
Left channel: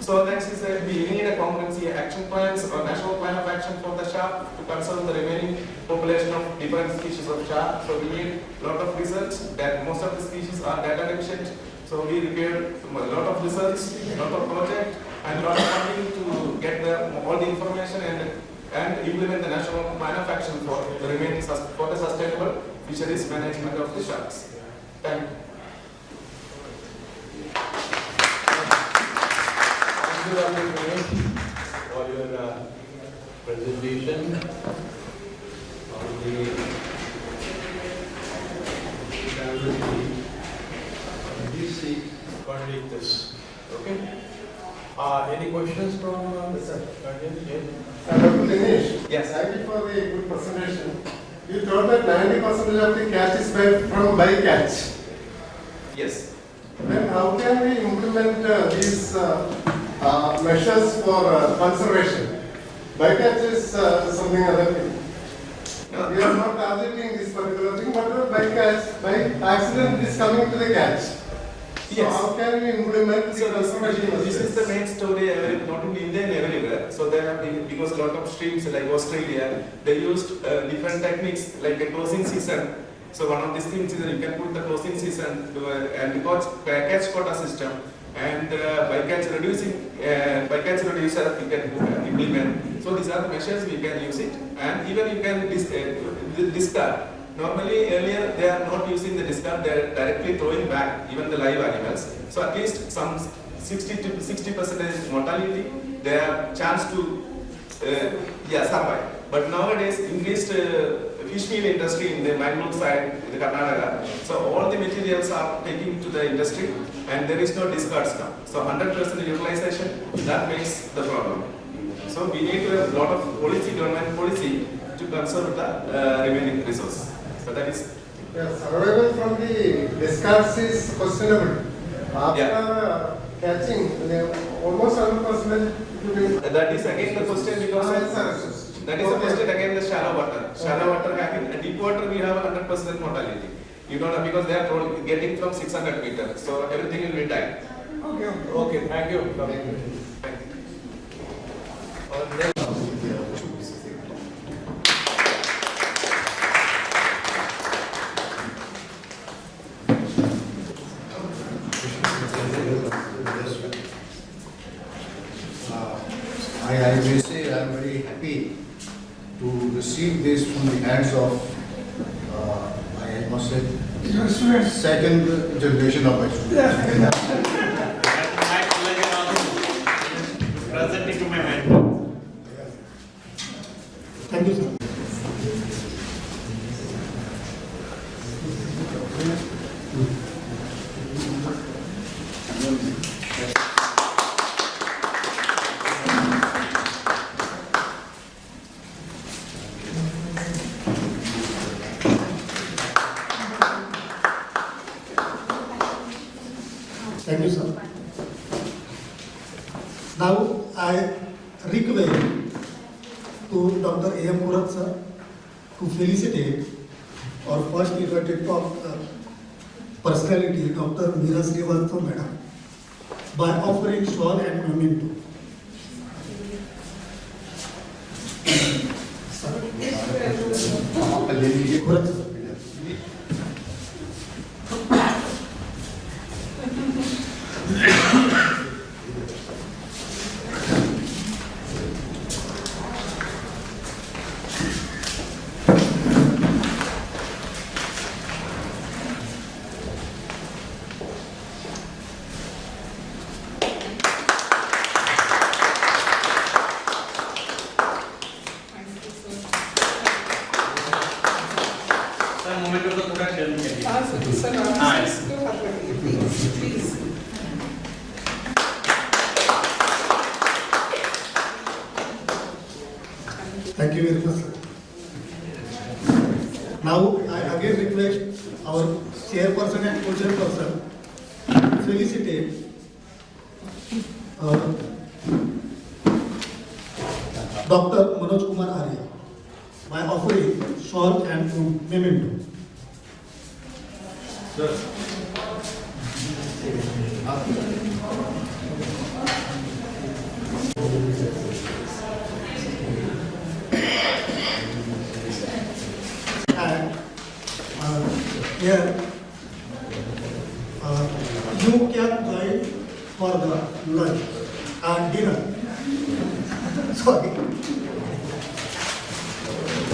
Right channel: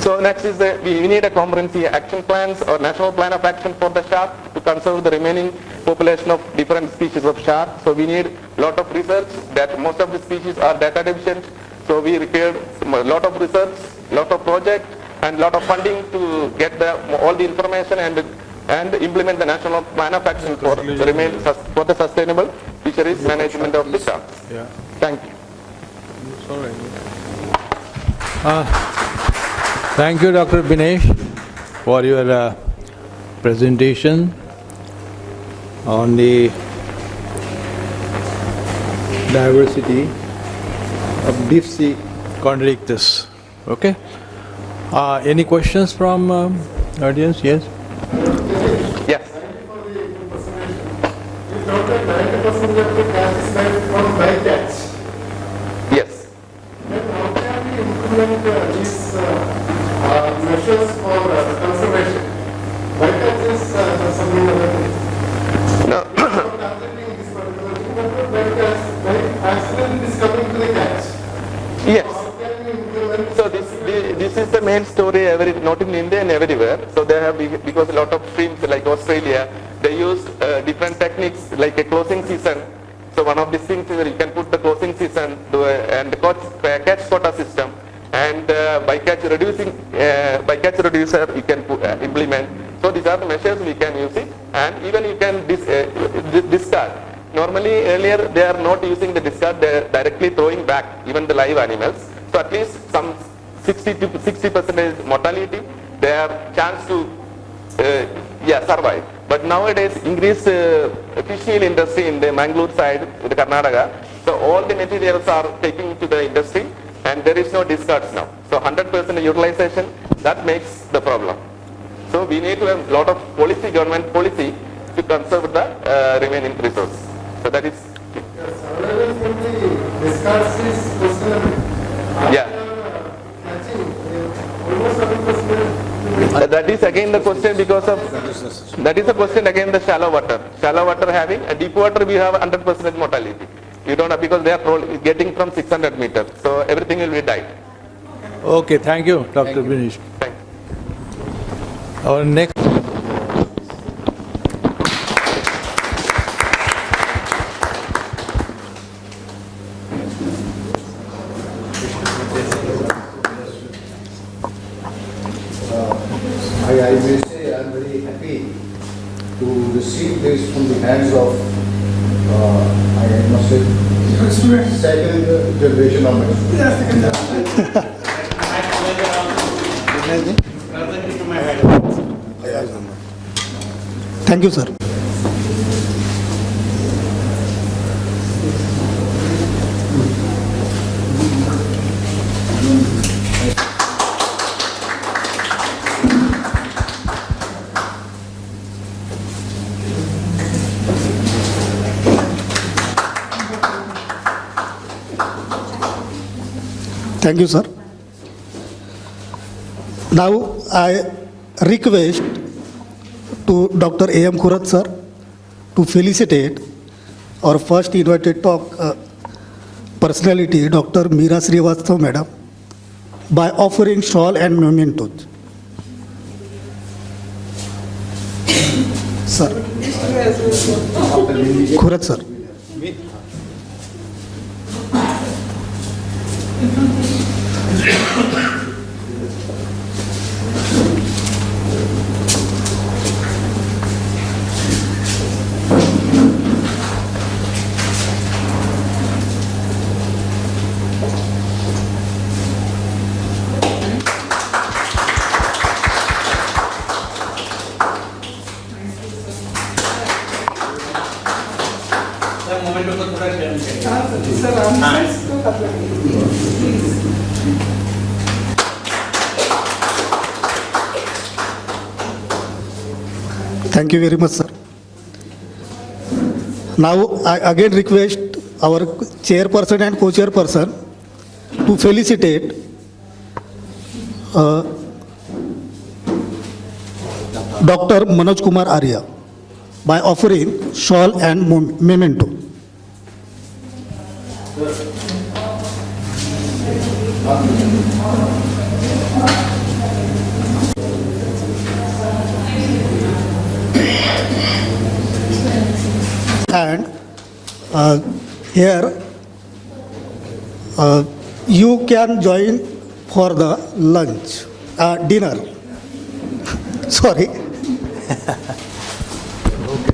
So next is we need a comprehensive action plans or national plan of action for the shark to conserve the remaining population of different species of shark. So we need a lot of research, that most of the species are data deficient. So we required a lot of research, lot of projects, and lot of funding to get all the information and implement the national plan of action for the sustainable fisheries management of the sharks. Yeah. Thank you. All right. Thank you, Dr. Binesh, for your presentation on the diversity of deep sea chondriictus. Okay. Any questions from audience? Yes. Yes. Thank you for the good presentation. You told that 90% of the catch is made from bycatch. Yes. And how can we implement these measures for conservation? Bycatch is something other. No. We are not targeting this particular thing, but by accident it is coming to the catch. Yes. So how can we implement? So this is the main story not in India and everywhere. So they have, because a lot of streams like Australia, they used different techniques like a closing season. So one of these things is you can put the closing season to and catch quota system, and bycatch reducer you can implement. So these are the measures we can use it, and even you can discard. Normally earlier they are not using the discard, they are directly throwing back even the live animals. So at least some 60% mortality, they have chance to survive. But nowadays increased fish meal industry in the Mangalore side, in the Karnataka, so all the materials are taking to the industry and there is no discards now. So 100% utilization, that makes the problem. So we need to have a lot of policy, government policy to conserve the remaining resource. So that is... Survival from the discards is questionable. Yeah. Catching, again the question because of, that is the question again the shallow water. Shallow water having, a deep water we have 100% mortality. You don't have, because they are getting from 600 meters. So everything will be died. Okay, thank you, Dr. Binish. Our next. I may say I am very happy to receive this from the hands of, I must say, second generation of my Thank you, sir. Thank you, sir. Now I request to Dr. A.M. Khurat, sir, to felicitate our first invited talk personality, Dr. Meera Srivastava, madam, by offering shawl and mementos. Sir. Khurat, sir. Thank you very much, sir. Now I again request our chairperson and co-chairperson to felicitate Dr. Manoj Kumar Arya by offering shawl and memento. And here you can join for the lunch, dinner. Sorry.